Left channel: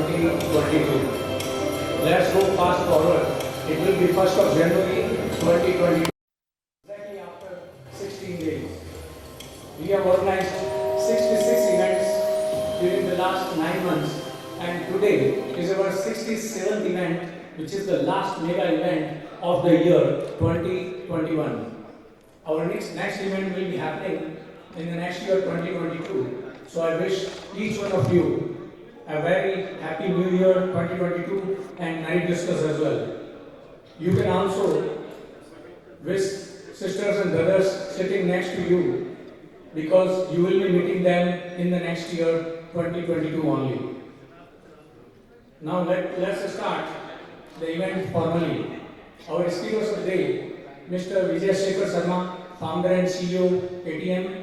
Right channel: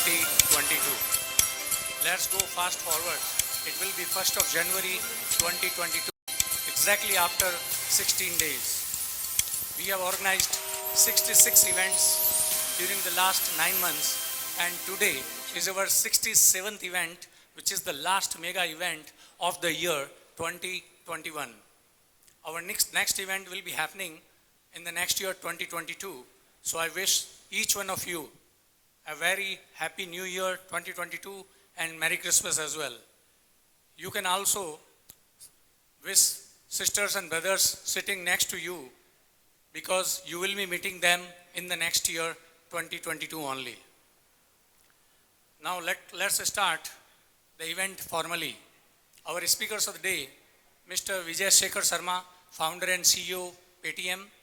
2022. Let's go fast forward. It will be 1st of January 2022. Exactly after 16 days. We have organized 66 events during the last 9 months, and today is our 67th event, which is the last mega event of the year 2021. Our next event will be happening in the next year 2022. So I wish each one of you a very happy new year 2022 and Merry Christmas as well. You can also wish sisters and brothers sitting next to you, because you will be meeting them in the next year 2022 only. Now let's start the event formally. Our speakers of the day, Mr. Vijay Shekhar Sharma, founder and CEO, ATM.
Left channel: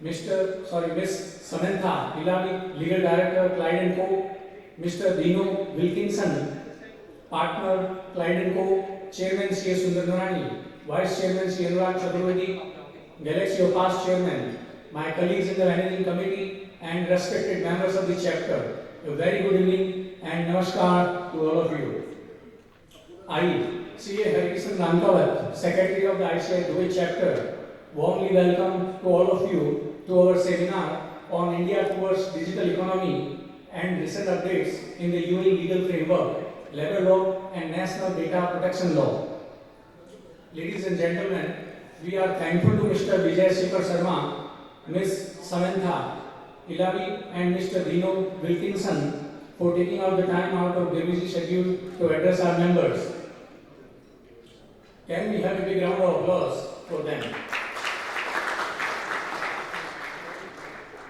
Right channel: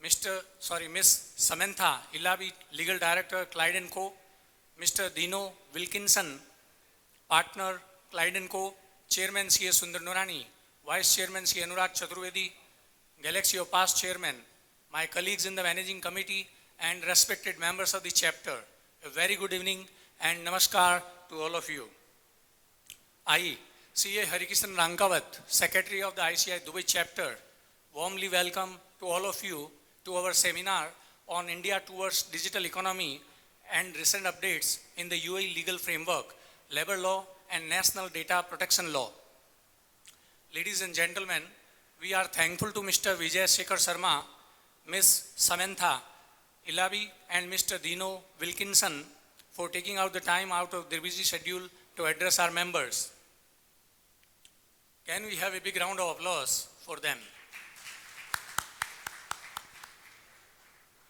Miss Samantha Ilabi, Legal Director, Clyde & Co. Mr. Dino Wilkinson, Partner, Clyde & Co. Chairman C.A. Sundar Nurani, Vice Chairman C. Anurag Chaturvedi, Galaxy of Past Chairman, my colleagues in the Managing Committee and respected members of the chapter. A very good evening and namaskar to all of you. I, C.A. Harikishan Ramkawat, Secretary of the ICI Dubai chapter, warmly welcome to all of you to our seminar on India towards digital economy and recent updates in the UAE legal framework, labor law and national data protection law. Ladies and gentlemen, we are thankful to Mr. Vijay Shekhar Sharma, Ms. Samantha Ilabi and Mr. Dino Wilkinson for taking out the time out of their busy schedule to address our members. Can we have a big round of applause for them?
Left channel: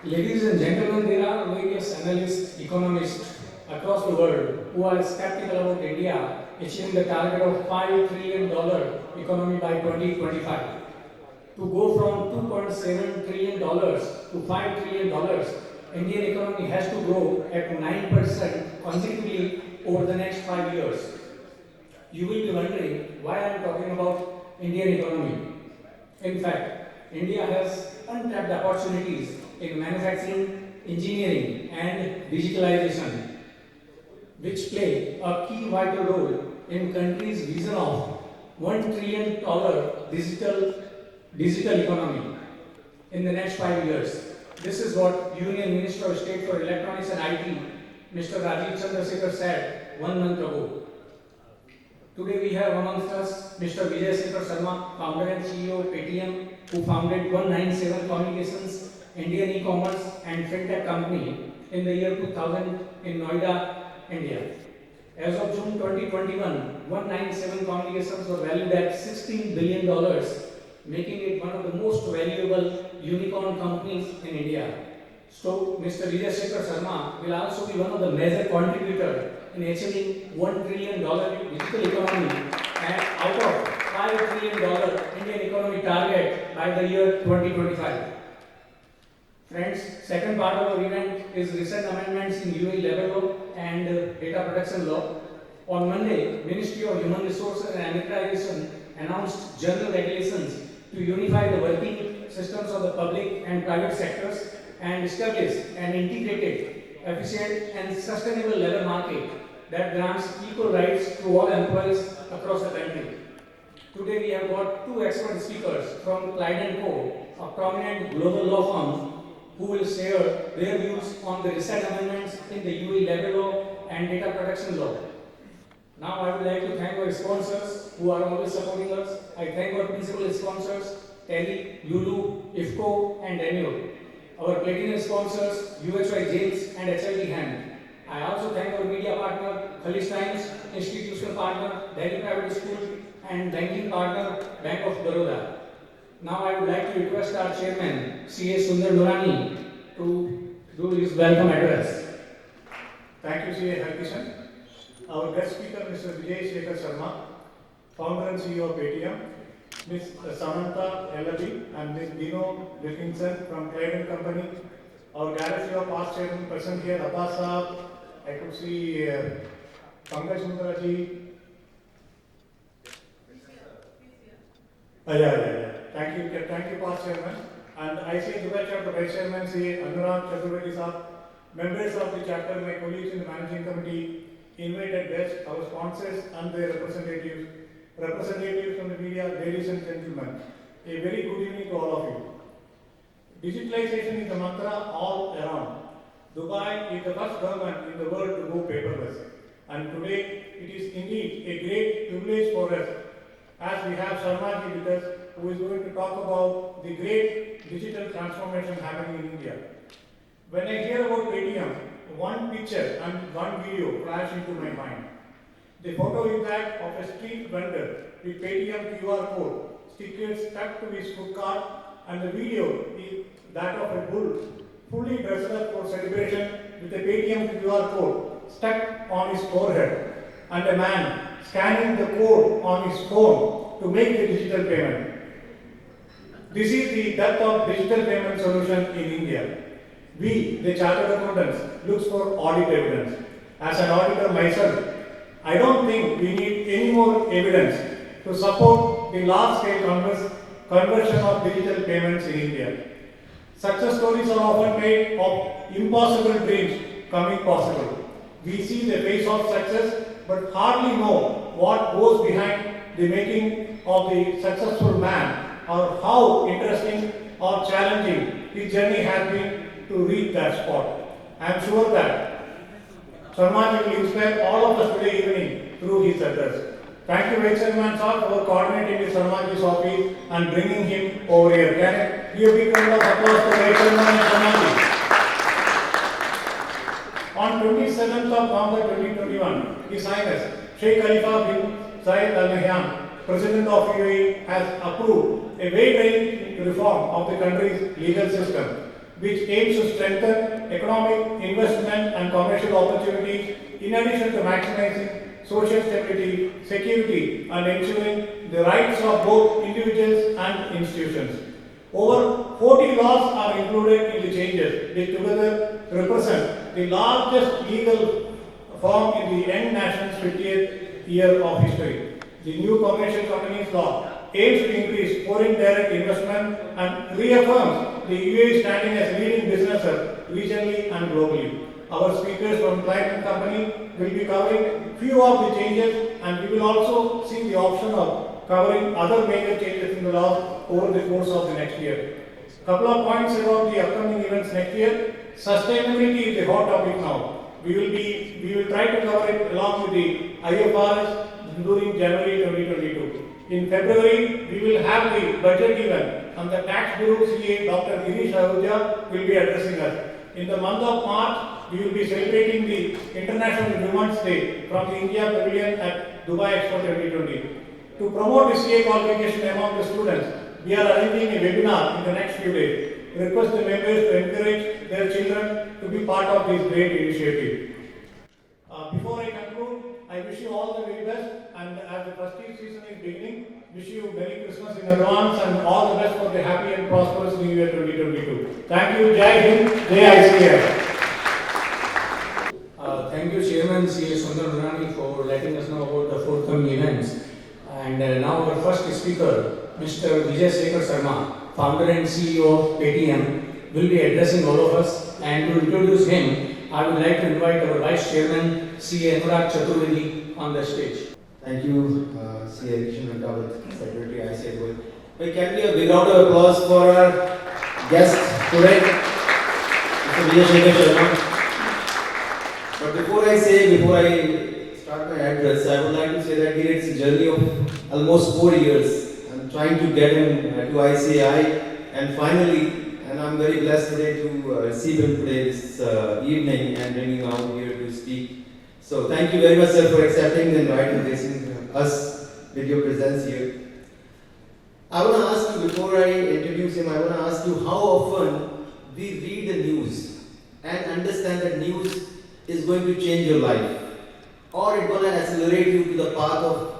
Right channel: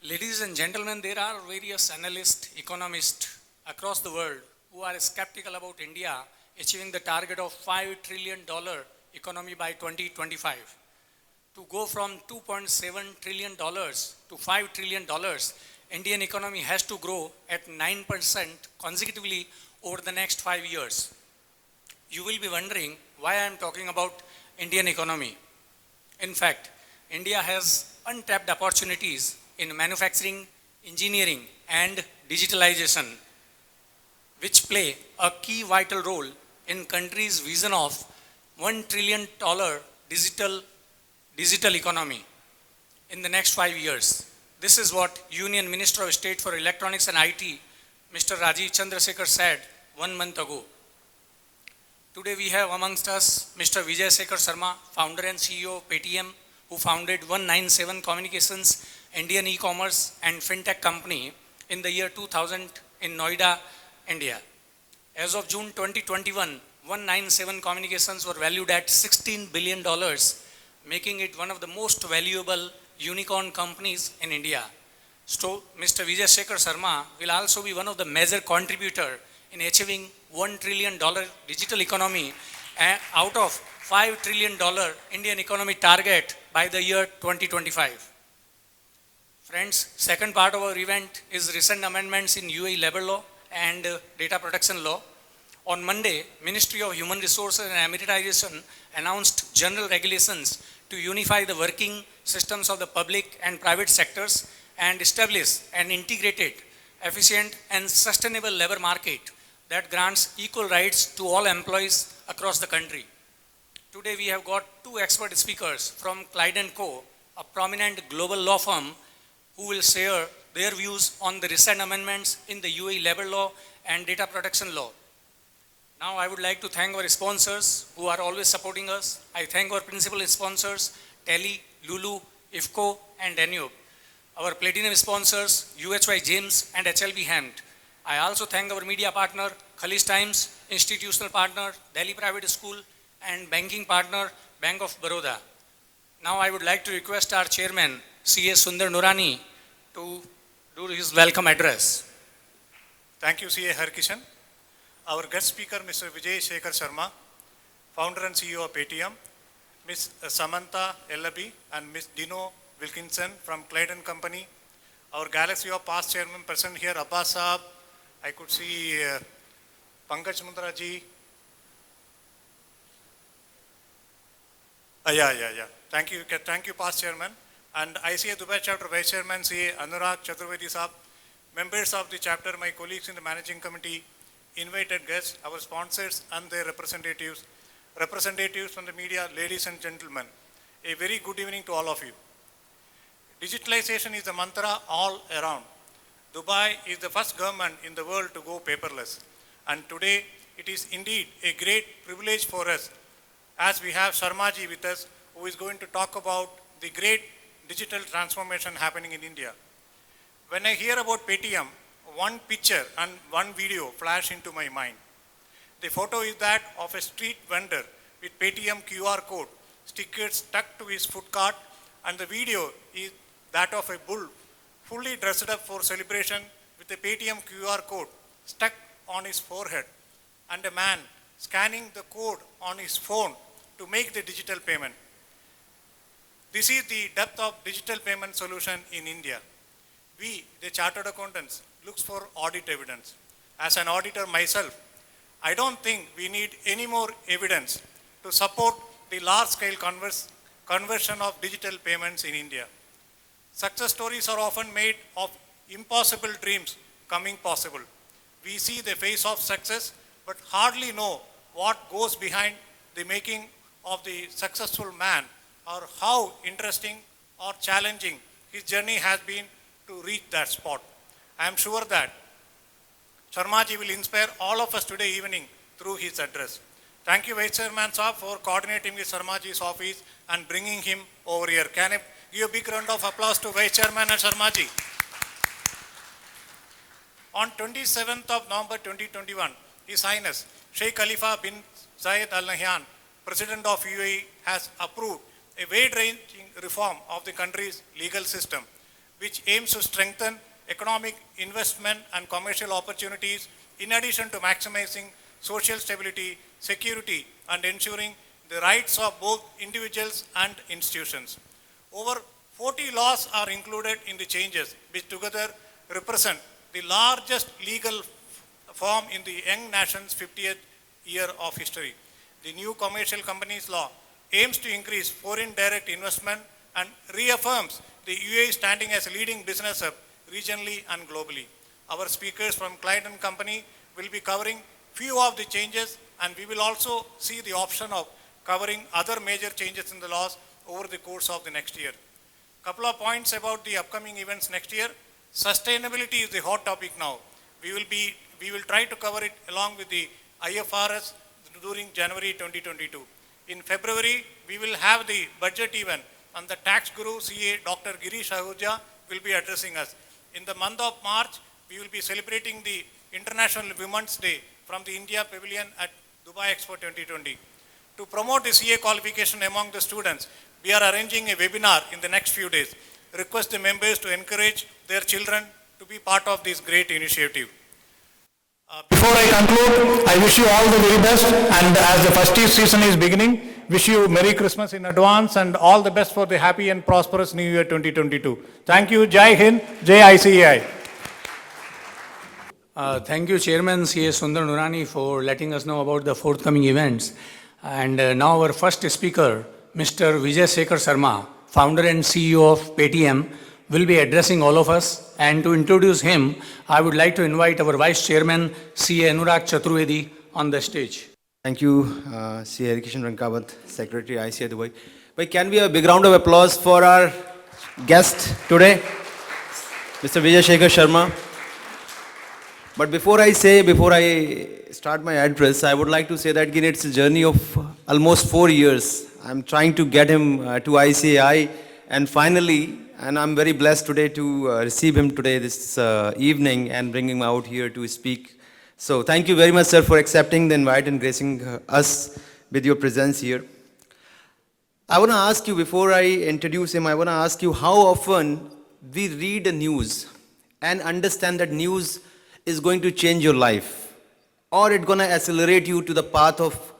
Ladies and gentlemen, there are various analysts, economists across the world who are skeptical about India achieving the target of $5 trillion economy by 2025. To go from $2.7 trillion to $5 trillion, Indian economy has to grow at 9% consecutively over the next 5 years. You will be wondering why I am talking about Indian economy. In fact, India has untapped opportunities in manufacturing, engineering and digitalization, which play a key vital role in country's vision of $1 trillion digital economy in the next 5 years. This is what Union Minister of State for Electronics and IT, Mr. Rajiv Chandrasekhar said 1 month ago. Today we have amongst us Mr. Vijay Shekhar Sharma, founder and CEO of Paytm, who founded 197 Communications, Indian e-commerce and fintech company in the year 2000 in Noida, India. As of June 2021, 197 Communications were valued at $16 billion, making it one of the most valuable unicorn companies in India. So, Mr. Vijay Shekhar Sharma will also be one of the major contributors in achieving $1 trillion digital economy and out of $5 trillion Indian economy target by the year 2025. Friends, second part of our event is recent amendments in UAE labor law and data protection law. On Monday, Ministry of Human Resources and Amenitization announced general regulations to unify the working systems of the public and private sectors and establish an integrated, efficient and sustainable labor market that grants equal rights to all employees across the country. Today we have got two expert speakers from Clyde & Co., a prominent global law firm, who will share their views on the recent amendments in the UAE labor law and data protection law. Now I would like to thank our sponsors who are always supporting us. I thank our principal sponsors, Tele, Lulu, IFCO and Danube. Our platinum sponsors, UHY James and HLB Hemd. I also thank our media partner, Khalij Times, institutional partner, Delhi Private School and banking partner, Bank of Baroda. Now I would like to request our chairman, C.A. Sundar Nurani, to do his welcome address. Thank you, C.A. Harkishan. Our guest speaker, Mr. Vijay Shekhar Sharma, founder and CEO of Paytm, Ms. Samantha Elabi and Ms. Dino Wilkinson from Clyde & Company. Our Galaxy of Past Chairman present here, Abbas Saab. I could see Pankaj Mundra ji. Yeah. Thank you, Past Chairman. And ICA Dubai Chapter Vice Chairman, C. Anurag Chaturvedi Saab. members of the chapter, my colleagues in the managing committee, invited guests, our sponsors and their representatives, representatives from the media, ladies and gentlemen, a very good evening to all of you. Digitalization is the mantra all around. Dubai is the first government in the world to go paperless. And today, it is indeed a great privilege for us as we have Sharmaji with us, who is going to talk about the great digital transformation happening in India. When I hear about Paytm, one picture and one video flash into my mind. The photo is that of a street vendor with Paytm QR code, stickers stuck to his food cart, and the video is that of a bull fully dressed up for celebration with the Paytm QR code stuck on his forehead, and a man scanning the code on his phone to make the digital payment. This is the depth of digital payment solution in India. We, the chartered accountants, look for audit evidence. As an auditor myself, I don't think we need any more evidence to support the large-scale conversion of digital payments in India. Success stories are often made of impossible dreams coming possible. We see the face of success, but hardly know what goes behind the making of the successful man, or how interesting or challenging his journey has been to reach that spot. I am sure that Sharmaji will inspire all of us today evening through his address. Thank you, Vice Chairman sir, for coordinating with Sharmaji's office and bringing him over here. Can I give a big round of applause to Vice Chairman and Sharmaji? On 27th of November 2021, His Highness Sheikh Khalifa bin Zayed Al Nahyan, President of UAE, has approved a wide-ranging reform of the country's legal system, which aims to strengthen economic, investment and commercial opportunities in addition to maximizing social stability, security and ensuring the rights of both individuals and institutions. Over 40 laws are included in the changes, which together represent the largest legal form in the young nation's 50th year of history. The new commercial companies law aims to increase foreign direct investment and reaffirms the UAE standing as leading business hub regionally and globally. Our speakers from Client & Company will be covering few of the changes, and we will also see the option of covering other major changes in the laws over the course of the next year. Couple of points about the upcoming events next year. Sustainability is the hot topic now. We will try to cover it along with the IFRS during January 2022. In February, we will have the budget event, and the tax guru CA Dr. Girish Ahuja will be addressing us. In the month of March, we will be celebrating the International Women's Day from the India Pavilion at Dubai Expo 2020. To promote the CA qualification among the students, we are arranging a webinar in the next few days. Request the members to encourage their children to be part of this great initiative. Before I conclude, I wish you all the very best, and as the festive season is beginning, wish you Merry Christmas in advance and all the best for the happy and prosperous New Year 2022. Thank you. Jai Hind, Jai ICAI. Thank you, Chairman C.A. Sundar Nurani, for letting us know about the forthcoming events. And now our first speaker, Mr. Vijay Shekhar Sharma, founder and CEO of Paytm, will be addressing all of us. And to introduce him, I would like to invite our Vice Chairman, C.A. Anurag Chaturvedi, on the stage. Thank you, C.A. Kishan Rankawat, Secretary ICA Dubai. But can we have a big round of applause for our guest today, Mr. Vijay Shekhar Sharma. But before I start my address, I would like to say that again, it's a journey of almost 4 years. I'm trying to get him to ICAI, and finally, and I'm very blessed today to receive him today this evening and bring him out here to speak. So thank you very much, sir, for accepting the invite and gracing us with your presence here. I want to ask you, before I introduce him, I want to ask you how often we read the news and understand that news is going to change your life, or it's going to accelerate you to the path of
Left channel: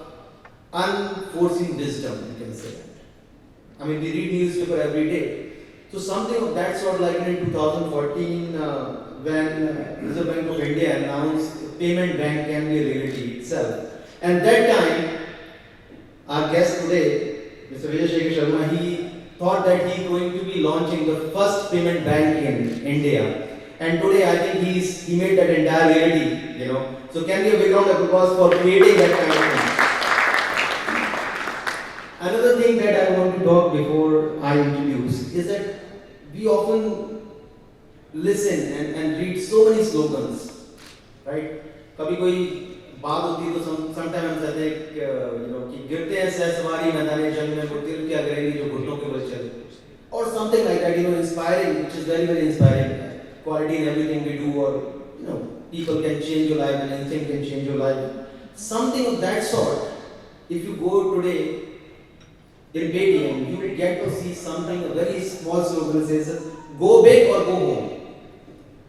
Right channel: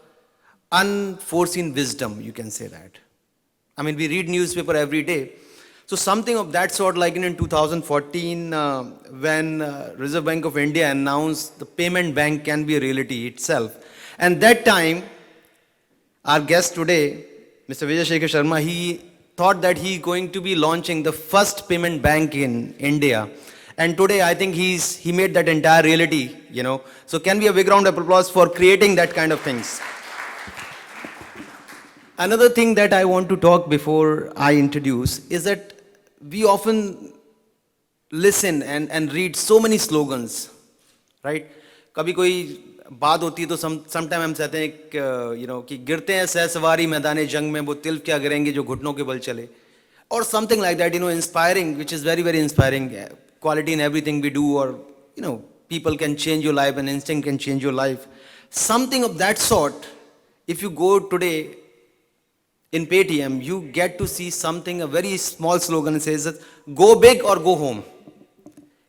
unforeseen wisdom, you can say that. I mean, we read newspaper every day. So something of that sort, like in 2014, when Reserve Bank of India announced the payment bank can be a reality itself. And that time, our guest today, Mr. Vijay Shekhar Sharma, he thought that he going to be launching the first payment bank in India. And today I think he made that entire reality, you know. So can be a big round of applause for creating that kind of things. Another thing that I want to talk before I introduce is that we often listen and read so many slogans, right? कभी कोई बात होती है तो sometime हम कहते हैं you know कि गिरते हैं सहसवारी मैदाने जंग में वो तिल क्या गिरेंगे जो घुटनों के बल चले, or something like that, you know, inspiring, which is very very inspiring. Yeah. Quality in everything we do, or you know, people can change your life and instinct can change your life. Something of that sort. If you go today in Paytm, you get to see something, a very small slogan. It says, "Go big or go home."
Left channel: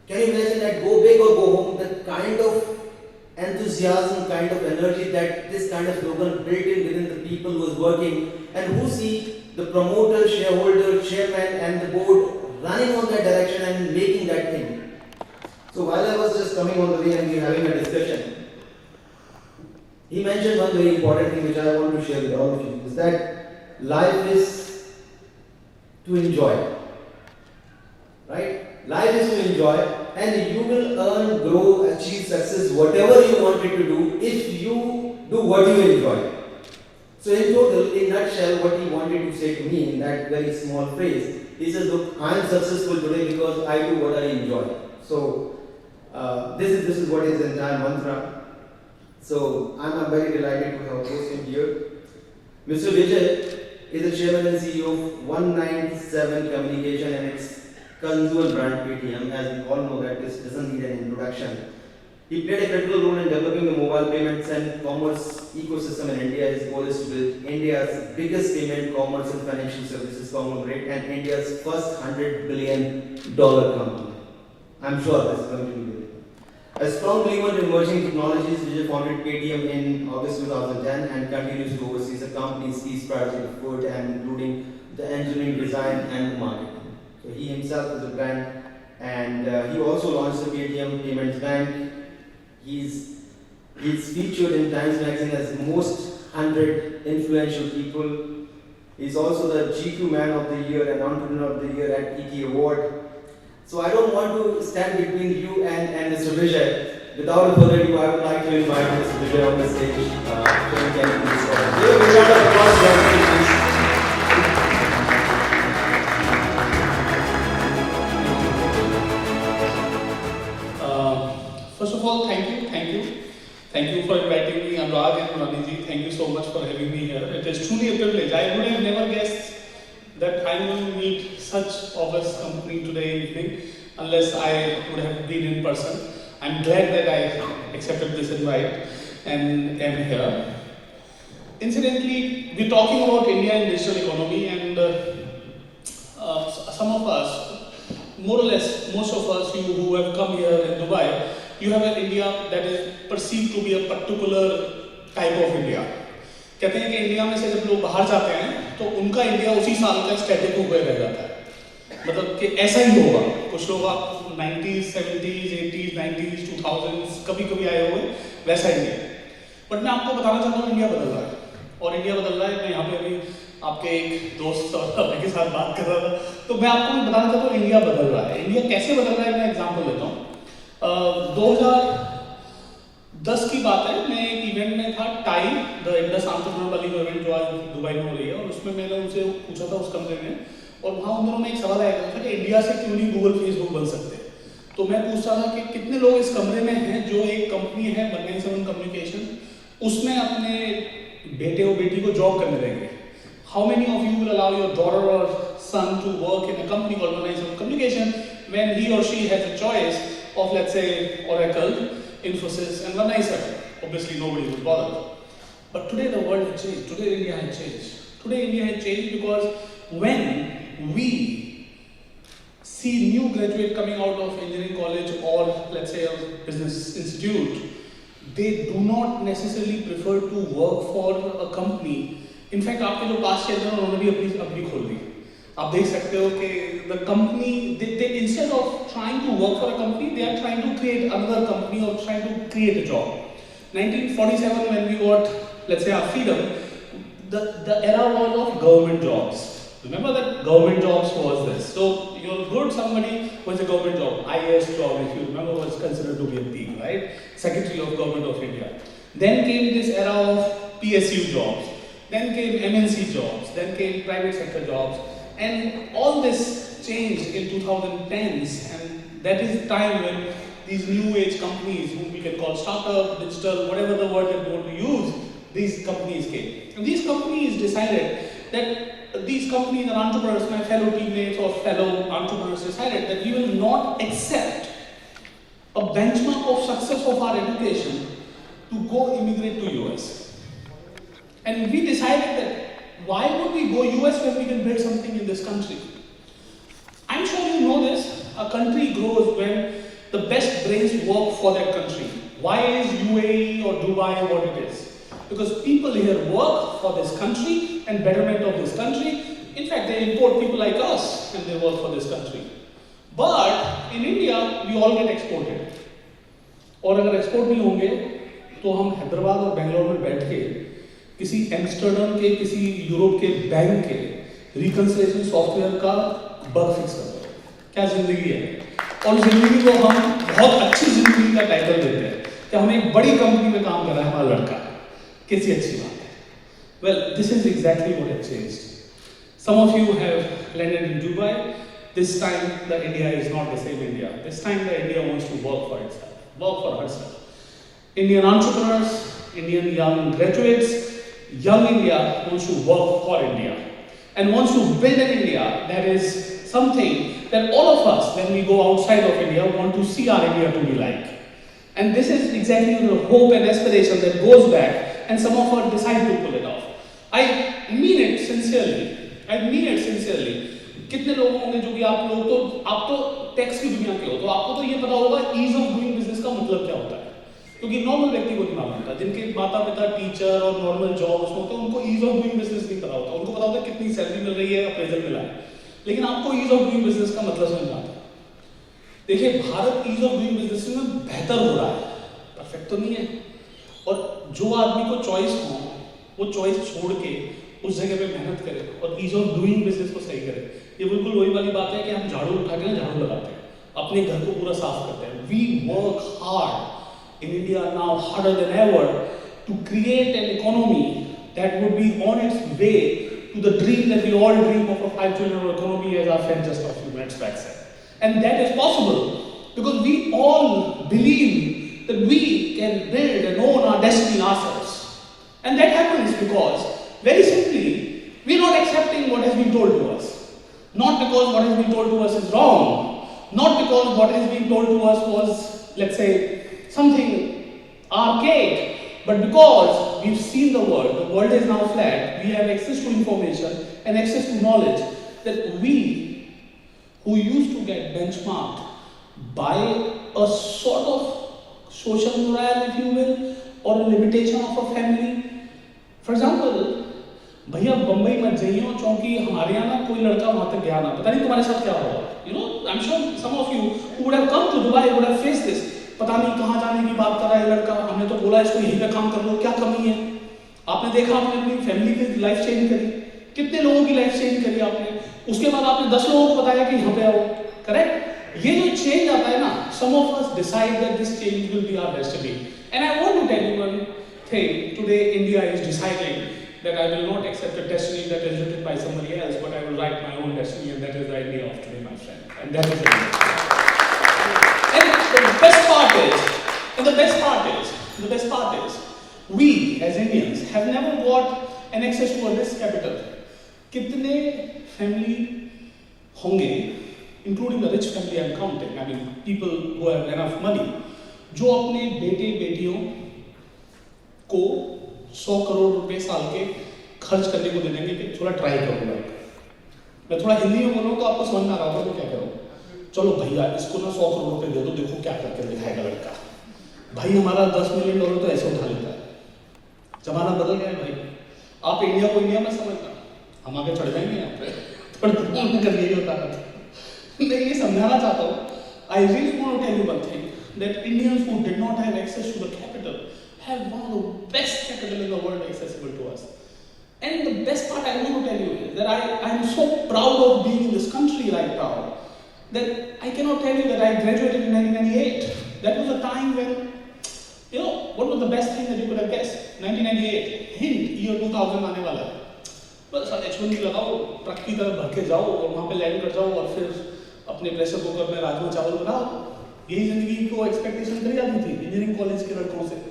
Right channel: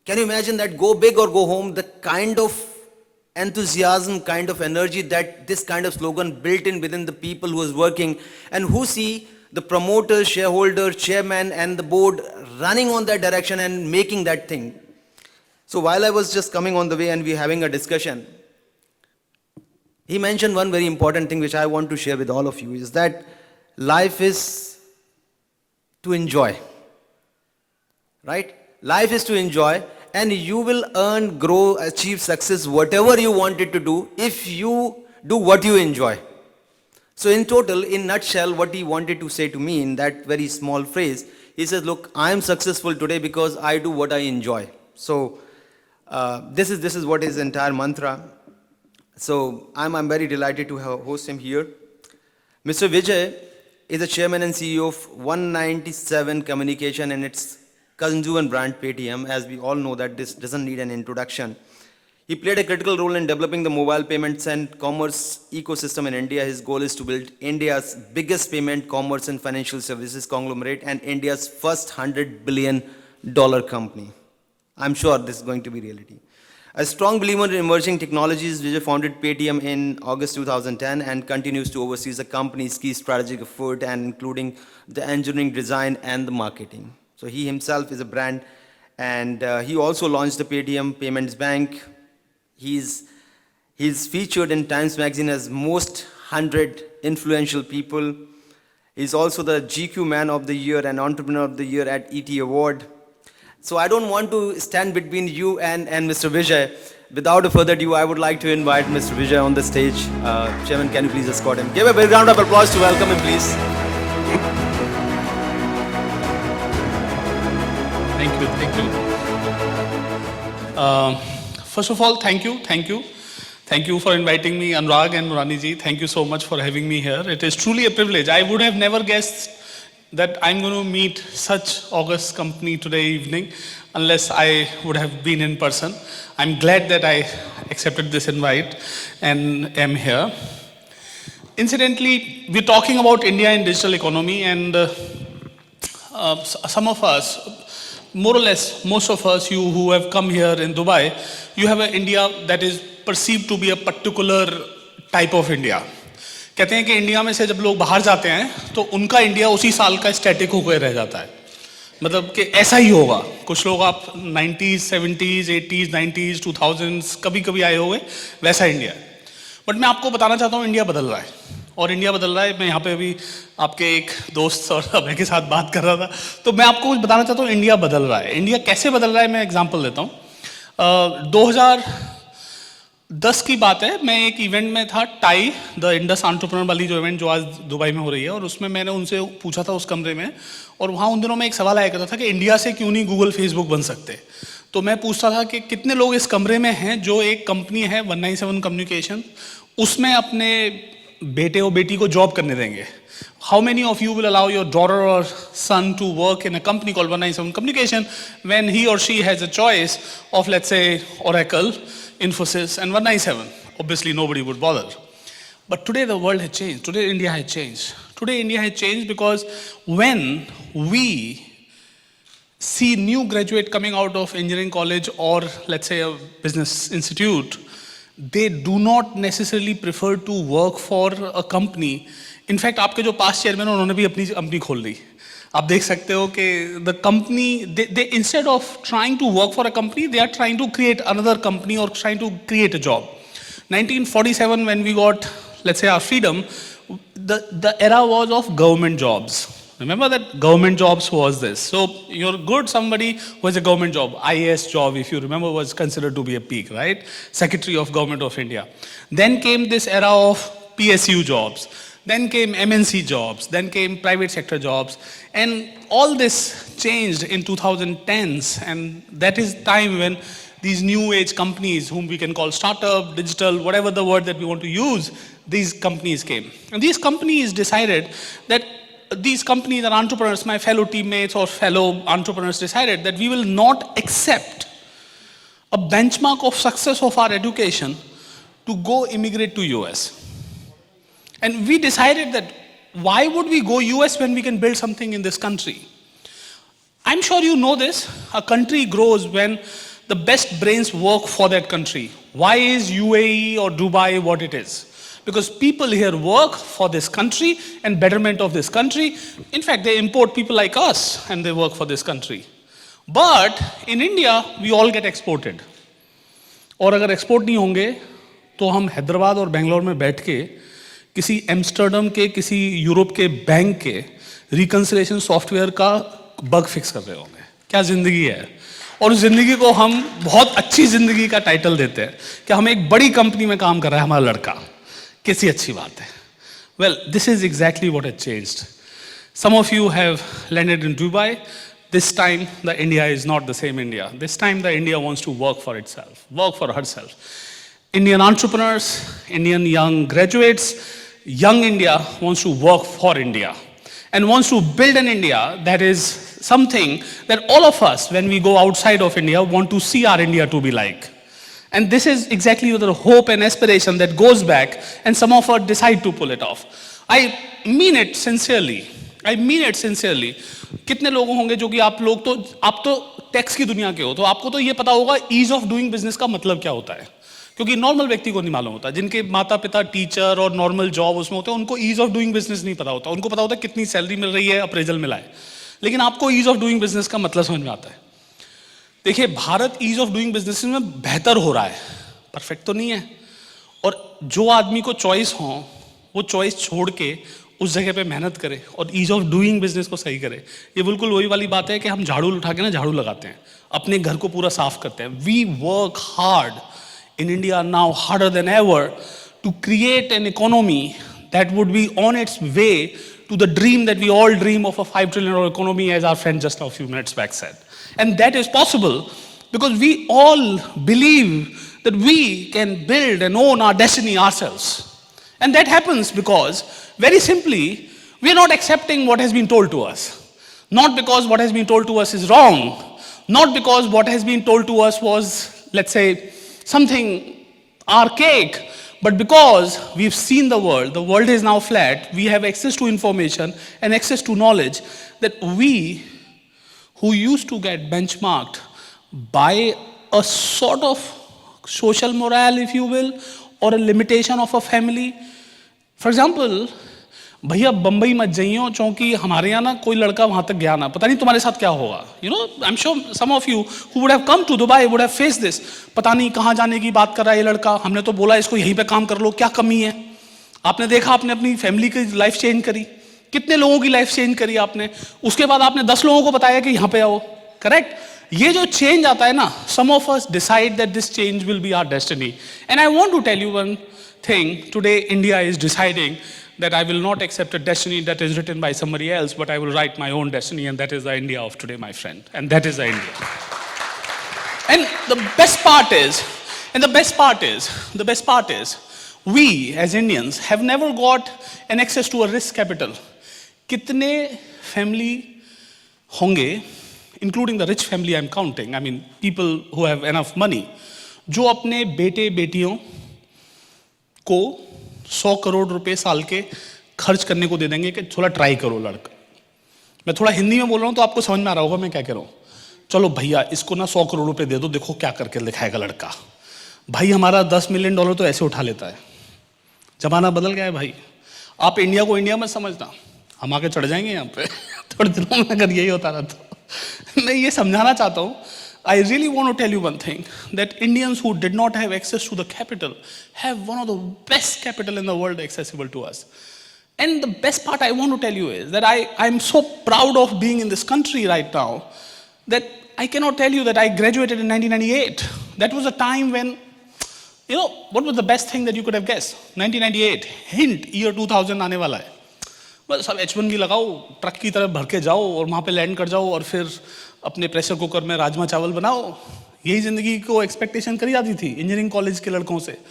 Can you imagine that? Go big or go home. The kind of enthusiasm, kind of energy that this kind of slogan built in within the people who is working and who see the promoter, shareholder, chairman and the board running on that direction and making that thing. So while I was just coming on the way and we having a discussion, he mentioned one very important thing which I want to share with all of you, is that life is to enjoy, right? Life is to enjoy, and you will earn, grow, achieve success, whatever you wanted to do, if you do what you enjoy. So in total, in nutshell, what he wanted to say to me in that very small phrase, he says, look, I am successful today because I do what I enjoy. So this is what his entire mantra. So I'm very delighted to have host him here. Mr. Vijay is the chairman and CEO of 197 Communication and its consumer brand Paytm. As we all know that this doesn't need an introduction. He played a critical role in developing the mobile payments and commerce ecosystem in India. His goal is to build India's biggest payment, commerce and financial services conglomerate and India's first $100 billion company. I'm sure this is going to be reality. A strong believer in emerging technologies, Vijay founded Paytm in August 2010 and continues to oversee the company's key strategic effort and including the engineering, design and the marketing. So he himself is a brand, and he also launched the Paytm Payments Bank. He's featured in Times Magazine as most 100 influential people. He's also the GQ Man of the Year and Entrepreneur of the Year at ET Award. So I don't want to stand between you and Mr. Vijay. Without a further ado, I would like to invite Mr. Vijay on the stage. Chairman, can you please escort him? Give a big round of applause to welcome you, please. First of all, thank you for inviting me, Anurag and Nurani ji. Thank you so much for having me here. It is truly a privilege. I would have never guessed that I'm going to meet such august company today evening unless I would have been in person. I'm glad that I accepted this invite and am here. Incidentally, we're talking about India and digital economy, and some of us, more or less, most of us, you who have come here in Dubai, you have an India that is perceived to be a particular type of India. कहते हैं कि India में से जब लोग बाहर जाते हैं तो उनका इंडिया उसी साल का स्टैटिक होकर रह जाता है, मतलब कि ऐसा ही होगा. कुछ लोग आप 90s, 70s, 80s, 90s, 2000s कभी कभी आए होंगे, वैसा इंडिया. बट मैं आपको बताना चाहता हूँ इंडिया बदल रहा है, और इंडिया बदल रहा है. मैं यहाँ पे अभी आपके एक दोस्त और अभय के साथ बात कर रहा था, तो मैं आपको बताना चाहता हूँ इंडिया बदल रहा है. इंडिया कैसे बदल रहा है, मैं एग्जांपल देता हूँ. 2010 की बात है, मैं एक इवेंट में था, टाई द इंडस एंटरप्रेन्योर वाली जो इवेंट जो आज दुबई में हो रही है, और उसमें मैंने उनसे पूछा था उस कमरे में, और वहाँ उन दिनों में एक सवाल आया करता था कि इंडिया से क्यों नहीं गूगल फेसबुक बन सकते. तो मैं पूछता था कि कितने लोग इस कमरे में हैं जो एक कंपनी है 197 कम्युनिकेशन, उसमें अपने बेटे और बेटी को जॉब करने देंगे. How many of you will allow your daughter or son to work in a company called 197 Communication when he or she has a choice of, let's say, Oracle, Infosys and 197? Obviously nobody would bother. But today the world has changed. Today India has changed. Today India has changed because when we see new graduate coming out of engineering college or let's say a business institute, they do not necessarily prefer to work for a company. In fact आपके जो past chairman उन्होंने भी अपनी company खोल ली. आप देख सकते हो कि the company they instead of trying to work for a company, they are trying to create another company और trying to create a job. 1947 when we got, let's say, our freedom, the era was of government jobs. Remember that government jobs was this. So you're good, somebody who has a government job. IAS job, if you remember, was considered to be a peak, right? Secretary of Government of India. Then came this era of PSU jobs. Then came MNC jobs. Then came private sector jobs. And all this changed in 2010s. And that is time when these new age companies, whom we can call startup, digital, whatever the word that we want to use, these companies came. And these companies decided that these companies and entrepreneurs, my fellow teammates or fellow entrepreneurs, decided that we will not accept a benchmark of success of our education to go immigrate to US. And we decided that why would we go US when we can build something in this country? I'm sure you know this. A country grows when the best brains work for that country. Why is UAE or Dubai what it is? Because people here work for this country and betterment of this country. In fact, they import people like us and they work for this country. But in India, we all get exported. और अगर export नहीं होंगे तो हम हैदराबाद और बेंगलोर में बैठ के किसी एम्स्टर्डम के किसी यूरोप के बैंक के रिकन्सिलेशन सॉफ्टवेयर का बग फिक्स कर रहे होंगे. क्या ज़िंदगी है. और उस ज़िंदगी को हम बहुत अच्छी ज़िंदगी का टाइटल देते हैं कि हम एक बड़ी कंपनी में काम कर रहा है हमारा लड़का. कैसी अच्छी बात है. Well, this is exactly what has changed. Some of you have landed in Dubai. This time the India is not the same India. This time the India wants to work for itself, work for herself. Indian entrepreneurs, Indian young graduates, young India wants to work for India and wants to build an India that is something that all of us, when we go outside of India, want to see our India to be like. And this is exactly the hope and aspiration that goes back, and some of us decide to pull it off. I mean it sincerely. I mean it sincerely. कितने लोग होंगे जो कि आप तो tax की दुनिया के हो, तो आपको तो ये पता होगा ईज ऑफ डूइंग बिजनेस का मतलब क्या होता है, क्योंकि नॉर्मल व्यक्ति को नहीं मालूम होता. जिनके माता पिता टीचर और नॉर्मल जॉब उसमें होते हैं, उनको ईज ऑफ डूइंग बिजनेस नहीं पता होता. उनको पता होता है कितनी सैलरी मिल रही है, अप्रेजल मिला है, लेकिन आपको ईज ऑफ डूइंग बिजनेस का मतलब समझ में आता है. देखिए, Bharat ease of doing business में बेहतर हो रहा है, परफेक्ट तो नहीं है. और जो आदमी को चॉइस हो वो चॉइस छोड़ के उस जगह पे मेहनत करे और ईज ऑफ डूइंग बिजनेस को सही करे. ये बिल्कुल वही वाली बात है कि हम झाड़ू उठा के ना झाड़ू लगाते हैं, अपने घर को पूरा साफ करते हैं. We work hard in India now, harder than ever, to create an economy that would be on its way to the dream that we all dream of, a $5 trillion economy, as our friend just a few minutes back said. And that is possible because we all believe that we can build and own our destiny ourselves. And that happens because, very simply, we are not accepting what has been told to us. Not because what has been told to us is wrong, not because what has been told to us was, let's say, something archaic, but because we've seen the world is now flat, we have access to information and access to knowledge that we, who used to get benchmarked by a sort of social morale, if you will, or a limitation of a family. For example, भैया बम्बई मत जाइयो क्योंकि हमारे यहाँ ना कोई लड़का वहाँ तक गया ना, पता नहीं तुम्हारे साथ क्या होगा. You know, I am sure some of you who would have come to Dubai would have face this. पता नहीं कहाँ जाने की बात कर रहा है ये लड़का, हमने तो बोला इसको यहीं पे काम कर लो, क्या कमी है. आपने देखा, आपने अपनी फैमिली की लाइफ चेंज करी, कितने लोगों की लाइफ चेंज करी आपने, उसके बाद आपने 10 लोगों को बताया कि यहाँ पे आओ. करेक्ट. ये जो चेंज आता है ना, some of us decide that this change will be our destiny. And I want to tell you one thing. Today India is deciding that I will not accept a destiny that is written by somebody else, but I will write my own destiny, and that is the India of today, my friend. And that is the India. And the best part is, we as Indians have never got an access to a risk capital. कितने family होंगे, including the rich family I'm counting, I mean people who have enough money, जो अपने बेटे बेटियों को 100 करोड़ रुपए साल के खर्च करने को दे देंगे कि थोड़ा ट्राई करो लड़का. मैं थोड़ा हिंदी में बोल रहा हूँ तो आपको समझ में आ रहा होगा मैं क्या कह रहा हूँ. चलो भैया इसको ना 100 करोड़ रुपए दे दो, देखो क्या करके दिखाएगा लड़का. भाई हमारा $10 मिलियन तो ऐसे उठा लेता है. जमाना बदल गया है भाई. आप इंडिया को इंडिया में समझता, हम आगे चढ़ जाएंगे यहाँ पे थोड़े दिनों में. अगर यही होता रहा तो मैं ये समझाना चाहता हूँ. I really want to tell you one thing, that Indians who did not have access to the capital have one of the best capital in the world accessible to us. And the best part I want to tell you is that I'm so proud of being in this country right now that I cannot tell you that I graduated in 1998. That was a time when, what was the best thing that you could have guessed? 1998, hint, year 2000 आने वाला है. बस अब H1B लगाओ, truck की तरह भर के जाओ और वहाँ पे लैंड कर जाओ और फिर अपने प्रेशर कुकर में राजमा चावल बनाओ. यही ज़िंदगी को एक्सपेक्टेशन करी जाती थी इंजीनियरिंग कॉलेज के लड़कों से.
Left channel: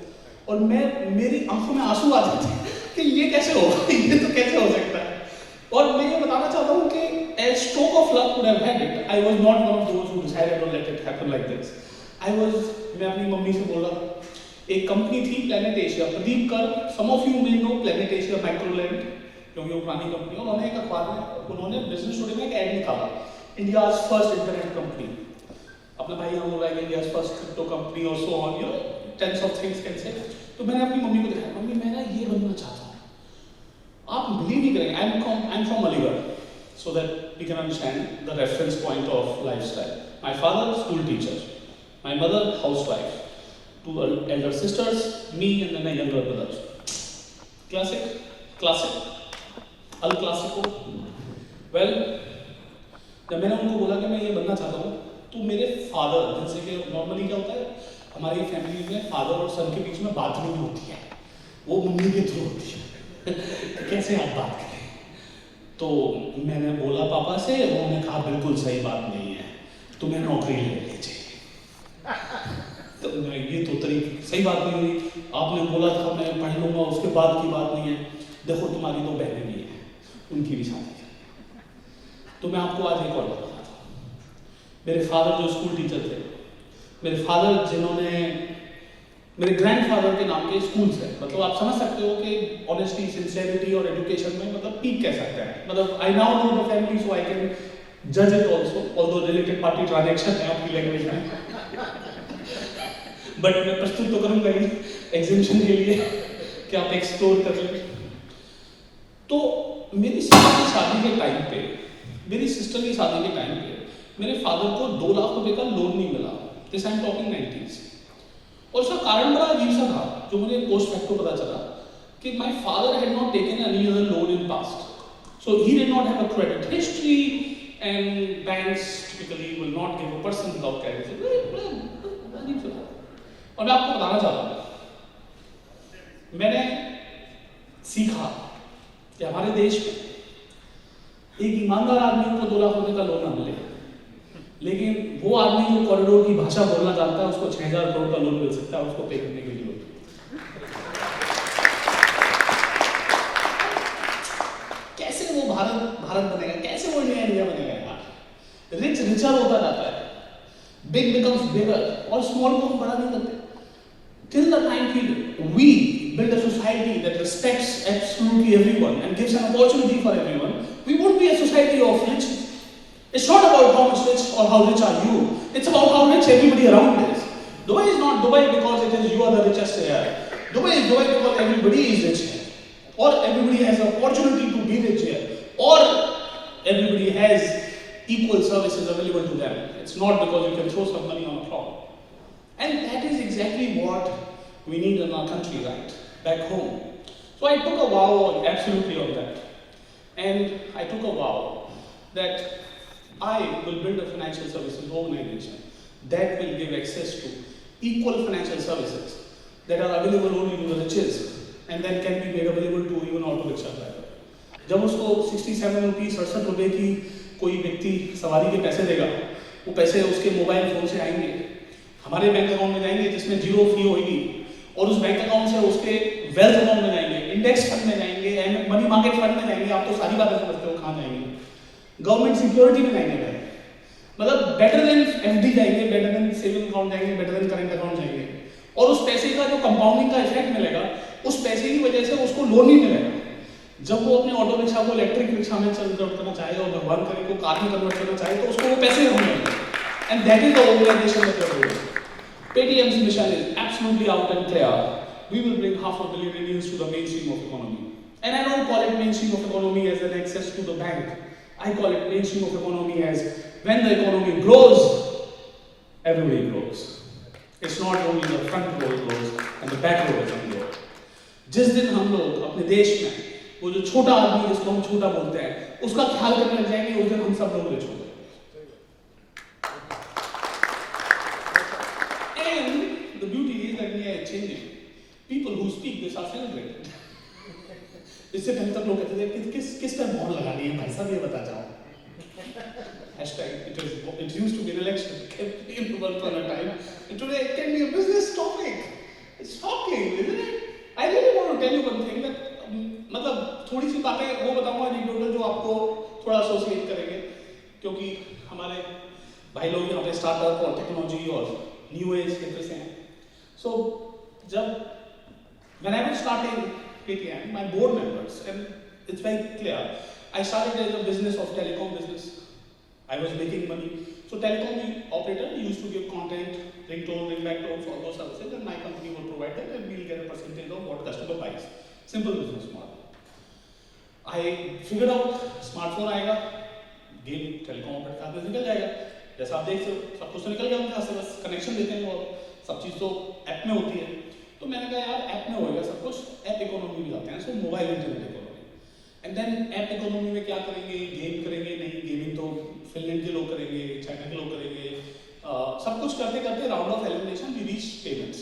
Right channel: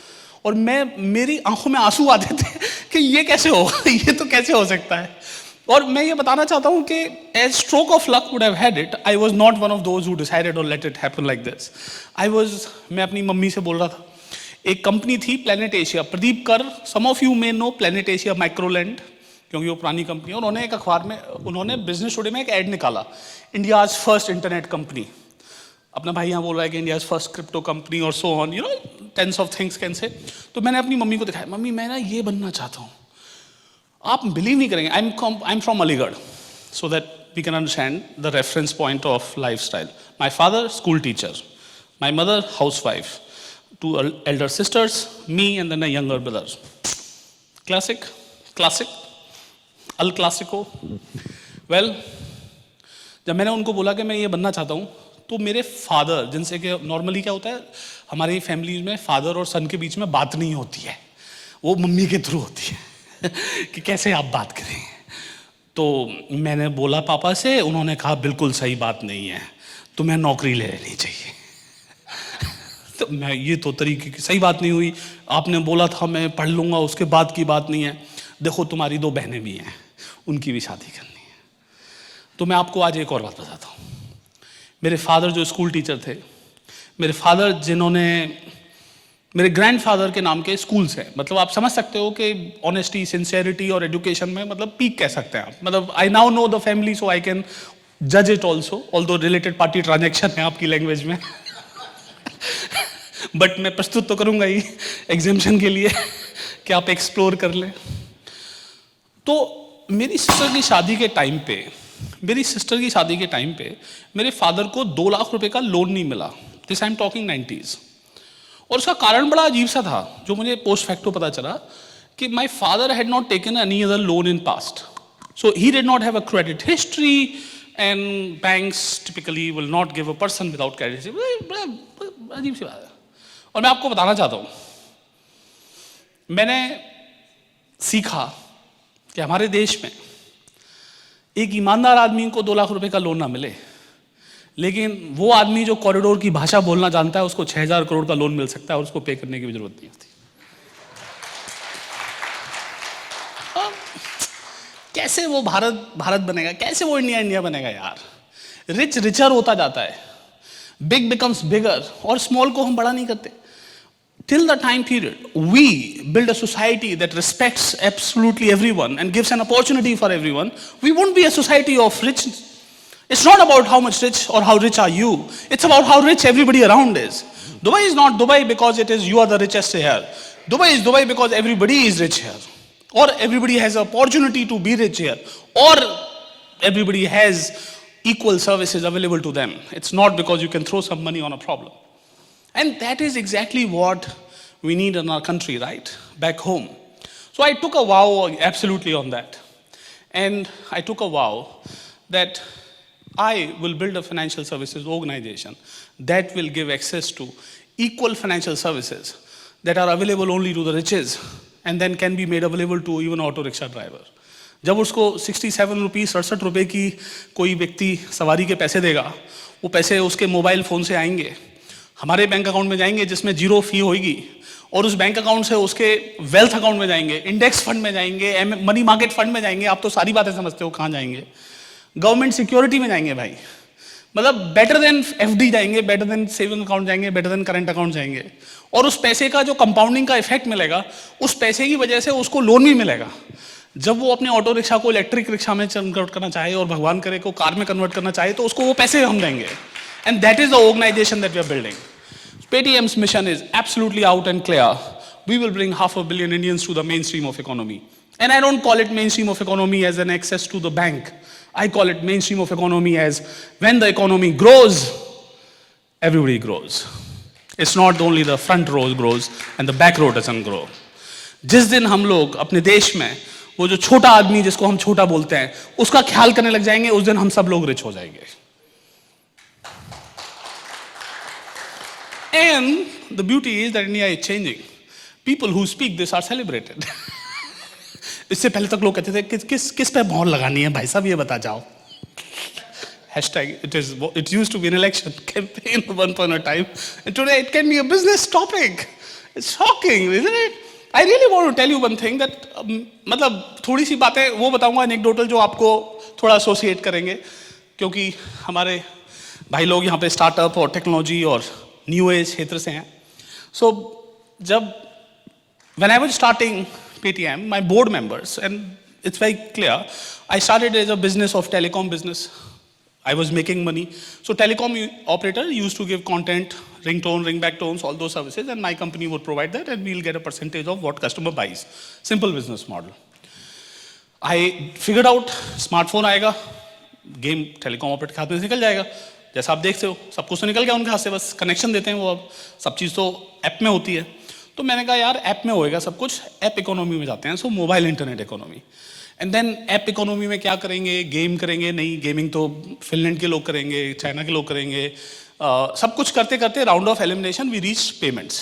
और मेरी आंखों में आंसू आते थे कि ये कैसे हो, ये तो कैसे हो सकता है. और मैं ये बताना चाहता हूँ कि as stroke of luck would have had it, I was not one of those who decided or let it happen like this. मैं अपनी मम्मी से बोल रहा था, एक कंपनी थी planet Asia, Pradeep Kar, some of you may know planet Asia Microland, क्योंकि वो पुरानी कंपनी है. उन्होंने एक अखबार में, उन्होंने बिजनेस टुडे में एक ऐड निकाला, इंडियाज फर्स्ट इंटरनेट कंपनी. अपना भाई यहाँ बोल रहा है कि इंडियाज फर्स्ट क्रिप्टो कंपनी और so on, tens of things can say. तो मैंने अपनी मम्मी को दिखाया, मम्मी मैं ना ये बनना चाहता हूँ. आप बिलीव नहीं करेंगे, I am from Aligarh, so that we can understand the reference point of lifestyle. My father, school teacher. My mother, housewife. 2 elder sisters, me and then a younger brother. Classic, al classico. Well, जब मैंने उनको बोला कि मैं ये बनना चाहता हूँ, तो मेरे फादर, जिनसे कि नॉर्मली क्या होता है हमारी फैमिली में, फादर और सन के बीच में बात नहीं होती है, वो मम्मी के थ्रू होती है कि कैसे आप बात करें. तो मैंने बोला पापा से, उन्होंने कहा बिल्कुल सही बात नहीं है, तुम्हें नौकरी ले लेनी चाहिए. तो मैं, ये तो तरीके की सही बात नहीं हुई, आपने बोला था मैं पढ़ लूँगा, उसके बाद की बात नहीं है. देखो तुम्हारी 2 बहनें भी हैं, उनकी भी शादी करनी है. तो मैं आपको आज एक और बात बताता हूँ. मेरे फादर जो स्कूल टीचर थे, मेरे फादर जिन्होंने, मेरे ग्रैंडफादर के नाम के स्कूल्स हैं, मतलब आप समझ सकते हो कि ऑनेस्टी, सिंसियरिटी और एजुकेशन में मतलब पीक कह सकते हैं. मतलब I now know the family so I can जज it also, although related party transaction है आपकी लैंग्वेज में. बट मैं प्रस्तुत तो करूंगा ही एग्जामिशन के लिए कि आप एक्सप्लोर कर लें. तो मेरी सिस्टर की शादी के टाइम पे मेरे फादर को 2 लाख रुपए का लोन नहीं मिला. This I am talking 90s. और उसका कारण बड़ा अजीब सा था, जो मुझे पोस्ट फैक्टो पता चला कि my father had not taken any other loan in past, so he did not have a credit history and banks typically will not give a person without credit. अजीब सी बात है. और मैं आपको बताना चाहता हूँ, मैंने सीखा कि हमारे देश में एक ईमानदार आदमी को 2 लाख रुपए का लोन ना मिले, लेकिन वो आदमी जो कॉरिडोर की भाषा बोलना जानता है उसको 6000 करोड़ का लोन मिल सकता है और उसको पे करने की भी जरूरत नहीं होती. कैसे वो भारत बनेगा, कैसे वो इंडिया बनेगा यार. रिच रिचर होता जाता है, बिग बिकम्स बिगर, और स्मॉल को हम बड़ा नहीं करते. Till the time period, we build a society that respects absolutely everyone and gives an opportunity for everyone. We won't be a society of rich. It's not about how much rich or how rich are you. It's about how rich everybody around is. Dubai is not Dubai because you are the richest here. Dubai is Dubai because everybody is rich here. Or everybody has an opportunity to be rich here. Or everybody has equal services available to them. It's not because you can throw some money on a problem. And that is exactly what we need in our country, right? Back home. So I took a vow absolutely on that. And I took a vow that I will build a financial services organization that will give access to equal financial services that are available only to the riches and then can be made available to even auto rickshaw driver. जब उसको 67 rupees 67 रुपये की कोई व्यक्ति सवारी के पैसे देगा, वो पैसे उसके मोबाइल फ़ोन से आएंगे, हमारे बैंक अकाउंट में जाएंगे जिसमें 0 फी होगी, और उस बैंक अकाउंट से उसके वेल्थ अकाउंट में जाएंगे, इंडेक्स फंड में जाएंगे, मनी मार्केट फंड में जाएंगे. आप तो सारी बातें समझते हो कहाँ जाएंगे. गवर्नमेंट सिक्योरिटी में जाएंगे भाई, मतलब बेटर देन एफडी जाएंगे, बेटर देन सेविंग अकाउंट जाएंगे, बेटर देन करंट अकाउंट जाएंगे. और उस पैसे का जो कंपाउंडिंग का इफेक्ट मिलेगा, उस पैसे की वजह से उसको लोन भी मिलेगा. जब वो अपने ऑटो रिक्शा को इलेक्ट्रिक रिक्शा में कन्वर्ट करना चाहे और भगवान करे को कार में कन्वर्ट करना चाहे, तो उसको वो पैसे हम देंगे. And that is the organisation that we are building. Paytm's mission is absolutely out and clear. We will bring 500 million Indians to the mainstream of economy. And I don't call it mainstream of economy as an access to the bank. I call it mainstream of economy as when the economy grows, everybody grows. It's not only the front row grows and the back row doesn't grow. जिस दिन हम लोग अपने देश में वो जो छोटा आदमी जिसको हम छोटा बोलते हैं उसका ख्याल करने लग जाएंगे, उस दिन हम सब लोग रिच हो जाएंगे। And the beauty is that India is changing. People who speak this are celebrated. इससे पहले तक लोग कहते थे किस पे मोहर लगानी है भाई साहब, ये बता जाओ। Hashtag it used to be an election campaign at one point in time, and today it can be a business topic. It's shocking, isn't it? I really want to tell you one thing that मतलब थोड़ी सी बातें वो बताऊंगा anecdotal जो आपको थोड़ा associate करेंगे, क्योंकि हमारे भाई लोग यहाँ पे स्टार्टअप और टेक्नोलॉजी और न्यू एज क्षेत्र से हैं। So जब when I was starting PTM, my board members, and it's very clear, I started as a business of telecom business. I was making money. So telecom operator used to give content, ringtone, ringback tones, all those services, and my company would provide that, and we'll get a percentage of what customer buys. Simple business model. I figured out smartphone आएगा, game telecom operator के हाथ में निकल जाएगा। जैसा आप देखते हो सब कुछ तो निकल गया उनके हाथ से, बस कनेक्शन देते हैं वो, अब सब चीज़ तो ऐप में होती है। तो मैंने कहा यार ऐप में होएगा सब कुछ, ऐप इकोनॉमी में जाते हैं, so mobile internet economy. And then app economy में क्या करेंगे, गेम करेंगे, नहीं गेमिंग तो फिनलैंड के लोग करेंगे, चाइना के लोग करेंगे, सब कुछ करते करते round of elimination we reach payments.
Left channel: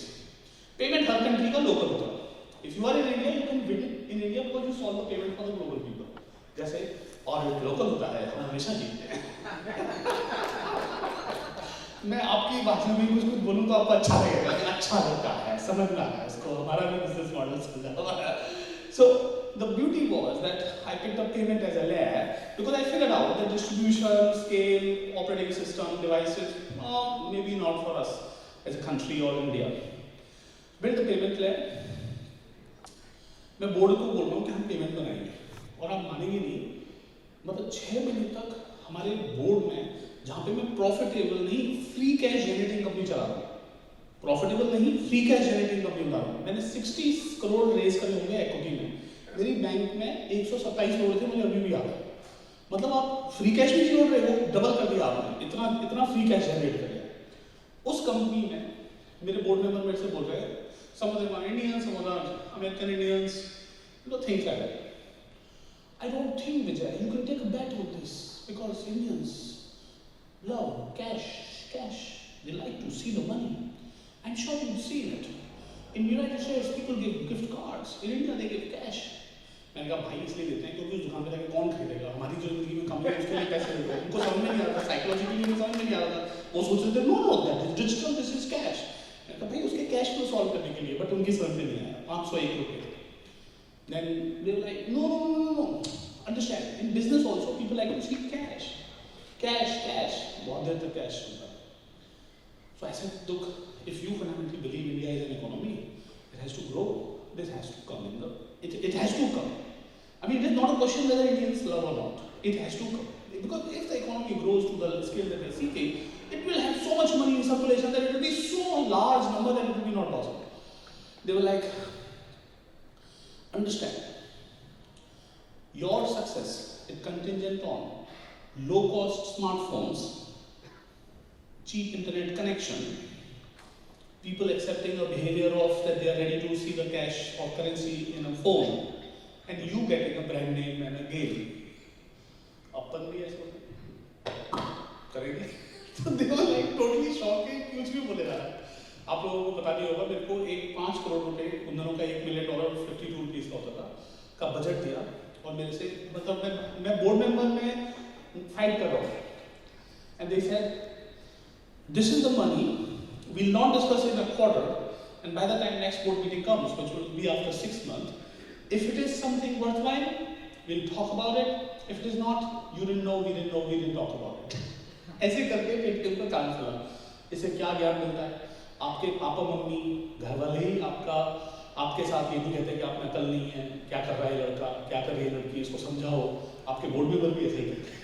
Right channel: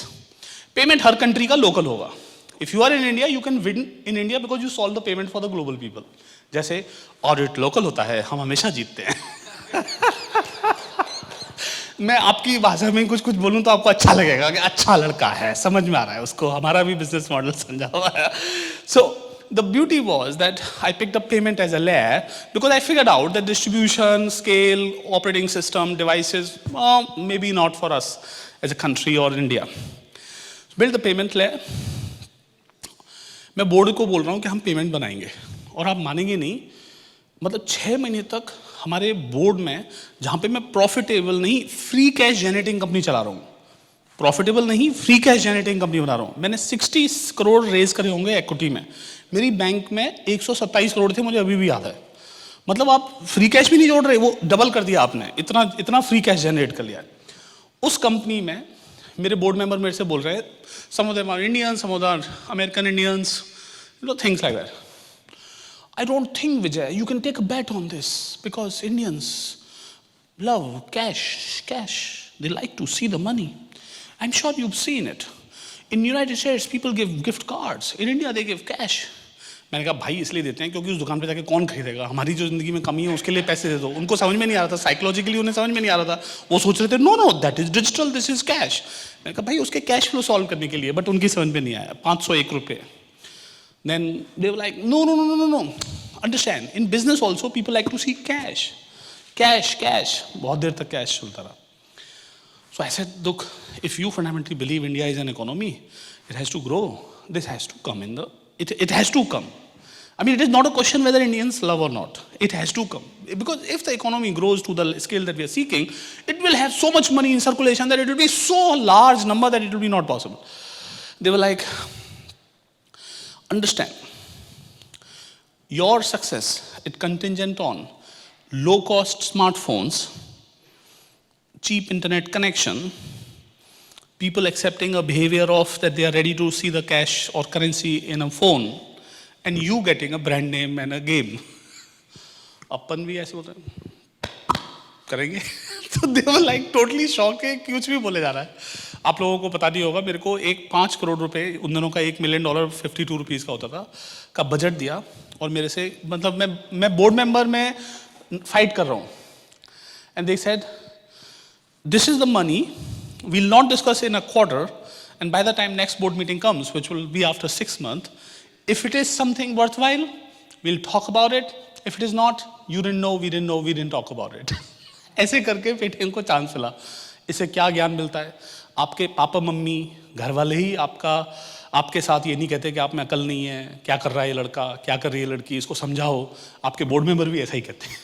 Payment हर कंट्री का लोकल होगा। If you are in India you can win in India because you solve the payment for the global people. जैसे ऑडिट लोकल होता है, हम हमेशा जीतते हैं। मैं आपकी भाषा में कुछ बोलूं तो आपको अच्छा लगेगा कि अच्छा लड़का है, समझ में आ रहा है उसको, हमारा भी बिजनेस मॉडल समझा हुआ है। सो the beauty was that I picked up payment as a layer because I figured out that distribution, scale, operating system, devices, maybe not for us as a country or India. Build the payment layer. मैं board को बोल रहा हूँ कि हम payment बनाएंगे, और आप मानेंगे नहीं, मतलब 6 महीने तक हमारे बोर्ड में, जहाँ पे मैं प्रॉफिटेबल नहीं फ्री कैश जनरेटिंग कंपनी चला रहा हूँ, प्रॉफिटेबल नहीं फ्री कैश जनरेटिंग कंपनी बना रहा हूँ, मैंने 60 करोड़ रेज करे होंगे इक्विटी में। मेरी बैंक में 127 करोड़ थे, मुझे अभी भी याद है। मतलब आप फ्री कैश भी नहीं जोड़ रहे, वो डबल कर दिया आपने, इतना फ्री कैश जनरेट कर लिया। उस कंपनी में मेरे बोर्ड मेंबर मेरे से बोल रहे हैं, some of them are Indians, some of them are American Indians, you know things like that. I don't think, Vijay, you can take a bet on this because Indians love cash. They like to see the money. I'm sure you've seen it. In United States, people give gift cards. In India, they give cash. मैंने कहा भाई इसलिए देते हैं क्योंकि उस दुकान पे जाके कौन खरीदेगा, हमारी जो जिंदगी में कमी है उसके लिए पैसे दे दो। उनको समझ में नहीं आ रहा था, साइकोलॉजिकली उन्हें समझ में नहीं आ रहा था, वो सोच रहे थे know that is digital, this is cash. मैंने कहा भाई उसके कैश फ्लो सॉल्व करने के लिए, बट उनकी समझ में नहीं आया। 501 रुपये। Then they were like, no. Understand, in business also people like to see cash. बहुत देर तक कैश चलता रहा। So I said, look, if you fundamentally believe India is an economy, it has to grow. This has to come it has to come. I mean, it is not a question whether Indians love or not. It has to come. Because if the economy grows to the scale that we are seeking, it will have so much money in circulation that it will be so large number that it will be not possible. They were like, understand, your success is contingent on low-cost smartphones, cheap internet connection, people accepting a behavior of that they are ready to see the cash or currency in a phone, and you getting a brand name and a game. अपन भी ऐसे होते हैं करेंगे। तो they were like totally shocked कि कुछ भी बोले जा रहा है। आप लोगों को पता नहीं होगा, मेरे को 5 करोड़ रुपए उन दिनों का $1 मिलियन 52 रुपीज़ का होता था का बजट दिया, और मेरे से मतलब मैं बोर्ड मेंबर में फाइट कर रहा हूँ, and they said this is the money, we'll not discuss in a quarter, and by the time next board meeting comes, which will be after 6 months, if it is something worthwhile, we'll talk about it. If it is not, you didn't know, we didn't talk about it. ऐसे करके Paytm को chance मिला। इससे क्या ज्ञान मिलता है? आपके पापा मम्मी घर वाले ही आपके साथ ये नहीं कहते कि आप में अकल नहीं है, क्या कर रहा है ये लड़का, क्या कर रही है लड़की, इसको समझाओ। आपके बोर्ड मेंबर भी ऐसा ही कहते हैं।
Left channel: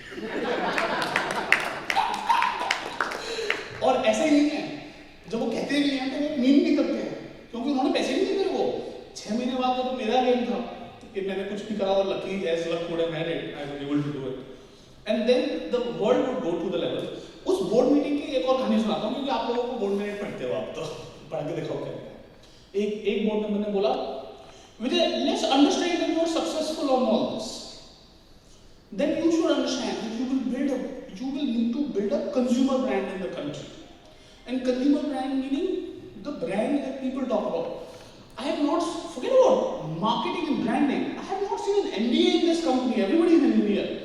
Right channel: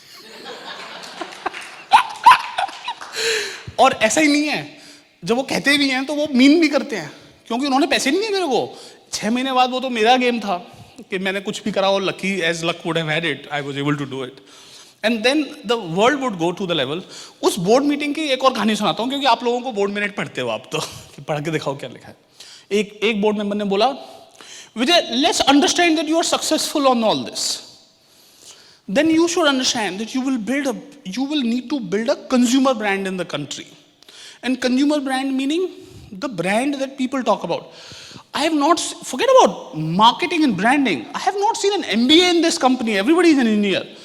और ऐसा ही नहीं है, जब वो कहते ही नहीं है तो वो मीन भी करते हैं, क्योंकि उन्होंने पैसे नहीं दिए मेरे को। 6 महीने बाद वो तो मेरा गेम था कि मैंने कुछ भी करा, और lucky as luck would have had it, I was able to do it, and then the world would go to the level. उस बोर्ड मीटिंग की एक और कहानी सुनाता हूँ, क्योंकि आप लोगों को बोर्ड मिनट पढ़ते हो आप तो, कि पढ़ के दिखाओ क्या लिखा है। एक बोर्ड मेंबर ने बोला, Vijay, let's understand that you are successful on all this. Then you should understand that you will need to build a consumer brand in the country. And consumer brand meaning the brand that people talk about. I have not, forget about marketing and branding. I have not seen an MBA in this company. Everybody is an engineer.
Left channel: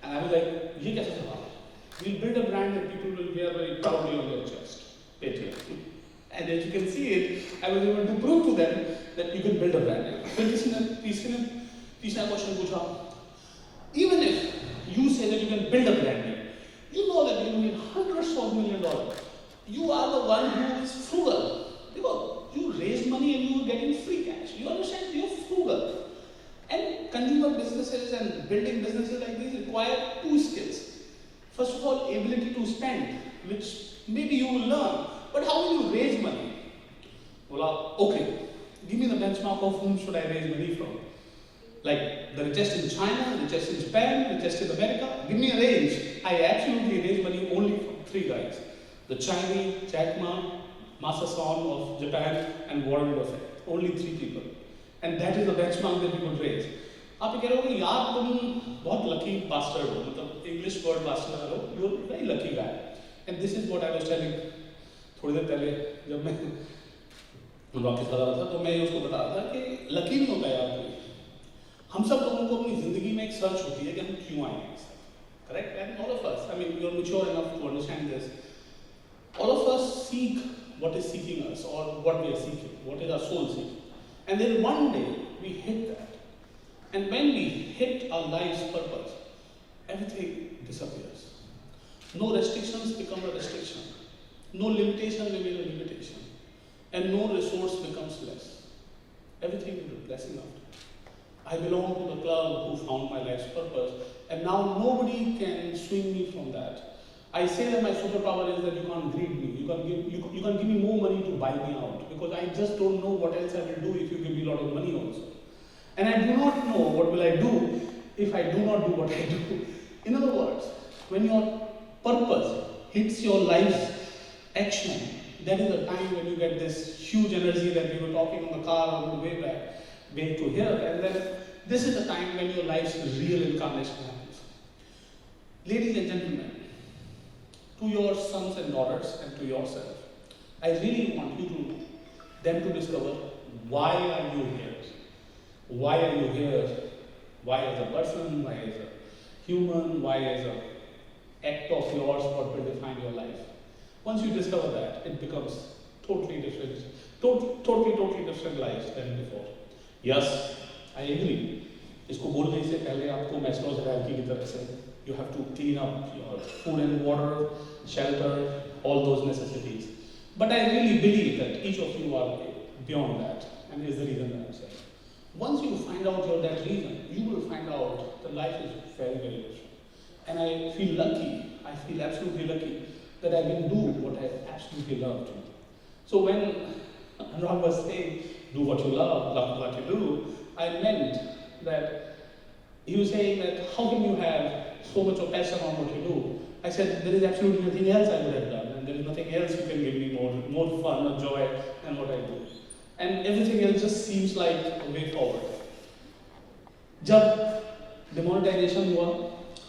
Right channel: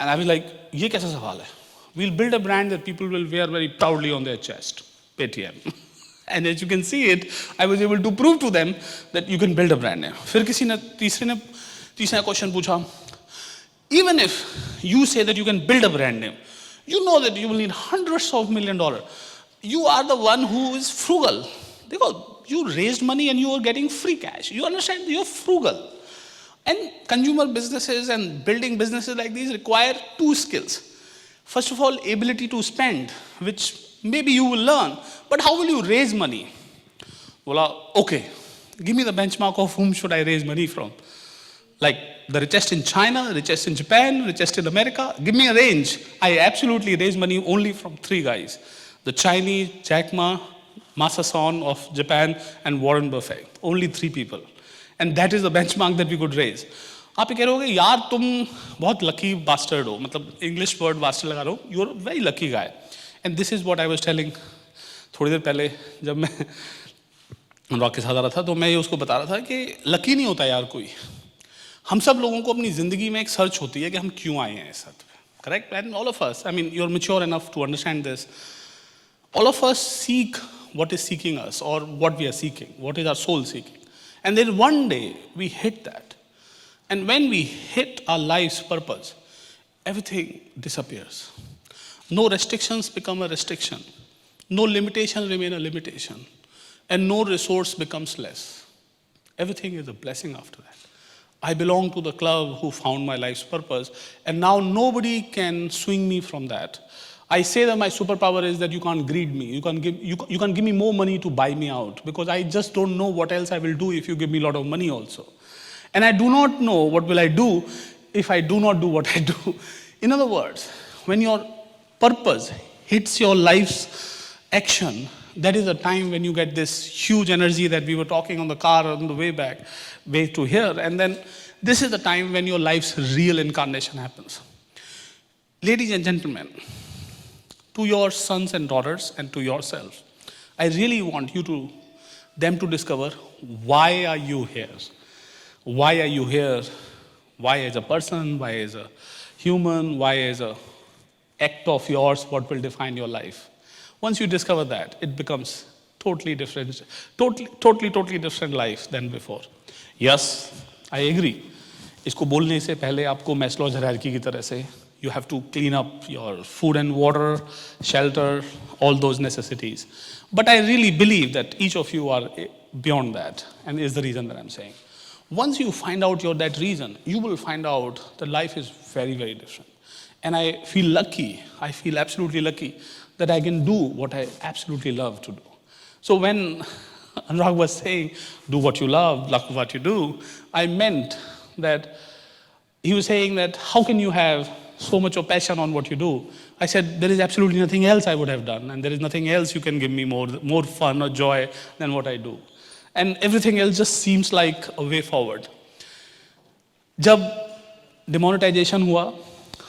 And I was like, ye kaisa sawal hai? We'll build a brand that people will wear very proudly on their chest. Paytm. And as you can see it, I was able to prove to them that you can build a brand name. फिर किसी ने तीसरा question पूछा, even if you say that you can build a brand name, you know that you will need hundreds of $1 million. You are the one who is frugal. You raised money and you are getting free cash. You understand? You are frugal. And consumer businesses and building businesses like these require two skills. First of all, ability to spend, which maybe you will learn. But how will you raise money? Well, okay, give me the benchmark of whom should I raise money from. Like the richest in China, richest in Japan, richest in America. Give me a range. I absolutely raise money only from three guys. The Chinese, Jack Ma, Masa Son of Japan, and Warren Buffett. Only three people. And that is the benchmark that we could raise. आप कह रहे होगे यार तुम बहुत lucky bastard हो, मतलब English word bastard लगा रहे हो, you are very lucky guy. And this is what I was telling थोड़ी देर पहले जब मैं अनुराग के साथ आ रहा था, तो मैं उसको बता रहा था कि लकी नहीं होता यार कोई. हम सब लोगों को अपनी ज़िंदगी में एक सर्च होती है कि हम क्यों आए हैं इस साथ में, correct? And all of us, I mean you are mature enough to understand this. All of us seek what is seeking us or what we are seeking, what is our soul seeking. And then one day we hit that. And when we hit our life's purpose, everything disappears. No restrictions become a restriction. No limitation remain a limitation. And no resource becomes less. Everything is a blessing after that. I belong to the club who found my life's purpose, and now nobody can swing me from that. I say that my superpower is that you can't greed me. You can't give me more money to buy me out, because I just don't know what else I will do if you give me a lot of money also. And I do not know what will I do if I do not do what I do. In other words, when your purpose hits your life's action, that is the time when you get this huge energy that we were talking on the car on the way to here. And then this is the time when your life's real incarnation happens. Ladies and gentlemen, to your sons and daughters and to yourselves, I really want them to discover, why are you here? Why are you here? Why as a person? Why as a human? Why as a act of yours? What will define your life? Once you discover that, it becomes totally different life than before. Yes, I agree. इसको बोलने से पहले आपको Maslow's hierarchy की तरह से you have to clean up your food and water, shelter, all those necessities. But I really believe that each of you are beyond that, and is the reason that I'm saying. Once you find out that reason, you will find out that life is very, very different. And I feel lucky, I feel absolutely lucky that I can do what I absolutely love to do. So when Anurag was saying, do what you love what you do, I meant that he was saying that how can you have so much of passion on what you do? I said, there is absolutely nothing else I would have done, and there is nothing else you can give me more fun or joy than what I do. And everything else just seems like a way forward. जब demonetization हुआ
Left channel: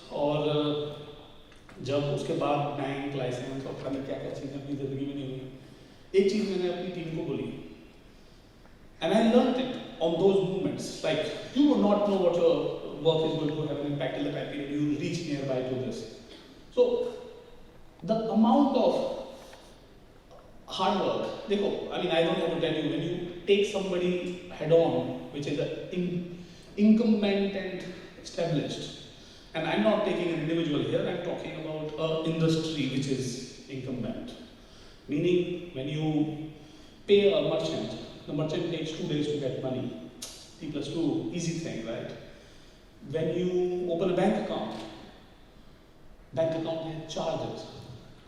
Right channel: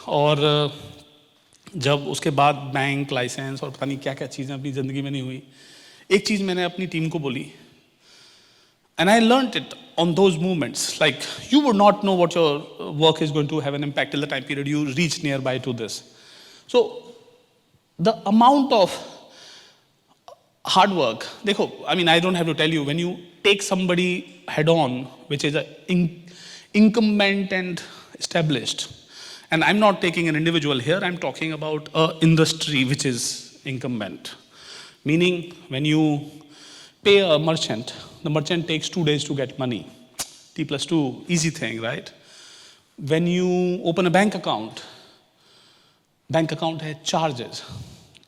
और जब उसके बाद bank licence और पता नहीं क्या क्या चीज़ें अपनी ज़िंदगी में नहीं हुई, एक चीज़ मैंने अपनी टीम को बोली, and I learned it on those moments. Like, you would not know what your work is going to have an impact till the time period you reach nearby to this. So the amount of hard work, देखो, I mean, I don't have to tell you, when you take somebody head on, which is an incumbent and established, and I'm not taking an individual here, I'm talking about an industry which is incumbent. Meaning, when you pay a merchant, the merchant takes 2 days to get money. T+2, easy thing, right? When you open a bank account has charges.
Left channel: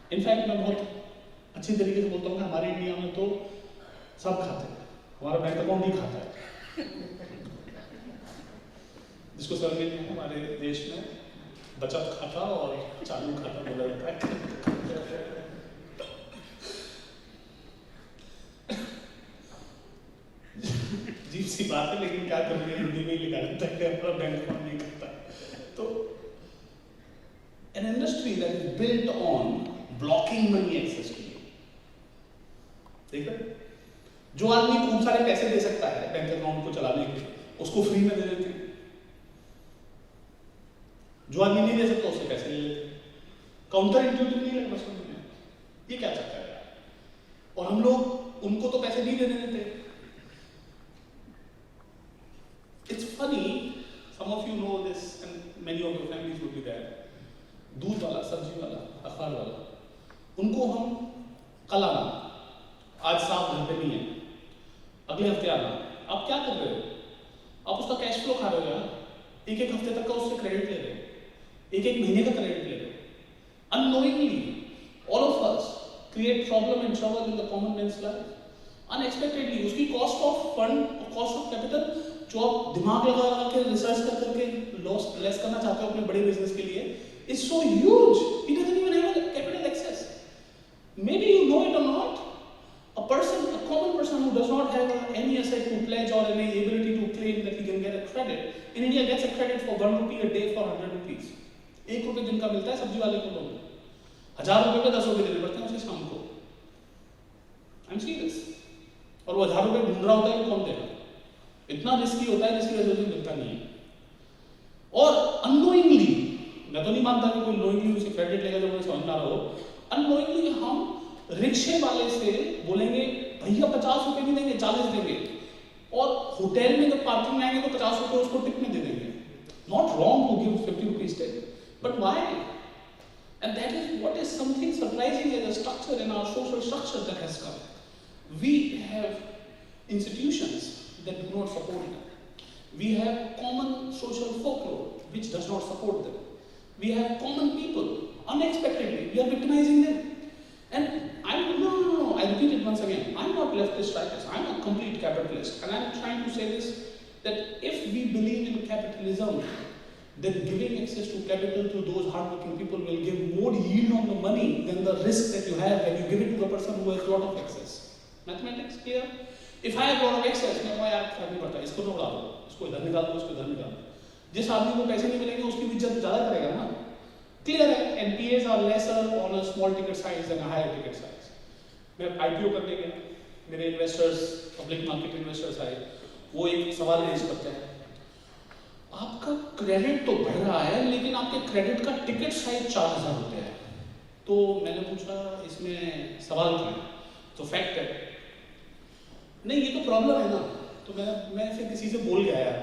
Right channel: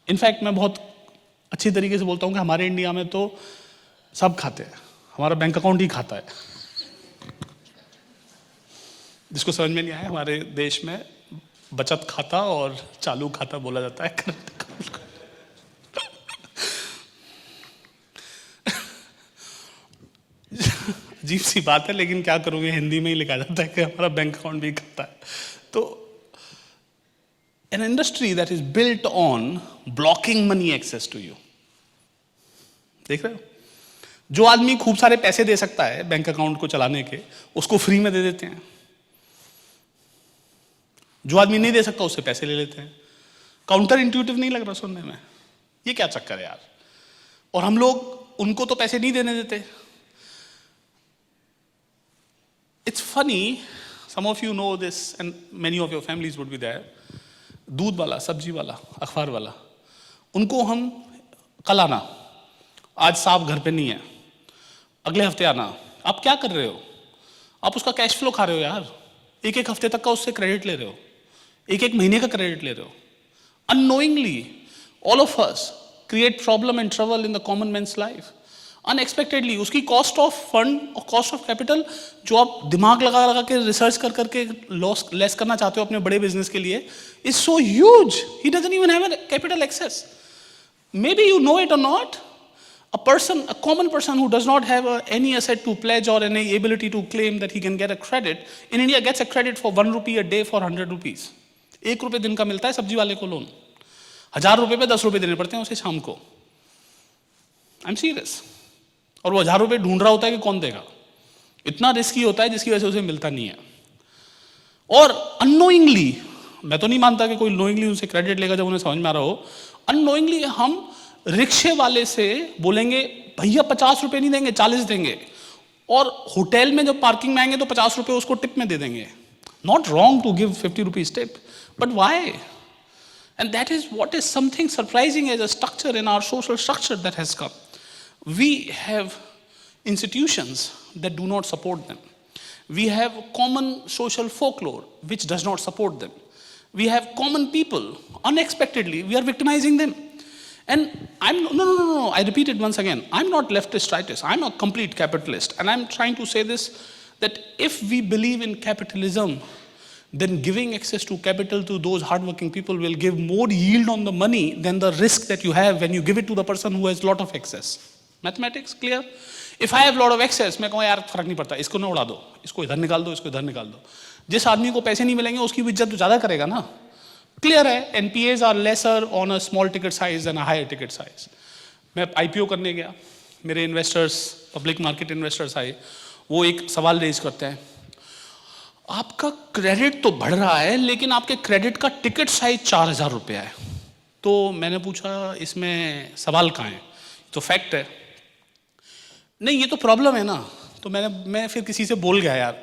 In fact, मैं बहुत अच्छी तरीके से बोलता हूँ कि हमारे India में तो सब खाते हैं, हमारा बैंक अकाउंट ही खाता है. जिसको समझ में नहीं आया, हमारे देश में बचत खाता और चालू खाता बोला जाता है. अजीब सी बात है, लेकिन क्या करोगे, हिंदी में ही लिखा जाता है कि हमारा बैंक अकाउंट भी करता है। तो an industry that is built on blocking money access to you, देख रहे हो? जो आदमी खूब सारे पैसे दे सकता है बैंक अकाउंट को चलाने के, उसको फ्री में दे देते हैं। जो आदमी नहीं दे सकता उससे पैसे ले लेते हैं। काउंटर इंट्यूटिव नहीं लग रहा सुनने में? ये क्या चक्कर है यार? और हम लोग उनको तो पैसे नहीं देने देते। It's funny, some of you know this and many of your families would be there. दूध वाला, सब्जी वाला, अखबार वाला, उनको हम कल आना, आज साहब घर पे नहीं है, अगले हफ्ते आना। आप क्या कर रहे हो? आप उसका कैश फ्लो खा रहे हो यार। एक एक हफ्ते तक का उससे क्रेडिट ले रहे हो, एक एक महीने का क्रेडिट ले रहे हो। Unknowingly all of us create problem and trouble in the common man's life. Unexpectedly उसकी कॉस्ट ऑफ फंड और कॉस्ट ऑफ कैपिटल, जो आप दिमाग लगा लगा के रिसर्च कर करके लॉस लेस करना चाहते हो अपने बड़े बिजनेस के लिए, is so huge, he doesn't even have capital access. Maybe you know it और not, a common person who does not have any asset to pledge or any ability to claim that he can get a credit, in India gets a credit for 1 rupee a day for 100 rupees. 1 रुपये दिन का मिलता है सब्जी वाले को loan, 1000 रुपये पे 10 रुपये देने पड़ते हैं उसे शाम को। I am serious. और वो 1000 रुपये ढूंढ रहा होता है कि कौन देगा। इतना रिस्की होता है जिसकी वजह से उसे मिलता नहीं है। और अननोइंगली, मैं तो नहीं मानता कि कोई नोइंगली उनसे क्रेडिट लेगा जब उन्हें समझ में आ रहा हो, अननोइंगली हम रिक्शे वाले से बोलेंगे भैया 50 रुपये नहीं देंगे, 40 देंगे, और होटल में जब पार्किंग में आएंगे तो 50 रुपये उसको टिप में दे देंगे। Not wrong to give 50 rupees tip, but why? And that is what is something surprising as a structure in our social structure that has come. We have institutions that do not support them. We have common social folklore which does not support them. We have common people, unexpectedly we are victimizing them. And no, I repeat it once again, I'm not leftist rightist, I'm a complete capitalist, and I'm trying to say this, that if we believe in capitalism, then giving access to capital to those hardworking people will give more yield on the money than the risk that you have when you give it to the person who has lot of excess. Mathematics clear? If I have lot of excess, मैं कहूँ यार फर्क नहीं पड़ता, इसको ना उड़ा दो, इसको इधर निकाल दो, इसको इधर निकाल दो। जिस आदमी को पैसे नहीं मिलेंगे उसकी इज्जत तो ज़्यादा करेगा ना। क्लियर है? NPAs are lesser on a small ticket size than a higher ticket size. मैं IPO करने गया, मेरे इन्वेस्टर्स, पब्लिक मार्केट इन्वेस्टर्स आए, वो एक सवाल रेज करते हैं, आपका क्रेडिट तो बढ़ रहा है लेकिन आपके क्रेडिट का टिकट साइज 4000 रुपया है। तो मैंने पूछा इसमें सवाल कहाँ है? तो फैक्ट है। नहीं ये तो प्रॉब्लम है ना। तो मैं फिर किसी से बोल गया यार,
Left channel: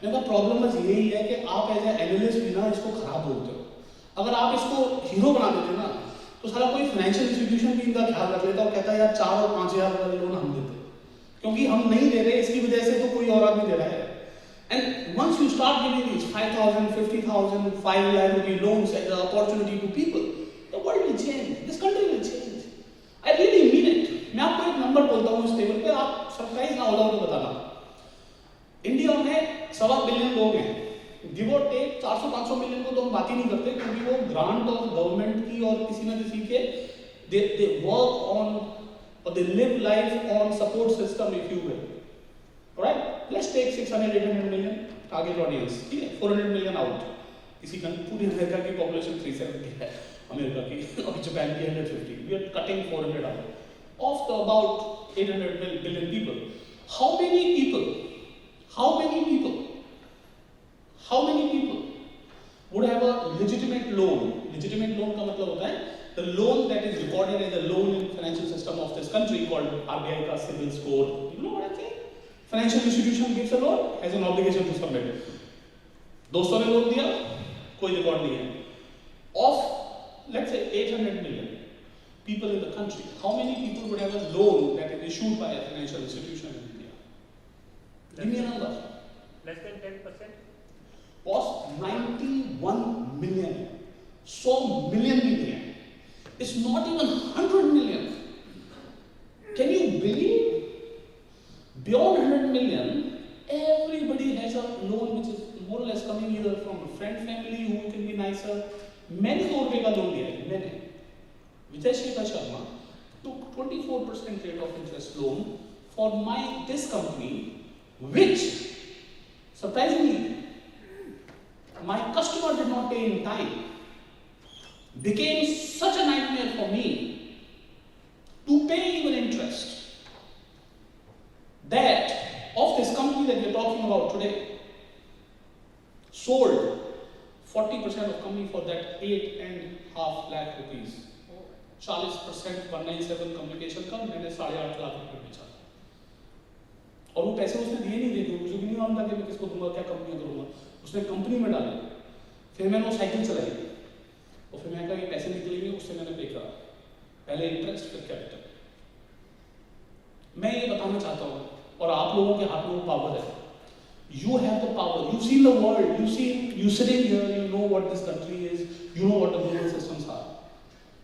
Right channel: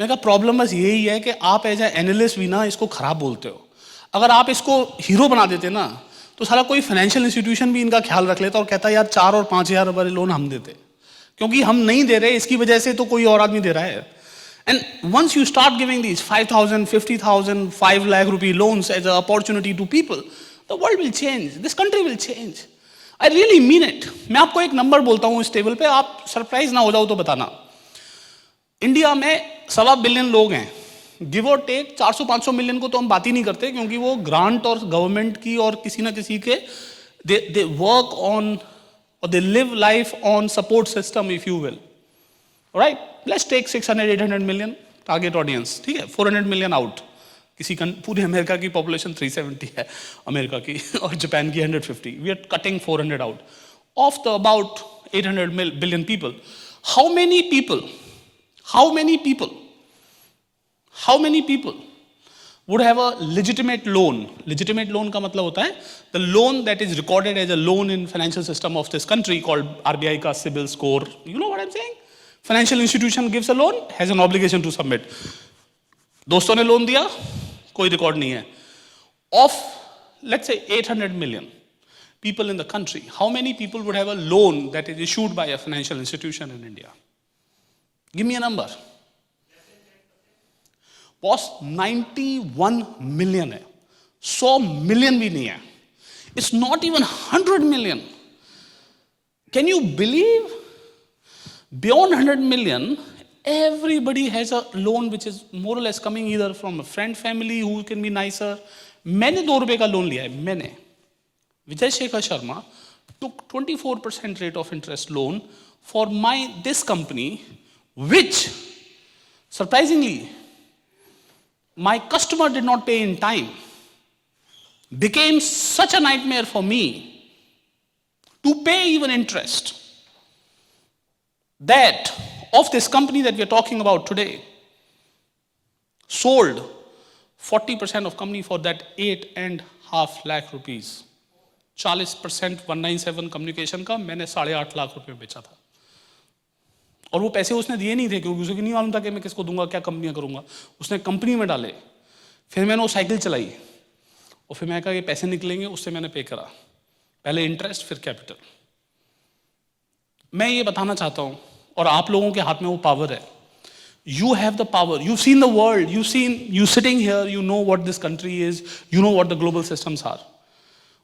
मैंने कहा प्रॉब्लम बस यही है कि आप एज ए एनालिस्ट भी ना इसको ख़राब बोलते हो। अगर आप इसको हीरो बना देते ना तो सारा कोई फाइनेंशियल इंस्टीट्यूशन भी इनका ख्याल रख लेता और कहता यार 4 और 5000 वाले लोन हम देते, क्योंकि हम नहीं दे रहे इसकी वजह से तो कोई और आदमी दे रहा है। And once you start giving these 5000, 50,000, 5 lakh rupee loans as an opportunity to people, the world will change, this country will change. I really mean it. मैं आपको एक नंबर बोलता हूँ इस टेबल पे, आप सरप्राइज ना हो जाओ तो बताना। इंडिया में 1.25 बिलियन लोग हैं, गिव और टेक 400-500 मिलियन को तो हम बात ही नहीं करते, क्योंकि वो ग्रांट और गवर्नमेंट की और किसी ना किसी के दे वर्क ऑन और they live life on support system if you will, right? Let's take 600-800 million target audience, ठीक है? 400 मिलियन आउट। किसी पूरे अमेरिका की पॉपुलेशन 370 है अमेरिका की, और जापान की 150। We are cutting 400 out of the about 800 billion people. How many people would have a legitimate loan? Legitimate loan का मतलब होता है the loan that is recorded as a loan in financial system of this country called RBI का CIBIL score. You know what I'm saying? Financial institution gives a loan, has an obligation to submit. दोस्तों ने loan दिया, कोई record नहीं है। Of let's say 800 million people in the country, how many people would have a loan that is issued by a financial institution in India? Give me a number. Less than 10%. Boss 91 million है, 100 million भी नहीं है। It's not even 100 million. Can you believe? Beyond 100 million, everybody has a loan which is more or less coming either from a friend family who can be nicer. मैंने 2 रुपए का loan लिया है, मैंने, Vijay Shekhar Sharma took 24% rate of interest loan for this company which, surprisingly, my customer did not pay in time, became such a nightmare for me to pay even interest, that of this company that we are talking about today, sold 40% of company for that 8.5 lakh rupees. 40% 197 communication का मैंने 8.5 लाख रुपए में बेचा था, और वो पैसे उसने दिए नहीं थे क्योंकि उसे नहीं मालूम था कि मैं किसको दूंगा, क्या कंपनियां करूंगा। उसने कंपनी में डाले, फिर मैंने वो साइकिल चलाई, और फिर मैं कहा ये पैसे निकलेंगे, उससे मैंने पे करा, पहले इंटरेस्ट फिर कैपिटल। मैं ये बताना चाहता हूँ, और आप लोगों के हाथ में वो पावर है। You have the power. You've seen the world. You sitting here, you know what this country is, you know what the global systems are.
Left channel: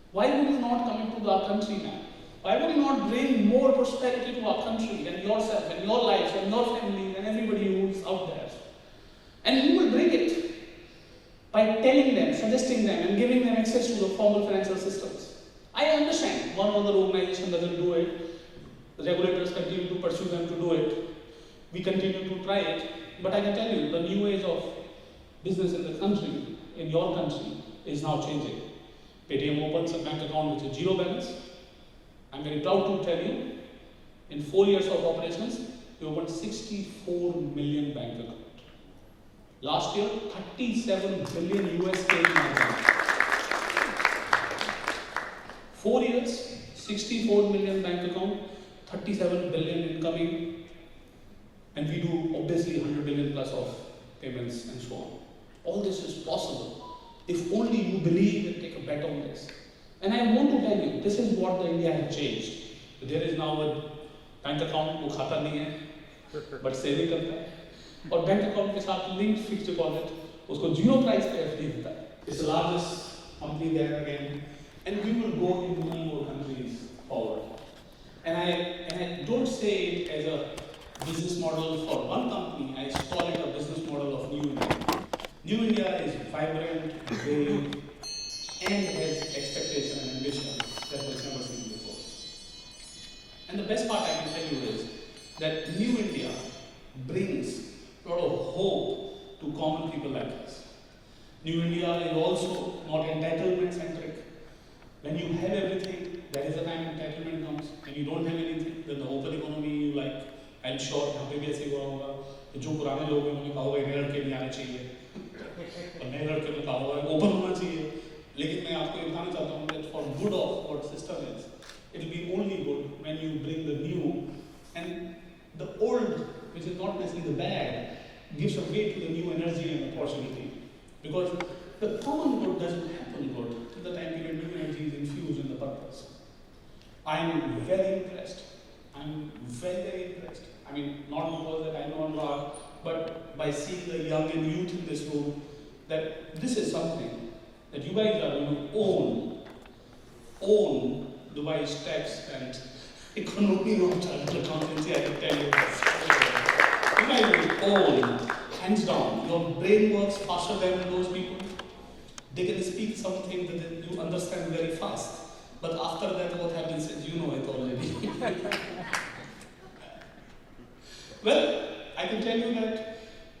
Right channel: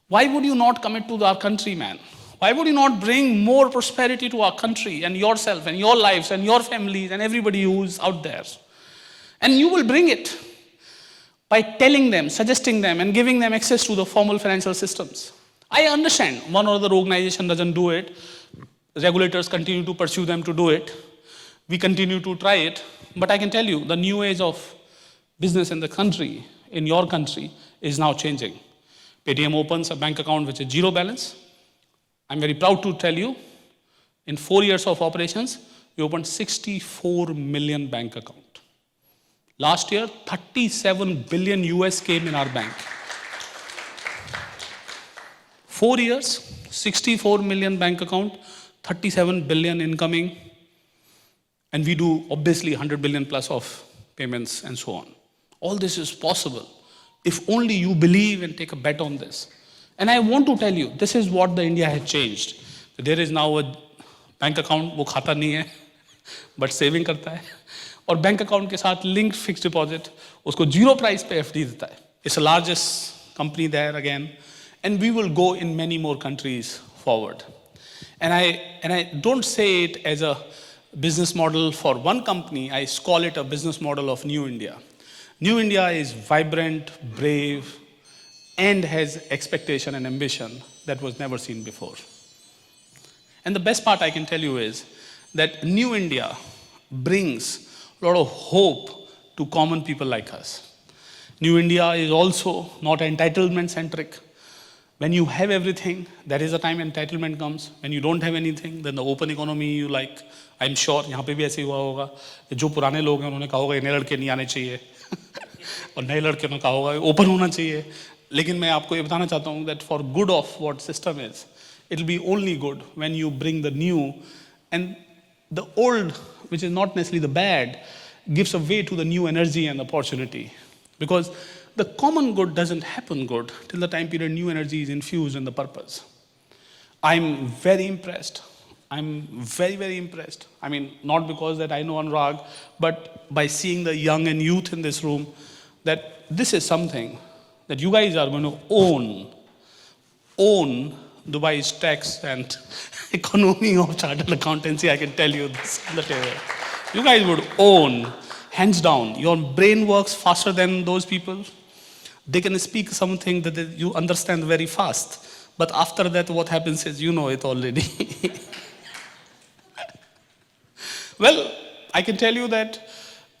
Why would you not commit to our country, man? Why would you not bring more prosperity to our country and yourself and your lives and your families and everybody who's out there? And you will bring it by telling them, suggesting them, and giving them access to the formal financial systems. I understand one or other organization doesn't do it. Regulators continue to pursue them to do it. We continue to try it. But I can tell you, the new age of business in the country, in your country, is now changing. Paytm opens a bank account which is zero balance. I'm very proud to tell you, in 4 years of operations, we opened 64 million bank account. Last year, 37 billion US came in our bank. 4 years, 64 million bank account, 37 billion incoming, and we do obviously 100 billion plus of payments and so on. All this is possible if only you believe and take a bet on this. And I want to tell you, this is what the India has changed. There is now a bank account, वो खाता नहीं है, but saving करता है, और bank account के साथ linked fixed deposit, उसको zero price पे FD देता है. It's the largest company there again, and we will go in many more countries forward. And I don't say it as a business model for one company, I call it a business model of New India. New India is vibrant, brave, and has expectation and ambition that was never seen before. And the best part I can tell you is that New India brings a lot of hope to common people like us. New India is also not entitlement centric. When you have everything, there is a time entitlement comes. When you don't have anything, then the open economy you like. I'm sure यहाँ पे भी ऐसे हुआ होगा, जो पुराने लोग हैं उन्होंने कहा होगा नए लड़के नहीं आने चाहिए और नए लड़के ने कहा होगा ओपन होना चाहिए. लेकिन मैं आपको ये बताना चाहता हूँ that for good of what system is, it will be only good when you bring the new, and the old, which is not necessarily the bad, gives a way to the new energy and opportunity. Because the common good doesn't happen good till the time period new energy is infused in the purpose. I'm very impressed. I'm very, very impressed. I mean, not because that I know Anurag, but by seeing the young and youth in this room, that this is something that you guys are going to own Dubai's tax and economy of chartered accountancy, I can tell you this. You guys would own, hands down. Your brain works faster than those people. They can speak something that you understand very fast. But after that, what happens is you know it already. Well, I can tell you that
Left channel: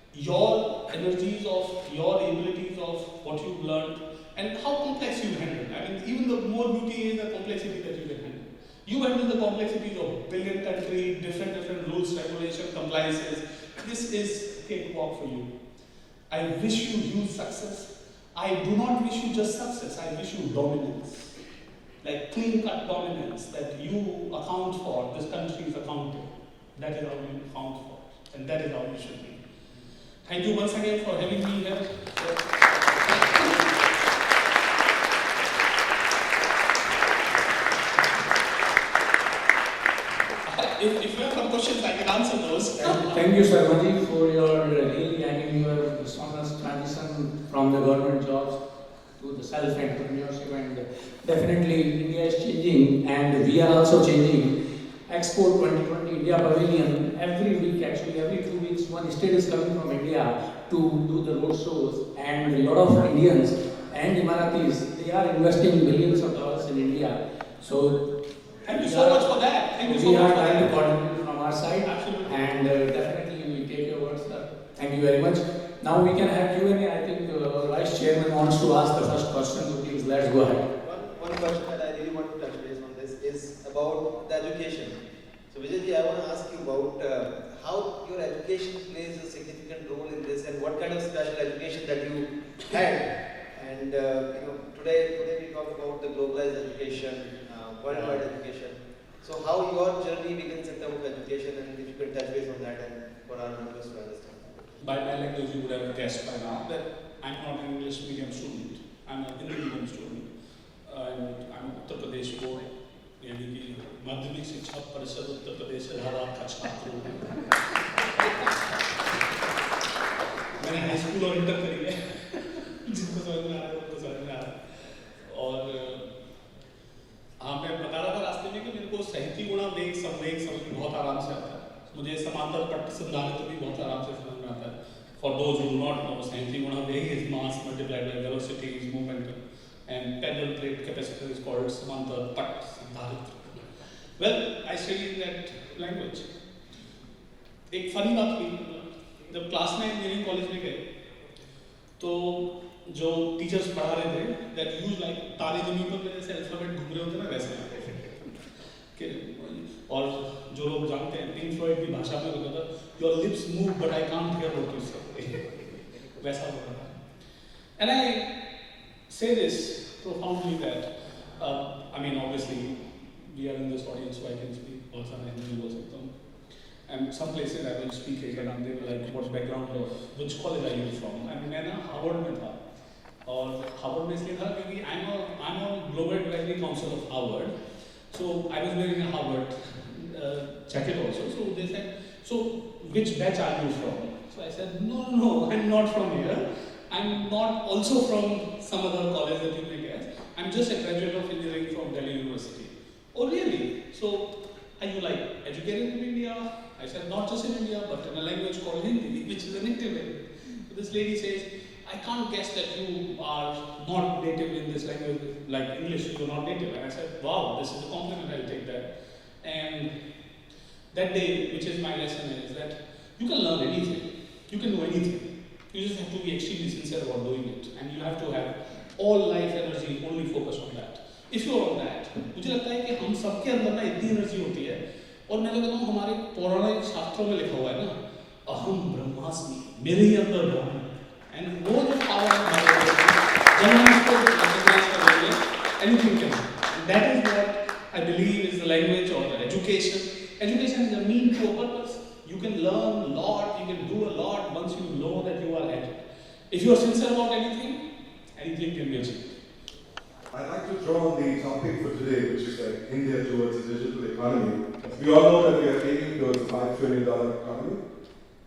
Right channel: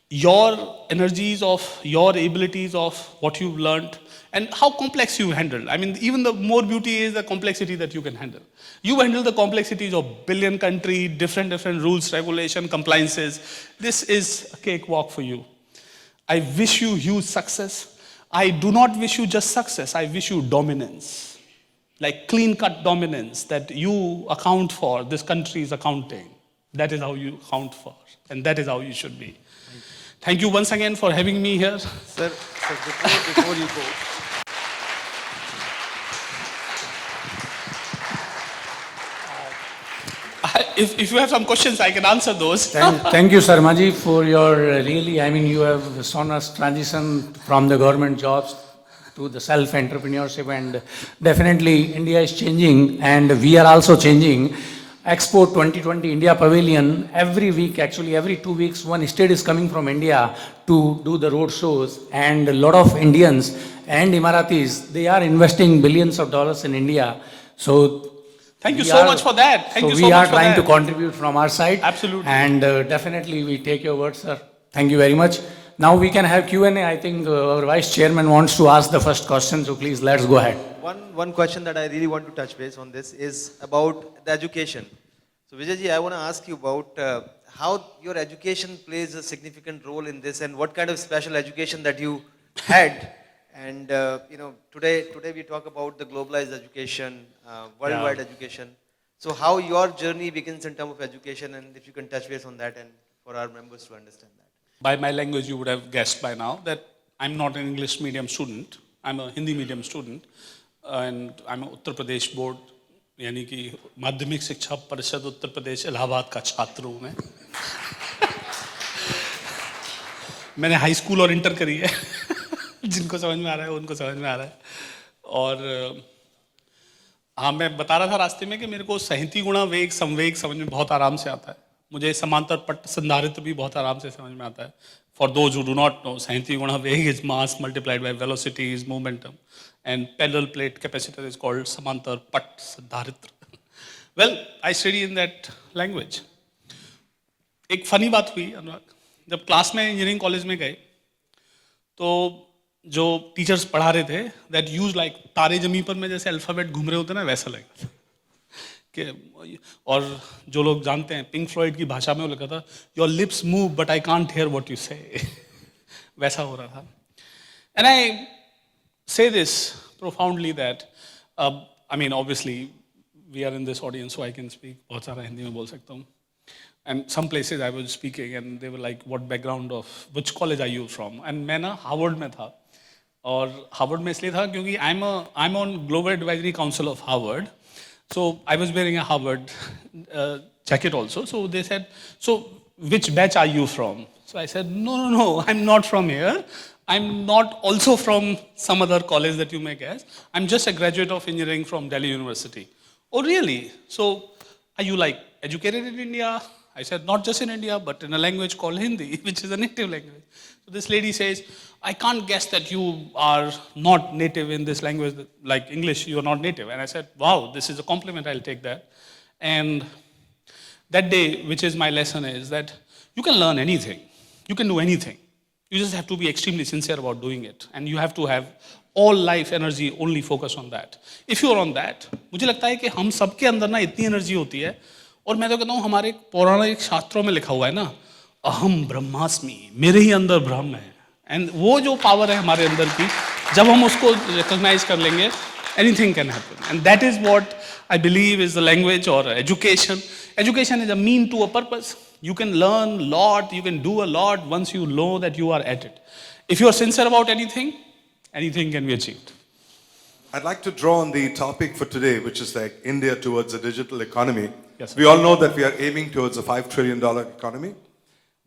your energies of, your abilities of what you've learned and how complex you handle. I mean, even the more beauty is the complexity that you can handle. You handle the complexities of billion country, different rules, regulation, compliances. This is a cakewalk for you. I wish you huge success. I do not wish you just success. I wish you dominance. Like clean-cut dominance that you account for, this country is accounting. That is how you account for, and that is how you should be. Thank you once again for having me here. Sir. If you have some questions, I can answer those. Thank you, Sarmaji, for your really, I mean, you have shown us transition from the government jobs to the self-entrepreneurship, and definitely India is changing and we are also changing. Expo 2020 India Pavilion, every week, actually every 2 weeks, one state is coming from India to do the road shows, and a lot of Indians and Emiratis, they are investing billions of dollars in India. So Thank you We so are- much for that. Thank you so we much are for trying that. to contribute from our side. Absolutely. And definitely we take your words, sir. Thank you very much. Now we can have Q&A. I think our Vice Chairman wants to ask the first question, so please let's go ahead. One question that I really want to touch base on this is about the education. So Vijayji, I want to ask you about how your education plays a significant role in this, and what kind of special education that you had. And today we talk about the globalized education, worldwide education. So how your journey begins in terms of education, and if you can touch base on that and for our members to understand. By my language, you would have guessed by now that I'm not an English medium student. I'm a Hindi medium student, and I'm a Uttar Pradesh board, यानी कि माध्यमिक शिक्षा परिषद उत्तर प्रदेश इलाहाबाद का छात्र हूँ मैं. मैंने हाई स्कूल और इंटर करी है. जिनको समझ में आ रहा है उनको समझ में आ रहा है. और हाँ, मैं बता रहा था रास्ते में कि मेरे को सहती गुणा वेग संवेग समझ में बहुत आराम से आता है. मुझे समांतर पट संधारित्र भी बहुत आराम से समझ में आता है. For those who do not know, सहती गुणा वेग is mass multiplied by velocity is momentum, and parallel plate capacitor is called समांतर पट संधारित्र. Well, I study in that language. एक फनी बात हुई अनुराग, जब क्लास में इंजीनियरिंग कॉलेज में गए तो जो टीचर्स पढ़ा रहे थे दैट यूज लाइक तारे जमीन पर में जैसे अल्फ़ाबेट घूम रहे होते हैं ना, वैसा लगे कि. और जो लोग जानते हैं पिंक फ्लॉयड की भाषा में वो लिखा था, your lips move but I can't hear what you say. वैसा हो रहा था. And I say this profoundly that I mean obviously we are in this audience so I can speak. बहुत सारा हिंदी में बोल सकता हूँ. And some places I was speaking and they were like, what background of, which college are you from? And मैं ना Harvard में था. और हार्वर्ड में इसलिए था क्योंकि I'm on Global Advisory Council of Harvard. So I was wearing a Harvard jacket also. So they said, so which batch are you from? So I said, no, I'm not from here. I'm not also from some other college that you may guess. I'm just a graduate of engineering from Delhi University. Oh really? So are you like educated in India? I said, not just in India, but in a language called Hindi, which is a native language. This lady says, I can't guess that you are not native in this language, like English, you are not native. And I said, wow, this is a compliment, I'll take that. And that day, which is my lesson, is that you can learn anything. You can do anything. You just have to be extremely sincere about doing it. And you have to have all life energy only focus on that. If you are on that, मुझे लगता है कि हम सबके अंदर ना इतनी energy होती है. और मैं तो कहता हूँ हमारे पौराणिक शास्त्रों में लिखा हुआ है ना, अहम ब्रह्मास्मि, मेरे ही अंदर ब्रह्म है. एंड वो जो पावर है हमारे अंदर की, जब हम उसको रिकॉग्नाइज कर लेंगे, anything can happen. And that is what I believe is the language और education. Education is a mean to a purpose. You can learn a lot, you can do a lot once you know that you are at it. If you are sincere about anything, anything can be achieved. I'd like to draw on the topic for today, which is like India towards a digital economy. Yes. We all know that we are aiming towards a $5 trillion economy.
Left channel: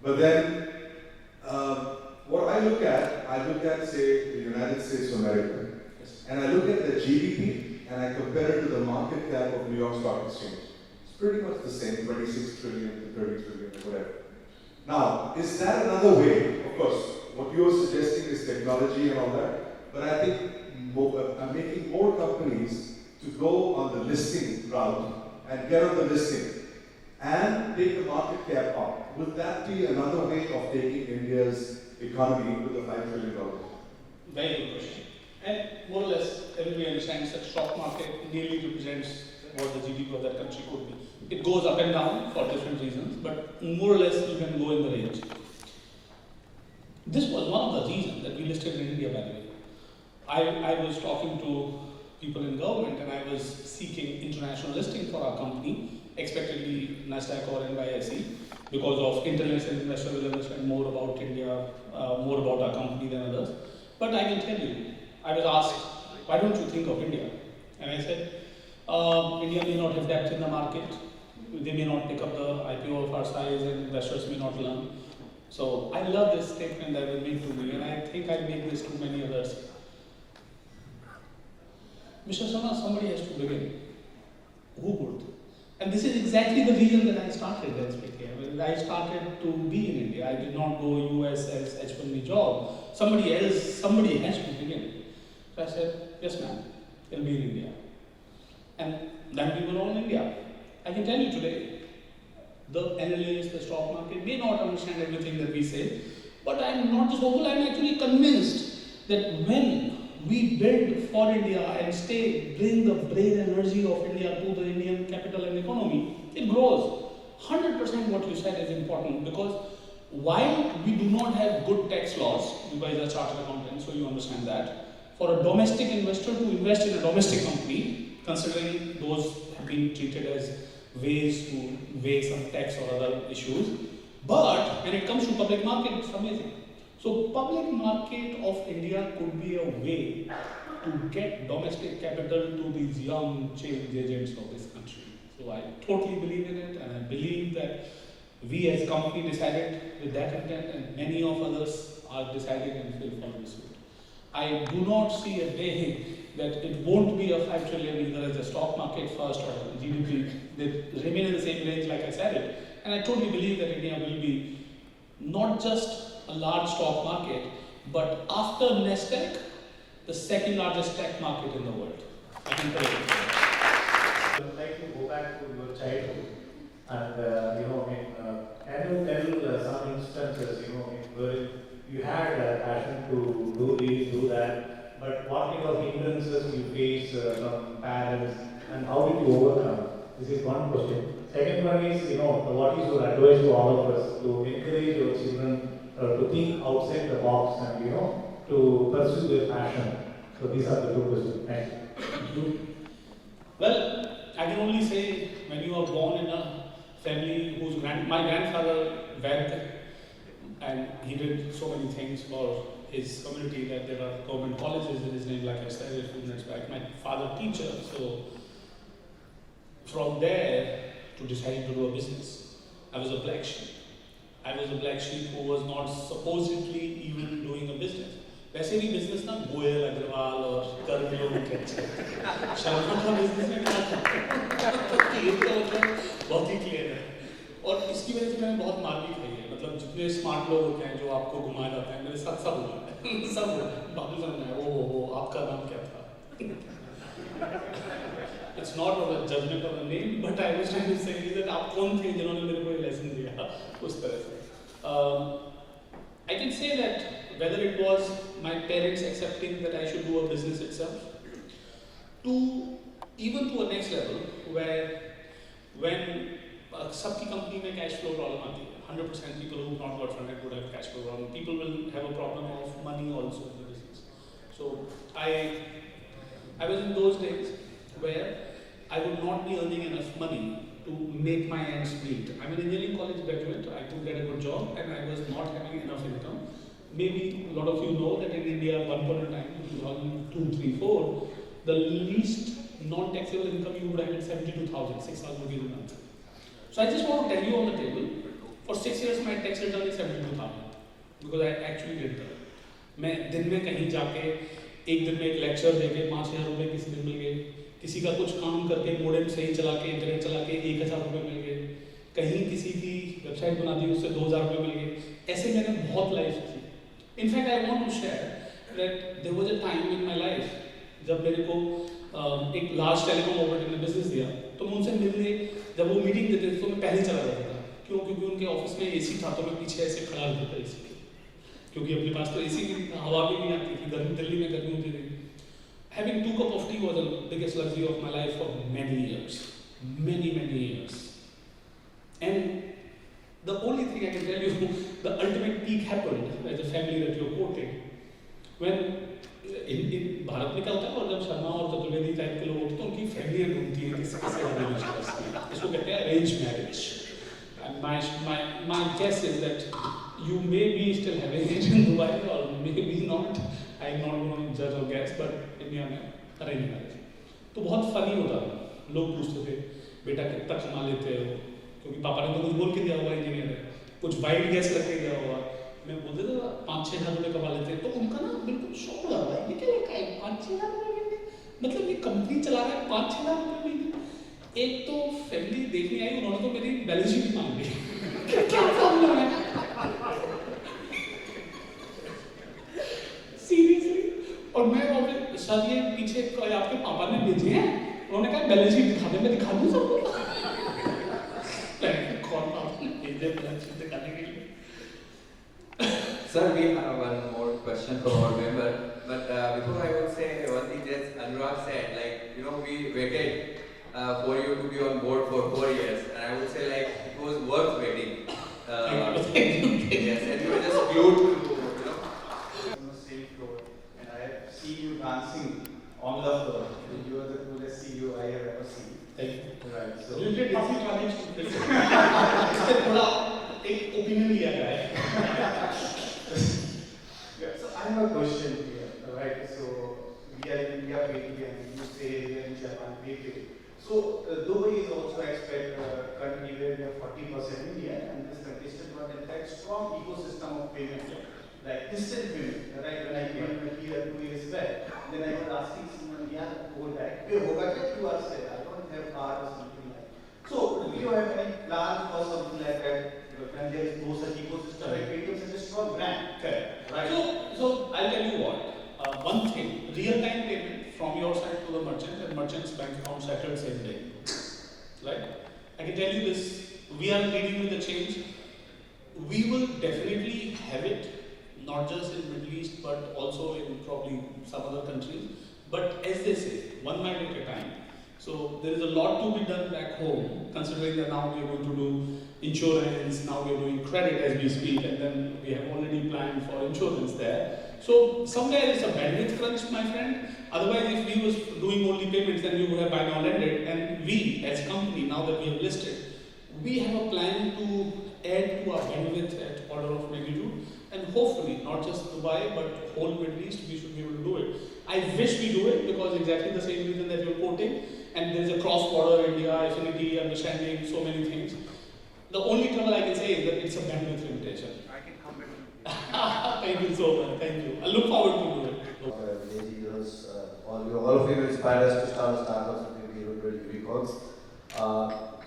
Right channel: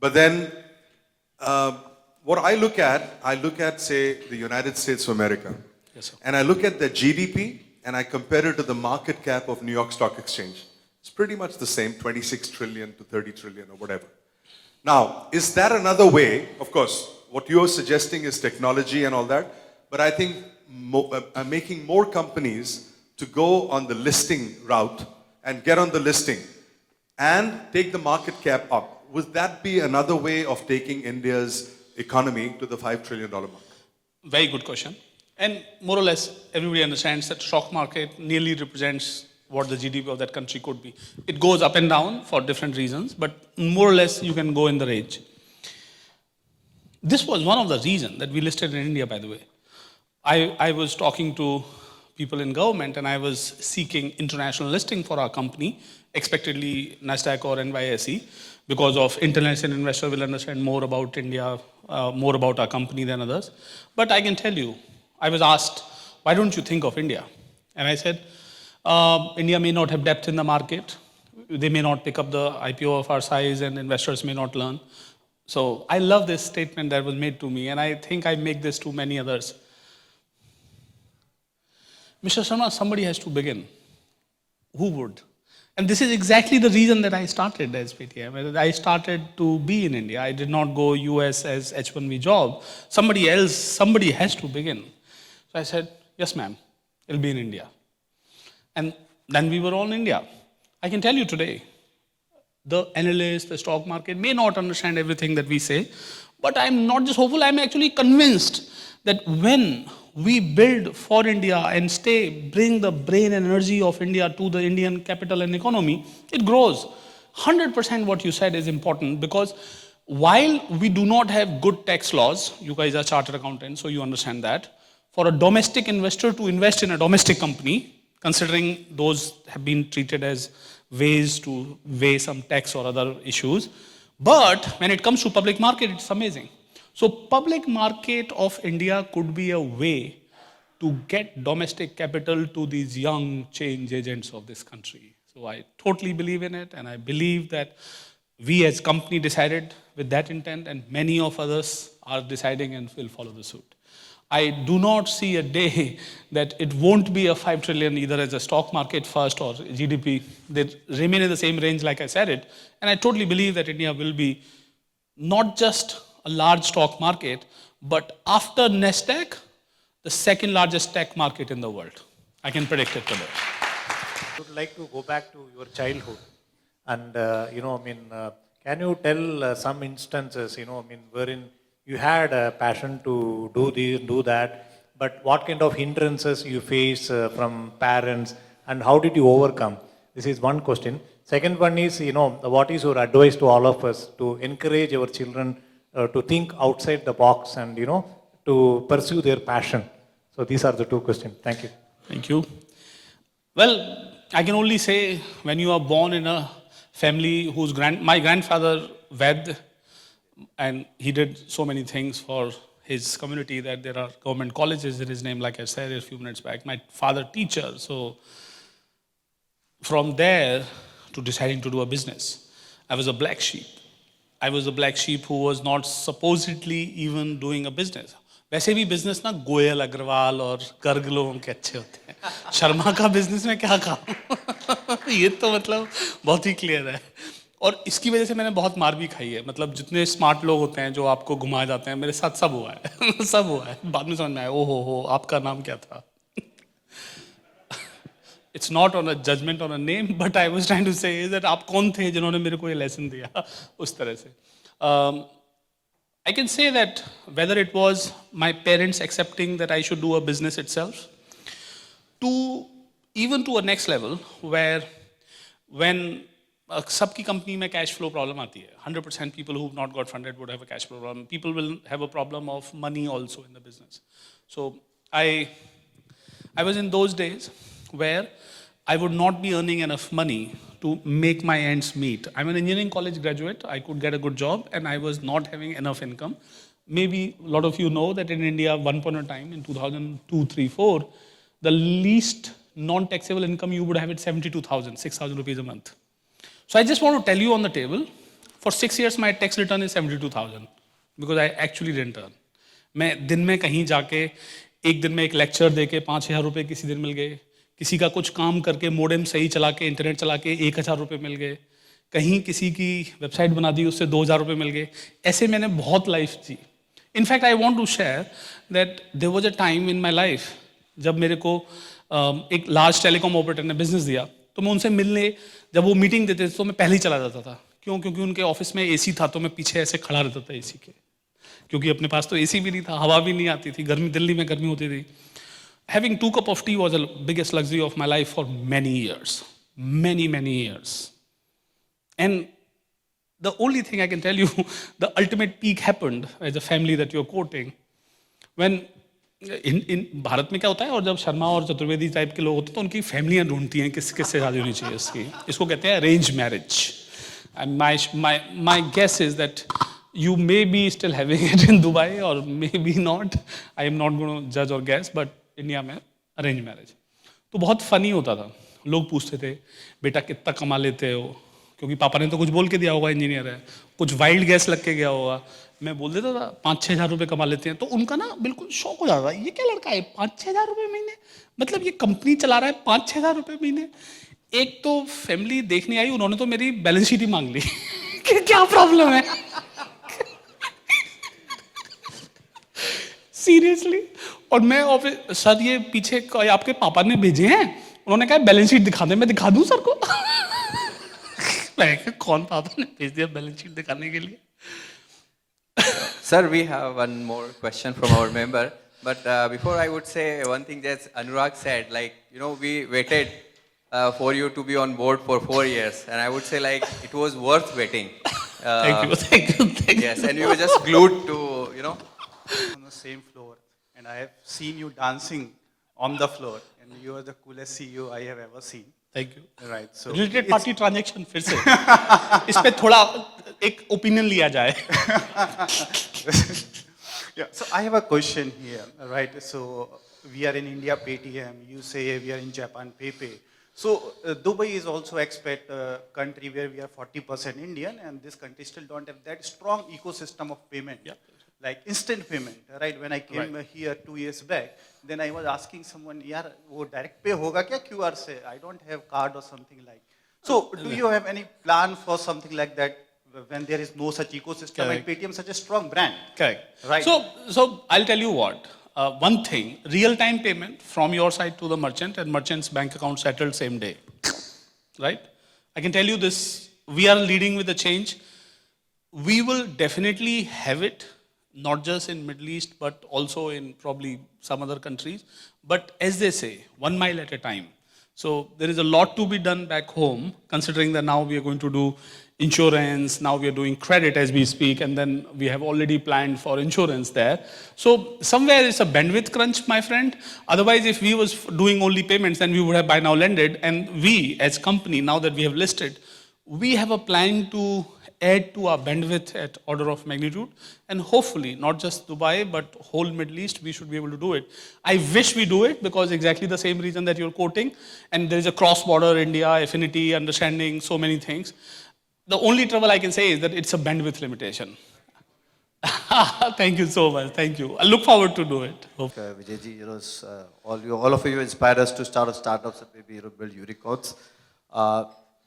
But then, what I look at, say, the United States of America. Yes, sir. And I look at their GDP and I compare it to the market cap of New York Stock Exchange. It's pretty much the same, 26 trillion to 30 trillion or whatever. Now, is that another way? Of course, what you're suggesting is technology and all that, but I think I'm making more companies to go on the listing route and get on the listing and take the market cap up. Would that be another way of taking India's economy to the $5 trillion mark? Very good question. And more or less, everybody understands that stock market nearly represents what the GDP of that country could be. It goes up and down for different reasons, but more or less you can go in the range. This was one of the reasons that we listed in India, by the way. I was talking to people in government and I was seeking international listing for our company, expectedly NASDAQ or NYSE, because of international investor will understand more about India, more about our company than others. But I can tell you, I was asked, why don't you think of India? And I said, India may not have depth in the market. They may not pick up the IPO of our size and investors may not learn. So I love this statement that was made to me and I think I make this to many others. Mr. Sharma, somebody has to begin. Who would? And this is exactly the reason that I started SPTM. I started to be in India. I did not go US as H1B job. Somebody has to begin. So I said, yes ma'am, it'll be in India. And than we were on India. I can tell you today, the analysts, the stock market may not understand everything that we say, but I'm not just hopeful, I'm actually convinced that when we build for India and bring the brain energy of India to the Indian capital and economy, it grows. 100% what you said is important, because while we do not have good tax laws, you guys are chartered accountants, so you understand that, for a domestic investor to invest in a domestic company, considering those have been treated as ways to weigh some tax or other issues. But when it comes to public market, it's amazing. So public market of India could be a way to get domestic capital to these young change agents of this country. So I totally believe in it, and I believe that we as company decided with that intent, and many of others are deciding and will follow the suit. I do not see a day that it won't be a 5 trillion either as a stock market first or GDP. They remain in the same range like I said it. And I totally believe that India will be not just a large stock market, but after Nasdaq, the second largest tech market in the world. I can predict it today. I would like to go back to your childhood and, can you tell some instances, wherein you had a passion to do this, do that, but what kind of hindrances you face from parents and how did you overcome? This is one question. Second one is, what is your advice to all of us to encourage our children to think outside the box and, to pursue their passion? So these are the two questions. Thank you. Thank you. Well, I can only say when you are born in a family whose my grandfather Ved, and he did so many things for his community that there are government colleges in his name, like I said a few minutes back. My father teacher, so from there to deciding to do a business, I was a black sheep. I was a black sheep who was not supposedly even doing a business. वैसे भी business ना गोयल अग्रवाल और गर्ग लोगों के अच्छे होते हैं, शर्मा का बिजनेस में क्या काम ये तो मतलब बहुत ही क्लियर है। और इसकी वजह से मैंने बहुत मार भी खाई है, मतलब जितने स्मार्ट लोग होते हैं जो आपको घुमा जाते हैं, मेरे साथ सब हुआ है सब हुआ है, बाद में समझ में आया ओ हो आपका नाम क्या था। It's not on a judgment on a name, but I was trying to say is that आप कौन थे जिन्होंने मेरे को ये लेसन दिया उस तरह से। I can say that whether it was my parents accepting that I should do a business itself, to even to a next level where when सबकी कंपनी में कैश फ्लो प्रॉब्लम आती है, 100% people who have not got funded would have a cash flow problem. People will have a problem of money also in the business. So I was in those days where I would not be earning enough money to make my ends meet. I'm an engineering college graduate, I could get a good job and I was not having enough income. Maybe a lot of you know that in India, one point of time in 2002, 3, 4, the least non-taxable income you would have is 72,000, 6,000 rupees a month. So I just want to tell you on the table, for 6 years my tax return is 72,000 because I actually didn't earn. मैं दिन में कहीं जाके एक दिन में एक lecture देके 5,000 रुपये किसी दिन मिल गए, किसी का कुछ काम करके मोडेम सही चला के इंटरनेट चला के 1,000 रुपये मिल गए, कहीं किसी की वेबसाइट बना दी उससे 2,000 रुपये मिल गए, ऐसे मैंने बहुत लाइफ जी। In fact I want to share that there was a time in my life जब मेरे को एक लार्ज टेलीकॉम ऑपरेटर ने बिजनेस दिया, तो मैं उनसे मिलने जब वो मीटिंग देते थे तो मैं पहले ही चला जाता था। क्यों? क्योंकि उनके ऑफिस में एसी था तो मैं पीछे ऐसे खड़ा रहता था एसी के, क्योंकि अपने पास तो एसी भी नहीं था, हवा भी नहीं आती थी, गर्मी दिल्ली में गर्मी होती थी। Having 2 cups of tea was the biggest luxury of my life for many years, many years. And the only thing I can tell you, the ultimate peak happened as a family that you're quoting, when in Bharat में क्या होता है, और जब शर्मा और Chaturvedi type के लोग होते हैं तो उनकी फैमिलियाँ ढूंढती हैं किससे शादी होनी चाहिए इसकी, इसको कहते हैं arrange marriage. My guess is that you may be still having it in Dubai or maybe not. I am not going to judge or guess, but India में अरेंज मैरिज तो बहुत फनी होता था। लोग पूछते थे बेटा कितना कमा लेते हो, क्योंकि पापा ने तो कुछ बोल के दिया होगा, इंजीनियर है, कुछ वाइल्ड गैस लग के गया होगा। मैं बोल देता था 5-6 हज़ार रुपये कमा लेते हैं, तो उनका ना बिल्कुल शौक हो जाता है, ये क्या लड़का है 5-6 हज़ार रुपये महीने, मतलब ये कंपनी चला रहा है 5-6 हज़ार रुपये महीने। एक तो फैमिली देखने आई, उन्होंने तो मेरी बैलेंस शीट ही मांग ली कि क्या प्रॉब्लम है सीरियसली। और मैं सर ये पीछे आपके पापा ने भेजे हैं, उन्होंने कहा बैलेंस शीट दिखा दे, मैं दिखा दूं सर को? मैं कहा, कौन था आपने भेज दिया बैलेंस शीट दिखाने के लिए? Sir, we have one more question from our member. But before I would say one thing that Anurag said, like, you know, we waited for you to be on board for 4 years. And I would say, like, it was worth waiting. Thank you. Yes, and we were just glued to, you know. On the same floor, and I have seen you dancing on the floor. You are the coolest CEO I have ever seen. Thank you. Right. So related party transaction फिर से इस पे थोड़ा एक opinion लिया जाए. yeah. So I have a question here. Right. So we are in India Paytm. You say we are in Japan PayPay. So Dubai is also expat country where we have 40% Indian, and this country still don't have that strong ecosystem of payment. Yeah. Like instant payment, right? When I came here 2 years back, then I was asking someone, "यार वो direct pay होगा क्या QR से? I don't have card or something like that." So do you have any plan for something like that when there is no such ecosystem? Correct. And Paytm such a strong brand. Correct. Right. So I'll tell you what. One thing, real-time payment from your side to the merchant and merchant's bank account settled same day. Right? I can tell you this, we are leading with the change. We will definitely have it, not just in Middle East, but also in probably some other countries. But as they say, 1 mile at a time. So there is a lot to be done back home, considering that now we are going to do insurance, now we are doing credit as we speak, and then we have already planned for insurance there. So somewhere it's a bandwidth crunch, my friend. Otherwise, if we was doing only payments, then we would have by now landed. And we as company, now that we have listed, we have a plan to add to our bandwidth at order of magnitude, and hopefully not just Dubai but whole Middle East, we should be able to do it. I wish we do it because exactly the same reason that you're quoting, and there is a cross-border India affinity, understanding, so many things. The only trouble I can say is that it's a bandwidth limitation. Thank you so much. Thank you. I look forward to do it. Vijayji, all of you inspired us to start startups and maybe build unicorns.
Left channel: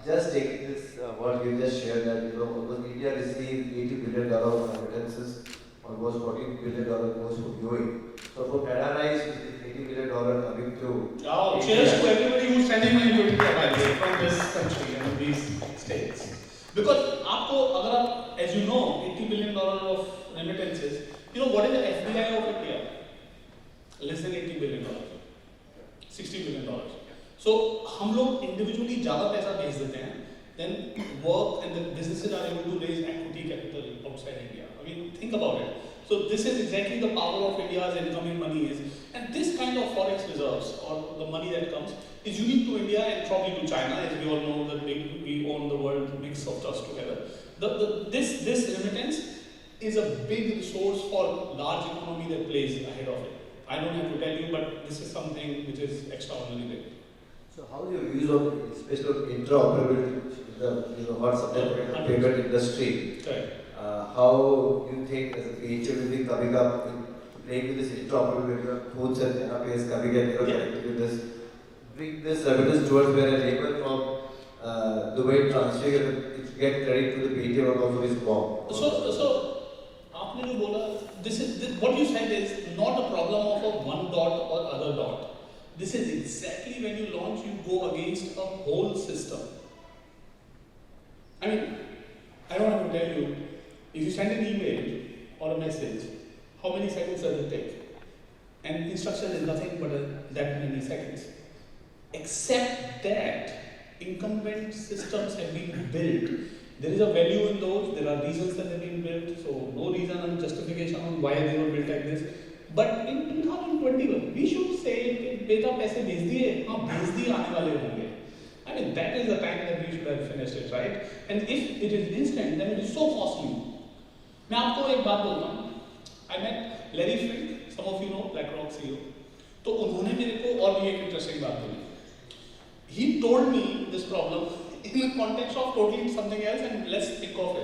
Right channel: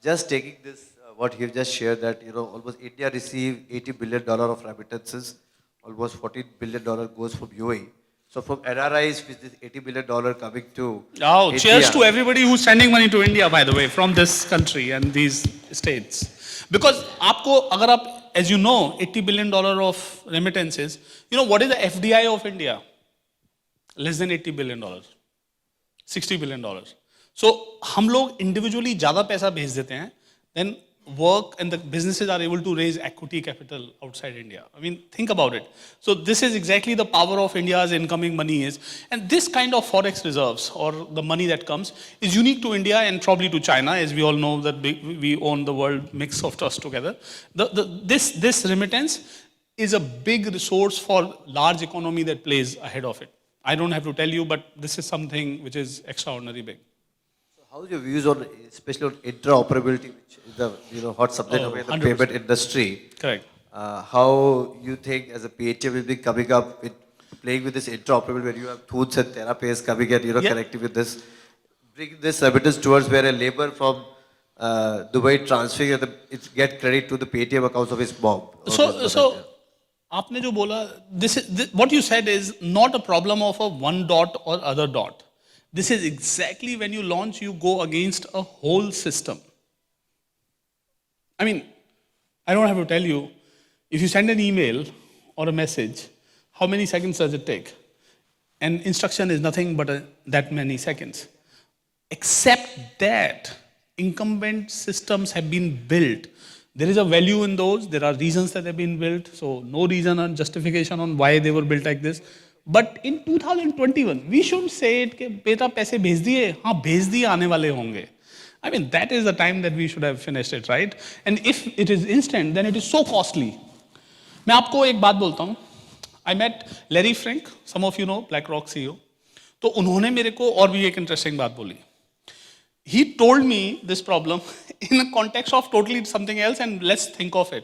Just taking this, what you just shared, that almost India received $80 billion of remittances, almost $14 billion goes from UAE. So from NRIs, with this $80 billion coming to Oh, India. cheers to everybody who's sending money to India, by the way, from this country and these states. Because आपको अगर आप, as you know, $80 billion of remittances, what is the FDI of India? Less than $80 billion, $60 billion. So हम लोग individually ज़्यादा पैसा भेज देते हैं, then work and the businesses are able to raise equity capital outside India. I mean, think about it. So this is exactly the power of India's incoming money is, and this kind of forex reserves or the money that comes is unique to India and probably to China, as we all know that we own the world mix of trust together. This remittance is a big resource for large economy that plays ahead of it. I don't have to tell you, but this is something which is extraordinary big. So how are your views on, especially on interoperability, which is the hot subject of the 100%. payment industry? Correct. How you think as a PHA will be coming up with playing with this interoperability when you have Thoots and TheraPays coming and connecting with this, bring this remittance towards where a labor from Dubai transferring and it get credit to the Paytm accounts of his mom. So आपने जो बोला, what you said is not a problem of a one dot or other dot. This is exactly when you launch, you go against a whole system. I mean, I don't have to tell you, if you send an email or a message, how many seconds does it take? And instruction is nothing but that many seconds. Except that incumbent systems have been built. There is a value in those, there are reasons that have been built, so no reason or justification on why they were built like this. But in 2021, we should say it कि बेटा पैसे भेज दिए, हाँ भेज दिए आने वाले होंगे. I mean, that is the time that we should have finished it, right? And if it is instant, then it is so costly. मैं आपको एक बात बोलता हूँ. I met Larry Frank, some of you know, BlackRock CEO. तो उन्होंने मेरे को और भी एक interesting बात बोली. He told me this problem in the context of totally something else, and let's think of it.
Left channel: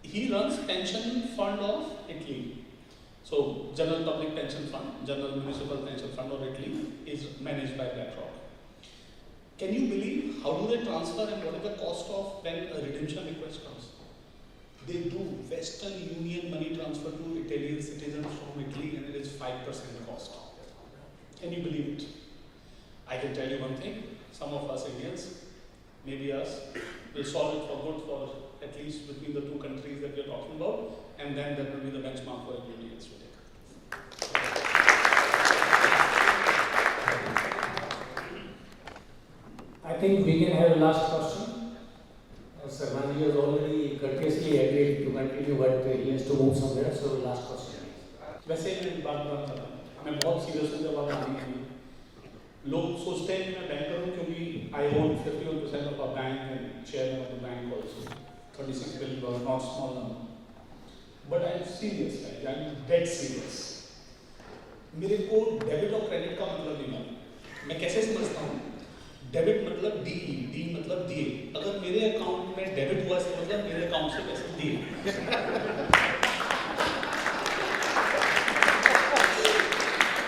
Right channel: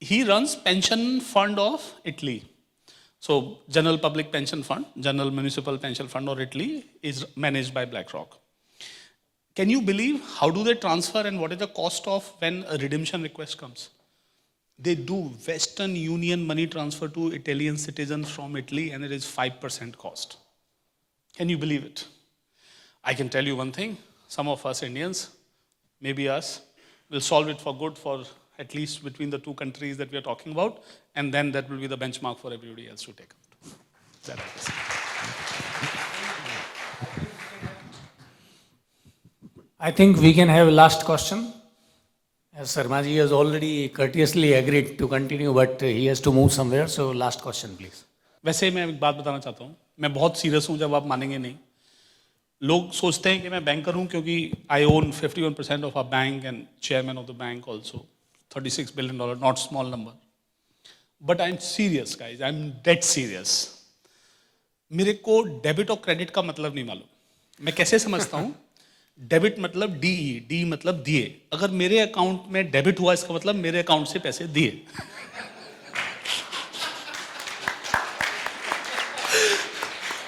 He runs pension fund of Italy. So General Public Pension Fund, General Municipal Pension Fund or Italy is managed by BlackRock. Can you believe how do they transfer and what is the cost of when a redemption request comes? They do Western Union money transfer to Italian citizens from Italy and it is 5% cost. Can you believe it? I can tell you one thing, some of us Indians, maybe us, will solve it for good for at least between the two countries that we are talking about, and then that will be the benchmark for everybody else to take. I think we can have a last question. As Sarmaji has already courteously agreed to continue, but he has to move somewhere, so last question please. वैसे मैं एक बात बताना चाहता हूँ, मैं बहुत serious हूँ, जब आप मानेंगे नहीं. लोग सोचते हैं कि मैं बैंकर हूँ क्योंकि I own 51% of our bank and chairman of the bank also. $36 billion, not small number. But I'm serious guys, I'm dead serious. मेरे को डेबिट और क्रेडिट का मतलब नहीं मालूम. मैं कैसे समझता हूँ? डेबिट मतलब डी मतलब दिए. अगर मेरे अकाउंट में डेबिट हुआ इसका मतलब मेरे अकाउंट से पैसे दिए.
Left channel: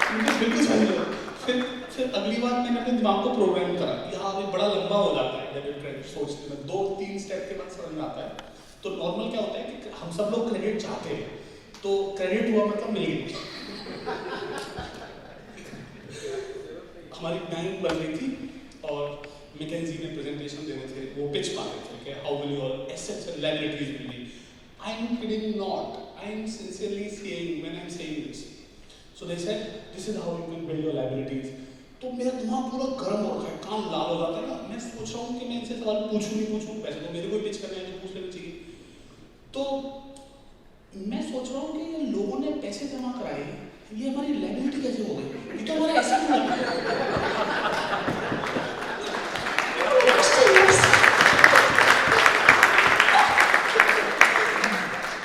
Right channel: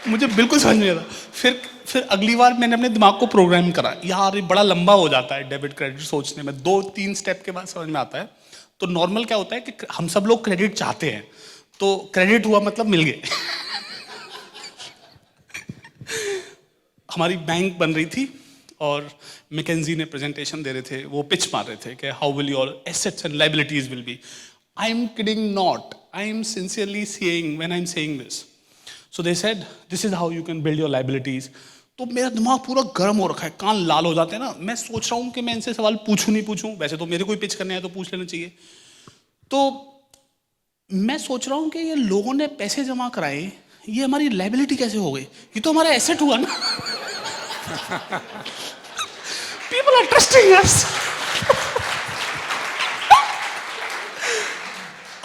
मुझे बिल्कुल समझ नहीं आ रहा. फिर अगली बार मैंने अपने दिमाग को प्रोग्राम करा, यार ये बड़ा लंबा हो जाता है डेबिट क्रेडिट सोचने में, 2-3 स्टेप के बाद समझ में आता है. तो नॉर्मल क्या होता है कि हम सब लोग क्रेडिट चाहते हैं, तो क्रेडिट हुआ मतलब मिल गए. हमारी बैंक बन रही थी और मैकेंजी ने प्रेजेंटेशन दे रहे थे, वो पिच मार रहे थे कि how will your assets and liabilities will be. I am kidding not, I am sincerely saying when I am saying this. So they said, this is how you can build your liabilities. तो मेरा दिमाग पूरा गर्म हो रखा है, कान लाल हो जाते हैं ना. मैं सोच रहा हूँ कि मैं इनसे सवाल पूछूं नहीं पूछूं, वैसे तो मेरे को ही पिच करने आए तो पूछ लेना चाहिए. तो मैं सोच रहा हूँ कि ये लोगों ने पैसे जमा कराए, ये हमारी लाइबिलिटी कैसे हो गई? ये तो हमारा एसेट हुआ ना. People are trusting us.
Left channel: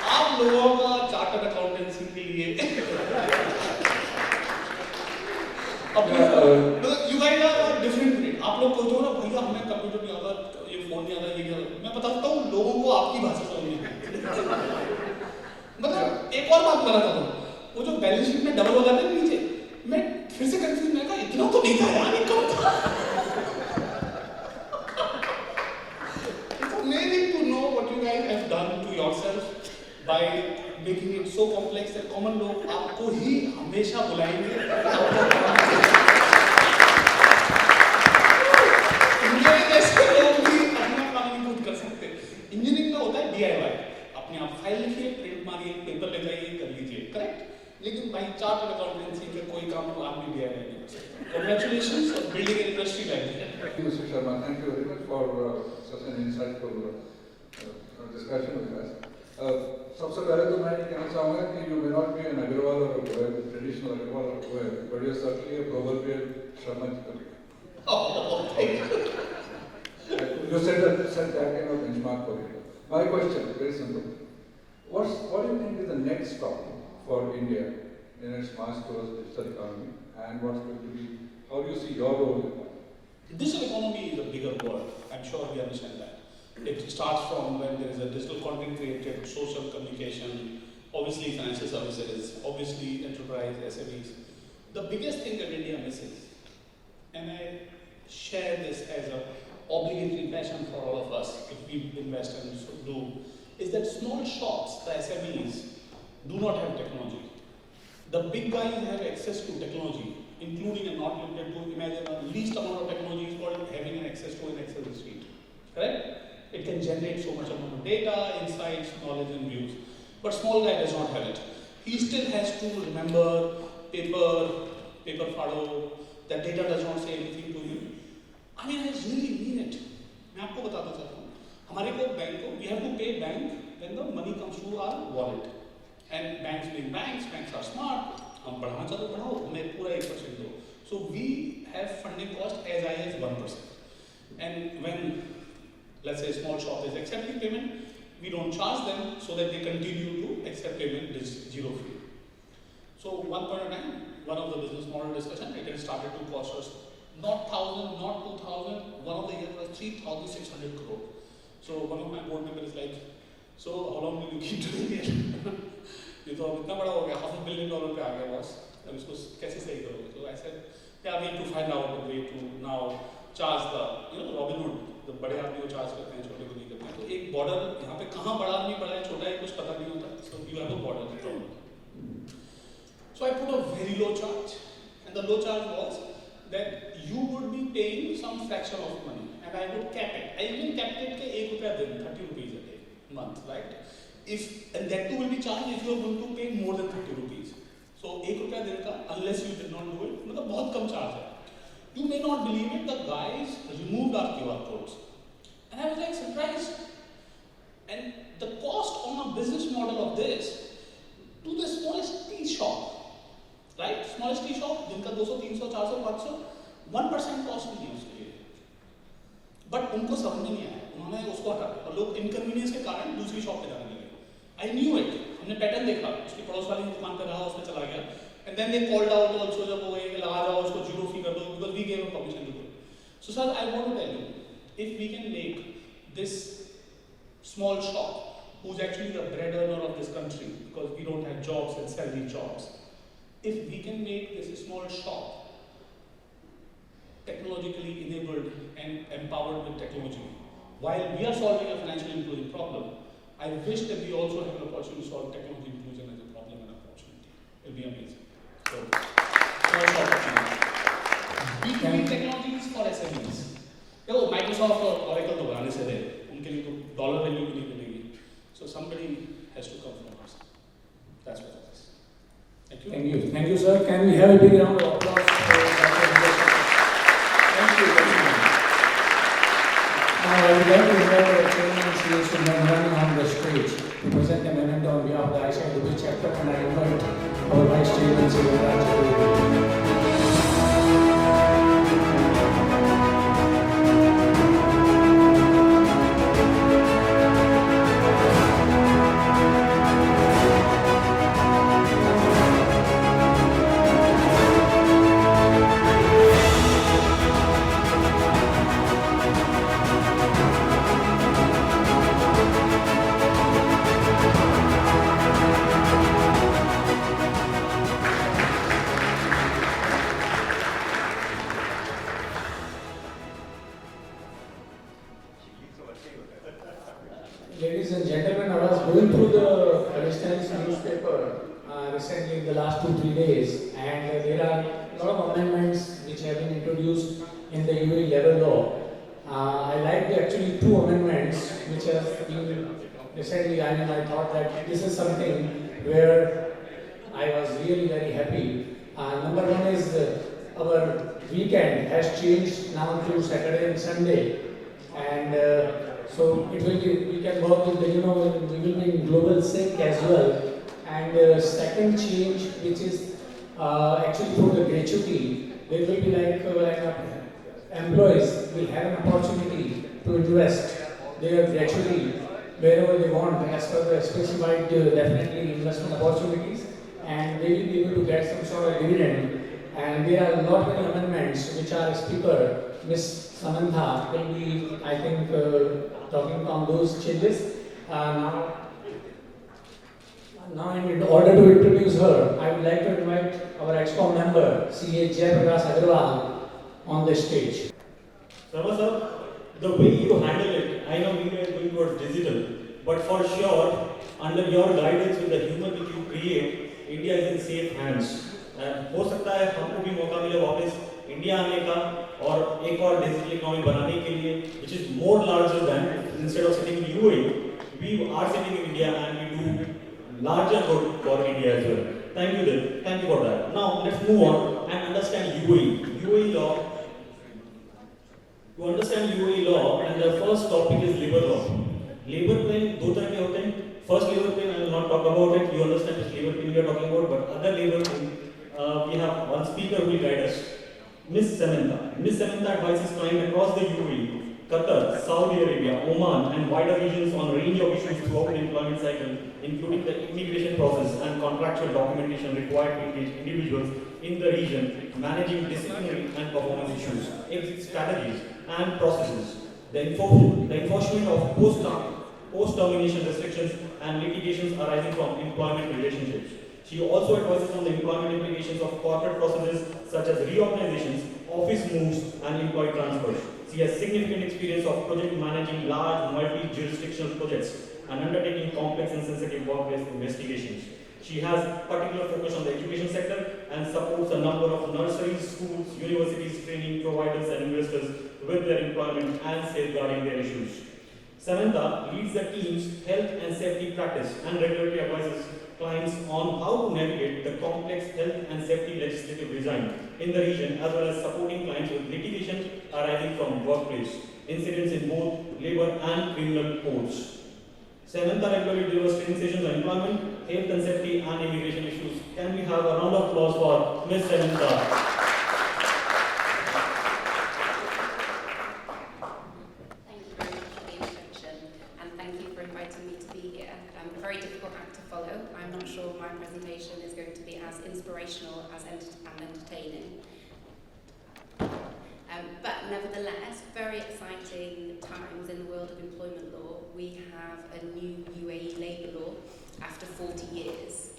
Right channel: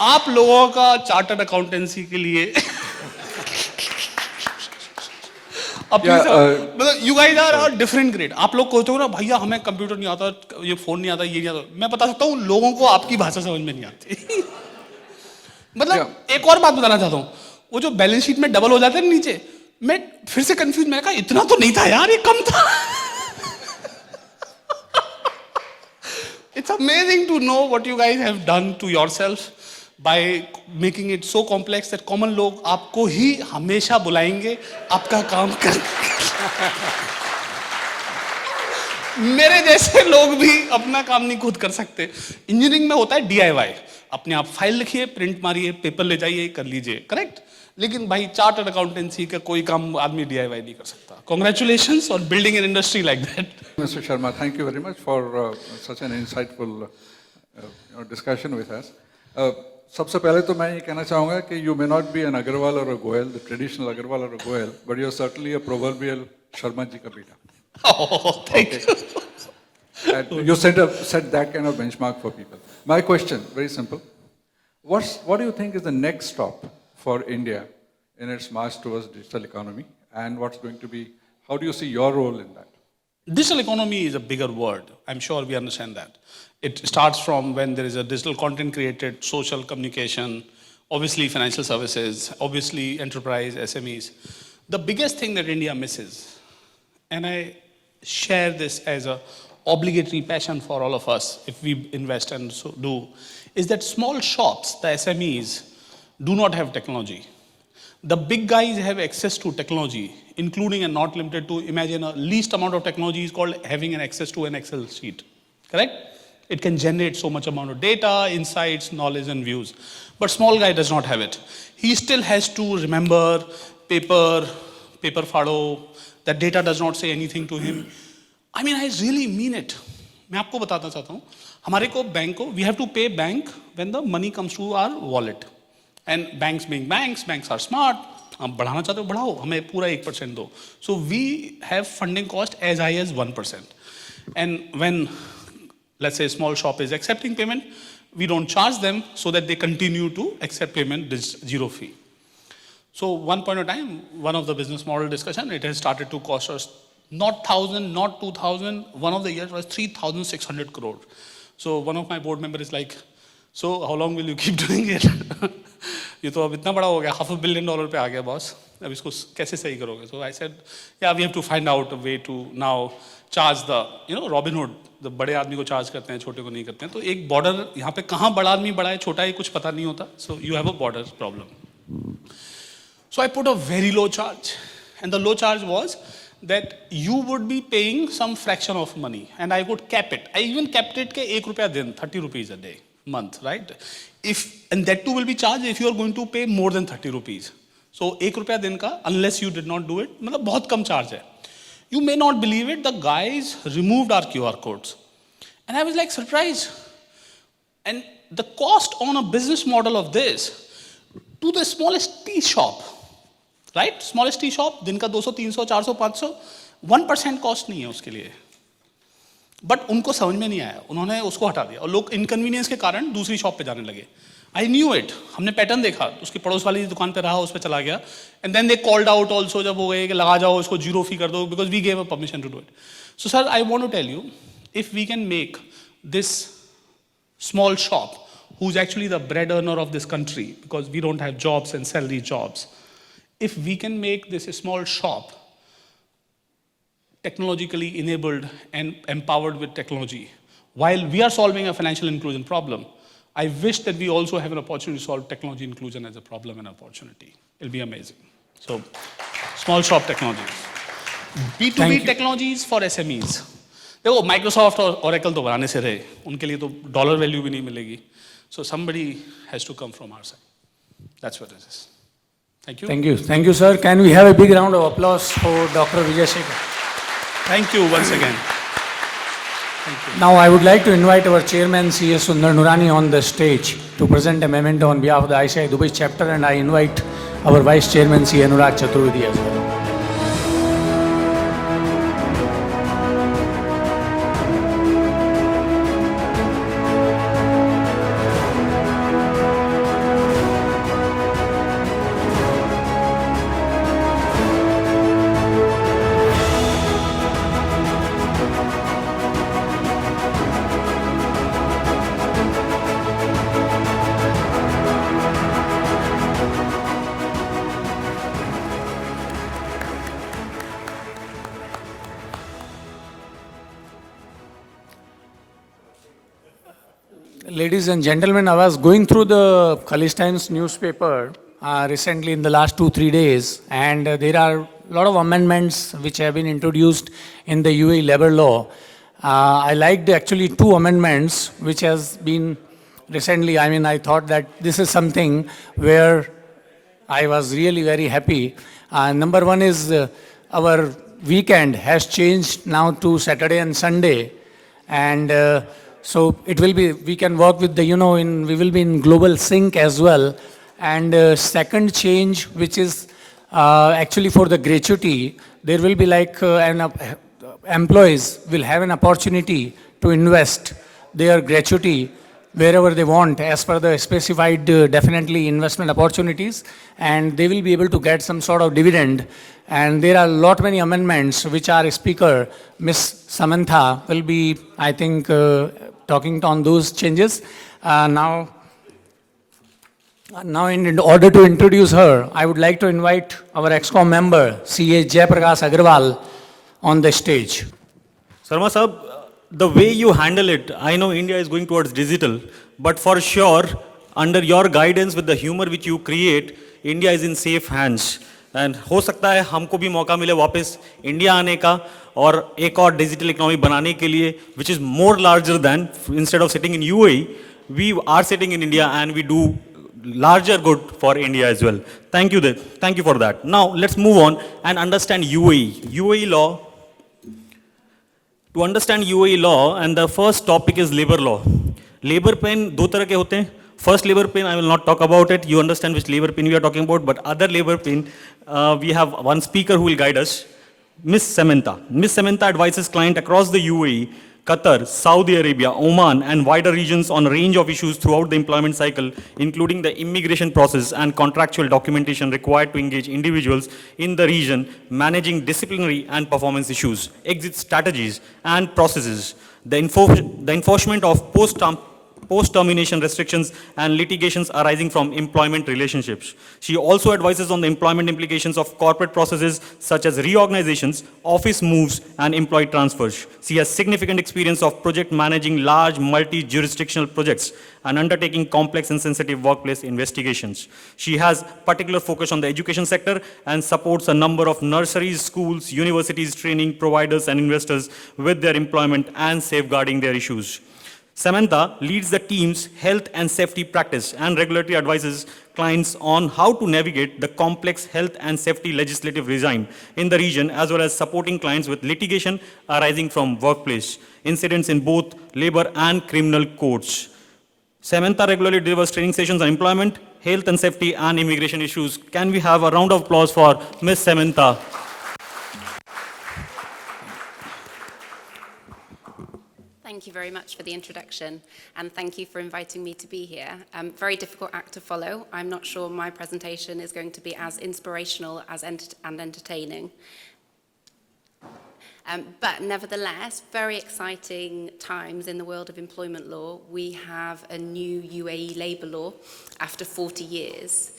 आप लोगों का चार्टर्ड अकाउंटेंसी के लिए मतलब you guys are different grade. आप लोग कहते हो ना भैया हमें कंप्यूटर नहीं आता, ये फोन नहीं आता, ये नहीं आता. मैं बता सकता हूँ लोगों को आपकी भाषा समझ में नहीं आती. मतलब एक और बात बताना चाहता हूँ, वो जो बैलेंस शीट में डबल हो जाते हैं नीचे, मैं फिर से कंफ्यूज, मैं कहा इतना तो नहीं था यार, ये कम था. It's amazing to know what you guys have done to yourself by making it so complex that common लोग आपको ही हमेशा बुलाएंगे आपका काम करने. मेरे जैसे लोग भी अपना काम नहीं खुद कर सकते. इंजीनियरिंग में होता है DIY, अपने आप फाइल लिखिए, प्रिंट मारिए, पेपर ले जाइए, कर लीजिए, करेक्ट. लेकिन भाई चार्टर्ड अकाउंटेंसी का कोई काम आदमी DIY नहीं कर सकता. Congratulations on building an industry like that. Mr. Sharma, thank you very much for such an insightful discussion with us. सबसे पहले तो मैं ये कहना चाहूँगा कि you may not be an Agarwal or a Goel, the traditional Agarwal or a Goel, but you're certainly a proverbial Sharma ji ka beta. Oh, thank you. And you set that kind of benchmark for people. My question, very simple. What do you think is the next stop for India in its march towards digital economy, and what's going to be, how do you see your role in that? Digital economy is a bigger word. I'm sure we understand that. It starts from when there is a digital content created, social communication, obviously financial services, obviously enterprise, SMEs. The biggest thing that India misses, and I share this as a obligatory passion for all of us if we invest and so do, is that small shops, the SMEs, do not have technology. The big guys have access to technology, including and not limited to, imagine a least amount of technology is called having an access to an Excel sheet, correct? It can generate so much amount of data, insights, knowledge and views. But small guy does not have it. He still has to remember paper fado, that data does not say anything to him. I mean, I really mean it. मैं आपको बताना चाहता हूँ, हमारे को bank को, we have to pay bank when the money comes to our wallet. And banks being banks are smart. आप बढ़ाना चाहते हो बढ़ाओ, हमें पूरा 1% दो. So we have funding cost as high as 1%. And when let's say a small shop is accepting payment, we don't charge them so that they continue to accept payment zero fee. So one point of time, one of the business model discussion, it has started to cost us not 1,000, not 2,000, one of the years was 3,600 crore. So one of my board members is like, so how long will you keep doing it? ये तो अब इतना बड़ा हो गया, $500 million पे आ गया boss, अब इसको कैसे सही करोगे? So I said, yeah, we have to find out a way to now charge the, Robin Hood, the बड़े आदमी को charge करते हैं, छोटे को नहीं करते हैं. तो एक border, यहाँ पे कहाँ बड़ा आदमी बड़ा है, छोटा है, कुछ पता नहीं होता. So you have a border problem. So I put a very low charge, and the low charge was that you would be paying some fraction of money, and I would cap it. I even capped it ke 1 rupaya din, 30 rupees a day, month, right? And that too will be charged if you are going to pay more than 30 rupees. So 1 rupaya din ka, unless you did not do it, matlab bahut kam charge hai. You may not believe it, the guys removed our QR codes. And I was like surprised. And the cost on a business model of this, to the smallest tea shop, right? Smallest tea shop, दिन का 200, 300, 400, 500, 1% cost नहीं है उसके लिए. But उनको समझ में नहीं आया, उन्होंने उसको हटा दिया और लोग इनकन्वीनियंस के कारण दूसरी शॉप पे जाने लगे. आई न्यू इट, हमने पैटर्न देखा, उसकी पड़ोस वाली दुकान पे रहा, उस पर चला गया. And then they called out also, जब वो गए कि लगा जाओ इसको, 0 फी कर दो, because we gave a permission to do it. So sir, I want to tell you, if we can make this small shop, who's actually the bread earner of this country, because we don't have jobs and salary jobs. If we can make this a small shop, technologically enabled and empowered with technology, while we are solving a financial inclusion problem, I wish that we also have an opportunity to solve technology inclusion as a problem and opportunity. It'll be amazing. So, small shop technology. B2B technologies for SMEs. देखो Microsoft और Oracle तो बनाने से रहे, उनके लिए तो dollar value भी नहीं मिलेगी. So somebody has to come from our side. That's what it is. Thank you. Thank you, sir. Can we have a big round of applause for Dr. Vijay Shekhar? Thank you once again. Now I would like to invite our chairman, C.A. Sundar Nurani, on the stage to present a memento on behalf of the ICI Dubai chapter, and I invite our vice chairman, C.A. Anurag Chaturvedi as well. Ladies and gentlemen, I was going through the Khalistan's newspaper recently in the last 2-3 days, and there are a lot of amendments which have been introduced in the UAE labor law. I liked actually 2 amendments which has been recently. I mean, I thought that this is something where I was really very happy. Number 1 is our weekend has changed now to Saturday and Sunday, and so it will be, we can work with the, we will be in global sync as well. And second change, which is actually for the gratuity, there will be like employees will have an opportunity to invest their gratuity wherever they want as per the specified definitely investment opportunities, and they will be able to get some sort of dividend. And there are many amendments which our speaker, Ms. Samantha, will be, I think, talking on those changes. Now in order to introduce her, I would like to invite our ExCom member, C.A. Jayaprakash Agarwal, on the stage. Sarma Sahab, the way you handle it, I know India is going towards digital, but for sure, under your guidance with the humor which you create, India is in safe hands. And हो सकता है हमको भी मौका मिले वापस India आने का और एक और डिजिटल इकोनॉमी बनाने के लिए, which is more larger than, instead of sitting in UAE, we are sitting in India and we do larger good for India as well. Thank you for that. Now let's move on and understand UAE law. To understand UAE law, and the first topic is labor law. Labor pain दो तरह के होते हैं. First labor pain, I will not talk about it. You understand which labor pain we are talking about, but other labor pain, we have one speaker who will guide us. Miss Samantha. Miss Samantha advises clients across the UAE, Qatar, Saudi Arabia, Oman, and wider regions on a range of issues throughout the employment cycle, including the immigration process and contractual documentation required to engage individuals in the region, managing disciplinary and performance issues, exit strategies and processes, the enforcement of post-termination restrictions, and litigations arising from employment relationships. She also advises on the employment implications of corporate processes such as reorganizations, office moves, and employee transfers. She has significant experience of project managing large multi-jurisdictional projects and undertaking complex and sensitive workplace investigations. She has particular focus on the education sector and supports a number of nurseries, schools, universities, training providers, and investors with their employment and safeguarding their issues. Samantha leads the team's health and safety practice and regulatory advises clients on how to navigate the complex health and safety legislative regime in the region, as well as supporting clients with litigation arising from workplace incidents in both labor and criminal courts. Samantha regularly delivers training sessions on employment, health and safety, and immigration issues. Can we have a round of applause for Ms. Samantha? Thank you very much for the introduction, and thank you for inviting me to be here. Very difficult act to follow. I'm not sure my presentation is going to be as inspirational and entertaining. But nevertheless, very exciting times in the world of employment law. We have a new UAE labour law after 40 years.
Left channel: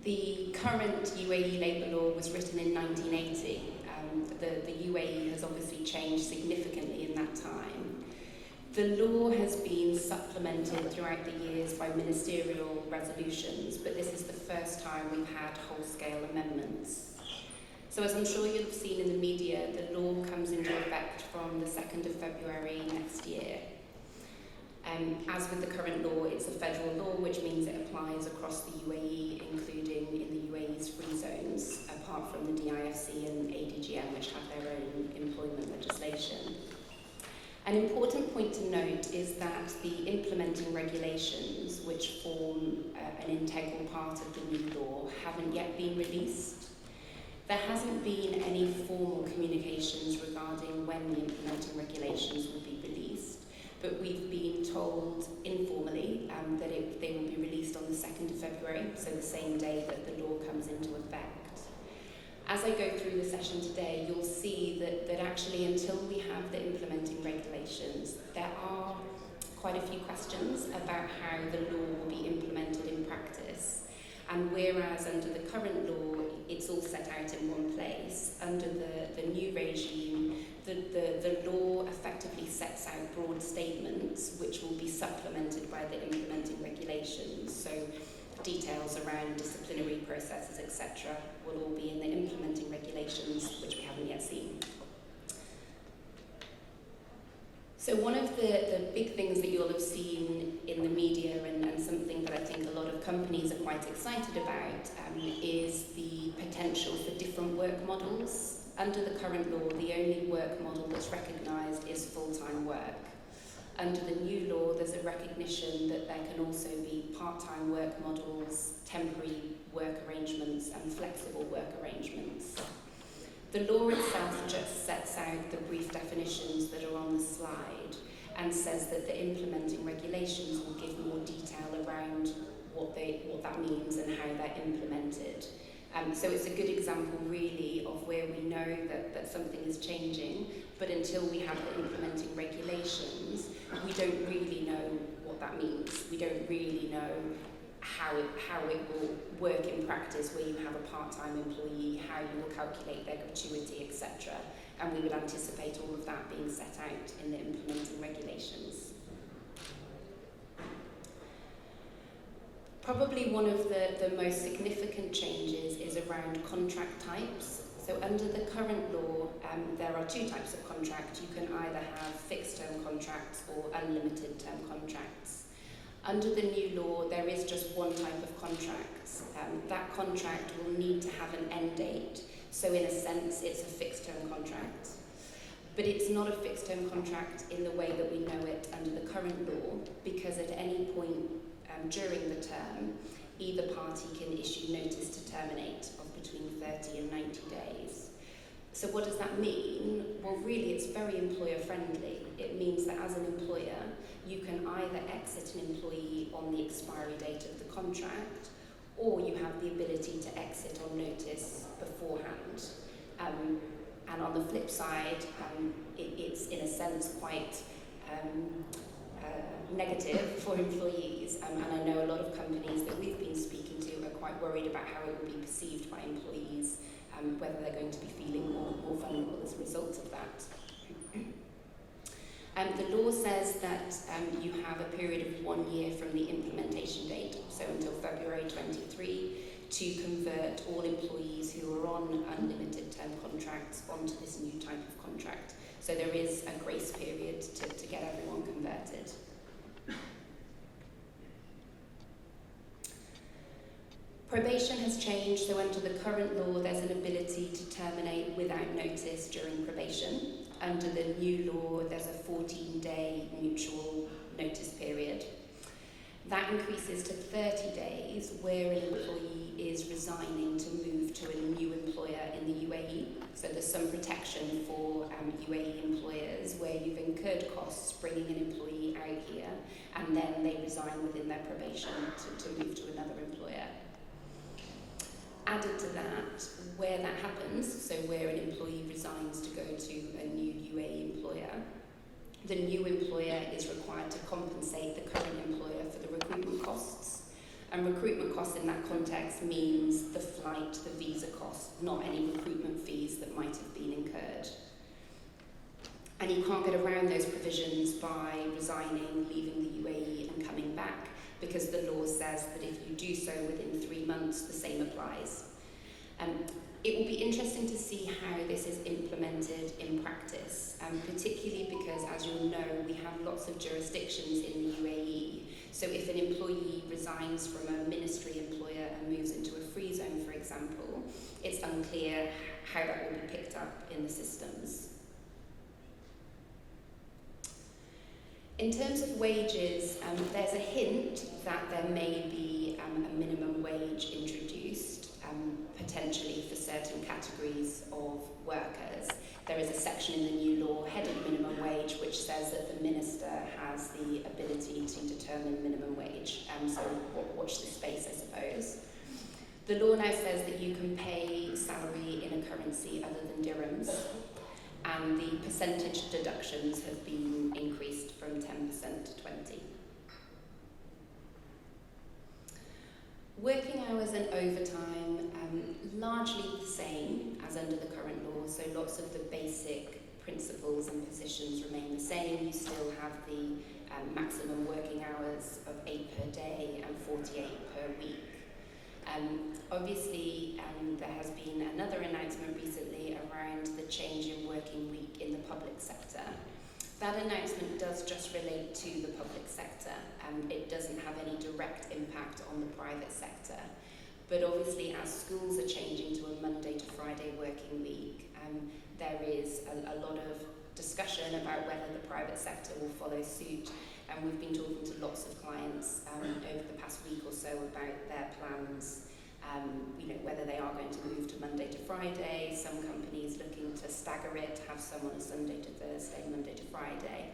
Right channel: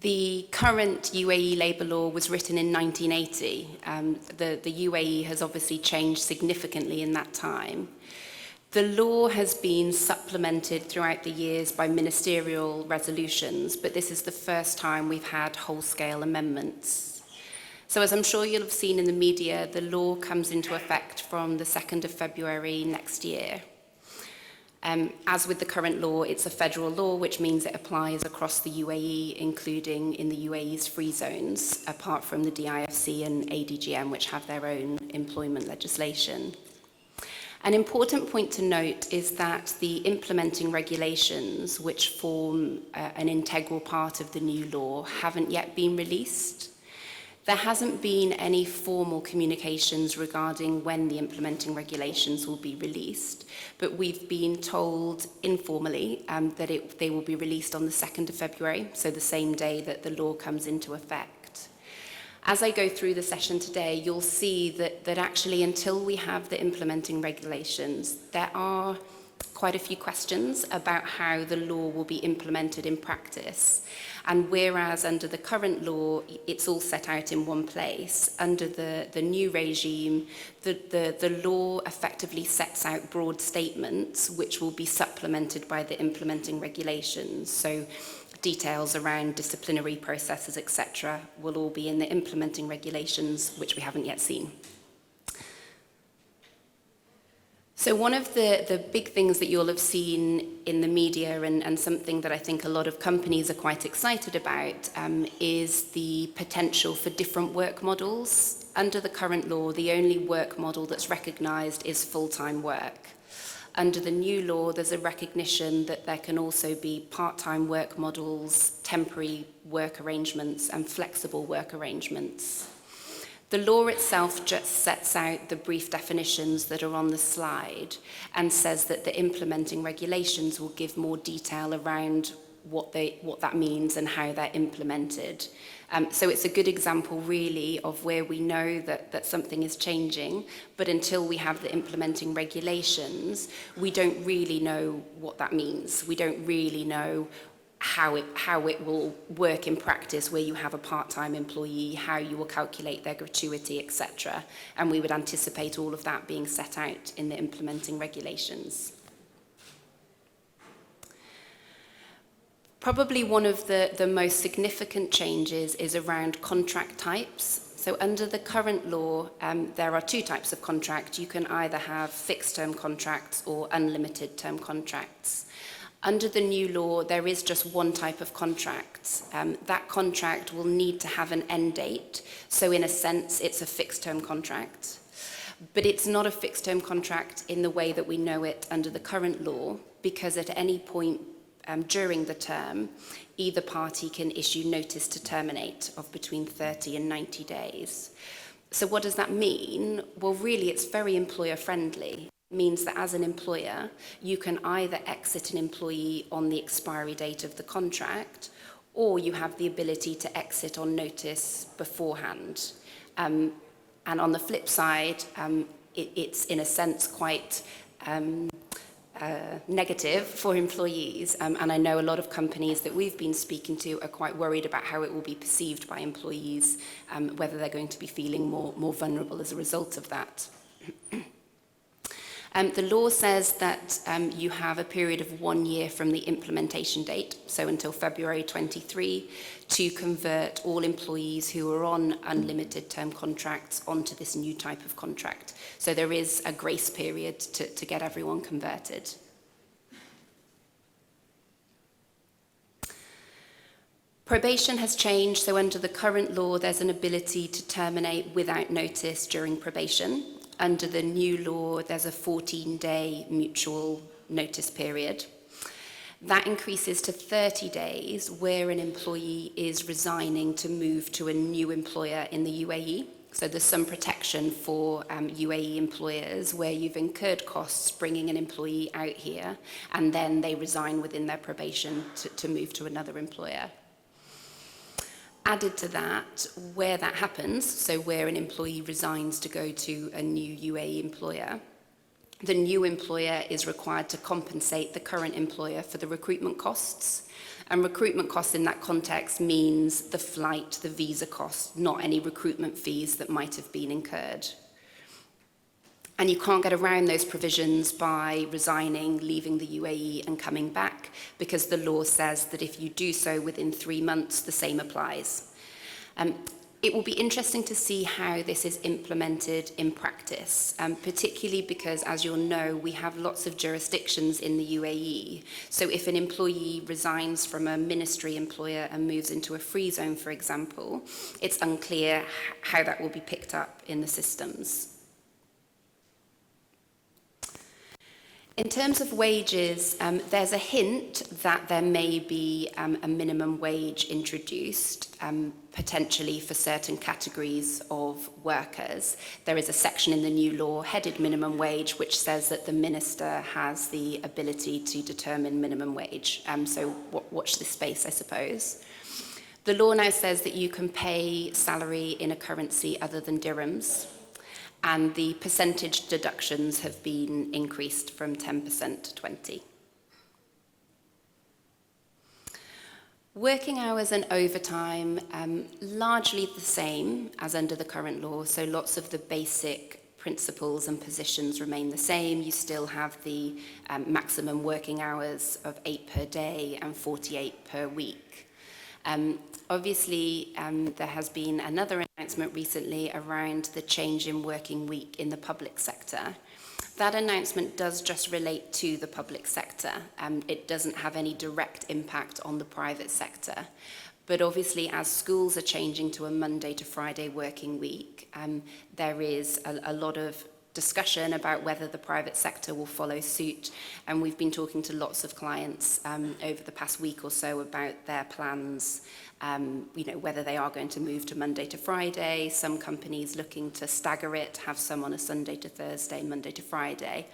The current UAE labour law was written in 1980. The UAE has obviously changed significantly in that time. The law has been supplemented throughout the years by ministerial resolutions, but this is the first time we've had whole-scale amendments. So as I'm sure you'll have seen in the media, the law comes into effect from the 2nd of February next year. As with the current law, it's a federal law, which means it applies across the UAE, including in the UAE's free zones, apart from the DIFC and ADGM, which have their own employment legislation. An important point to note is that the implementing regulations, which form an integral part of the new law, haven't yet been released. There hasn't been any formal communications regarding when the implementing regulations will be released, but we've been told informally that they will be released on the 2nd of February, so the same day that the law comes into effect. As I go through the session today, you'll see that actually until we have the implementing regulations, there are quite a few questions about how the law will be implemented in practice. And whereas under the current law, it's all set out in one place, under the new regime, the law effectively sets out broad statements which will be supplemented by the implementing regulations. So details around disciplinary processes, etc., will all be in the implementing regulations, which we haven't yet seen. So one of the big things that you'll have seen in the media and something that I think a lot of companies are quite excited about is the potential for different work models. Under the current law, the only work model that's recognised is full-time work. Under the new law, there's a recognition that there can also be part-time work models, temporary work arrangements, and flexible work arrangements. The law itself just sets out the brief definitions that are on the slide and says that the implementing regulations will give more detail around what that means and how they're implemented. So it's a good example really of where we know that something is changing, but until we have the implementing regulations, we don't really know what that means. We don't really know how it will work in practice, where you have a part-time employee, how you will calculate their gratuity, etc. And we would anticipate all of that being set out in the implementing regulations. Probably one of the most significant changes is around contract types. So under the current law, there are two types of contract. You can either have fixed-term contracts or unlimited term contracts. Under the new law, there is just one type of contract. That contract will need to have an end date. So in a sense, it's a fixed-term contract. But it's not a fixed-term contract in the way that we know it under the current law, because at any point during the term, either party can issue notice to terminate of between 30 and 90 days. So what does that mean? Well, really, it's very employer-friendly. It means that as an employer, you can either exit an employee on the expiry date of the contract, or you have the ability to exit on notice beforehand. And on the flip side, it's in a sense quite negative for employees, and I know a lot of companies that we've been speaking to are quite worried about how it will be perceived by employees, whether they're going to be feeling more vulnerable as a result of that. The law says that you have a period of 1 year from the implementation date, so until February 23, to convert all employees who are on unlimited term contracts onto this new type of contract. So there is a grace period to get everyone converted. Probation has changed, so under the current law, there's an ability to terminate without notice during probation. Under the new law, there's a 14-day mutual notice period. That increases to 30 days where an employee is resigning to move to a new employer in the UAE. So there's some protection for UAE employers where you've incurred costs bringing an employee out here and then they resign within their probation to move to another employer. Added to that, where that happens, so where an employee resigns to go to a new UAE employer, the new employer is required to compensate the current employer for the recruitment costs. And recruitment costs in that context means the flight, the visa costs, not any recruitment fees that might have been incurred. And you can't get around those provisions by resigning, leaving the UAE and coming back, because the law says that if you do so within 3 months, the same applies. It will be interesting to see how this is implemented in practice, particularly because, as you'll know, we have lots of jurisdictions in the UAE. So if an employee resigns from a ministry employer and moves into a free zone, for example, it's unclear how that will be picked up in the systems. In terms of wages, there's a hint that there may be a minimum wage introduced, potentially for certain categories of workers. There is a section in the new law headed minimum wage which says that the minister has the ability to determine minimum wage. So watch this space, I suppose. The law now says that you can pay salary in a currency other than dirhams, and the percentage deductions have been increased from 10% to 20%. Working hours and overtime, largely the same as under the current law, so lots of the basic principles and positions remain the same. You still have the maximum working hours of 8 per day and 48 per week. Obviously, there has been another announcement recently around the change in working week in the public sector. That announcement does just relate to the public sector. It doesn't have any direct impact on the private sector. But obviously, as schools are changing to a Monday to Friday working week, there is a lot of discussion about whether the private sector will follow suit, and we've been talking to lots of clients over the past week or so about their plans, whether they are going to move to Monday to Friday, some companies looking to stagger it, have some on a Sunday to Thursday, Monday to Friday.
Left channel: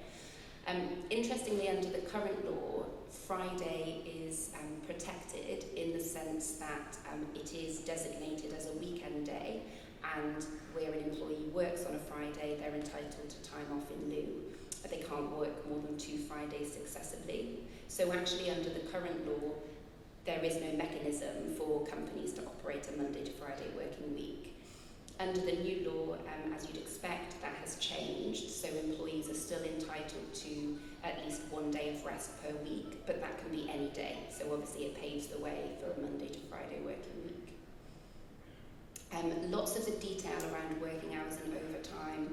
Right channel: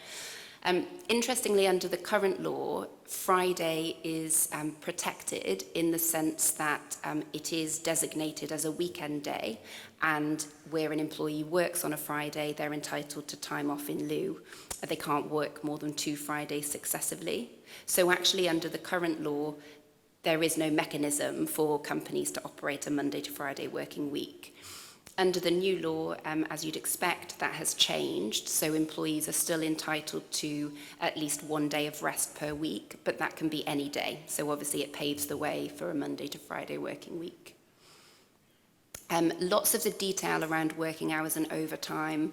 Interestingly, under the current law, Friday is protected in the sense that it is designated as a weekend day, and where an employee works on a Friday, they're entitled to time off in lieu. They can't work more than 2 Fridays successively. So actually, under the current law, there is no mechanism for companies to operate a Monday to Friday working week. Under the new law, as you'd expect, that has changed, so employees are still entitled to at least 1 day of rest per week, but that can be any day. So obviously it paves the way for a Monday to Friday working week. Lots of the detail around working hours and overtime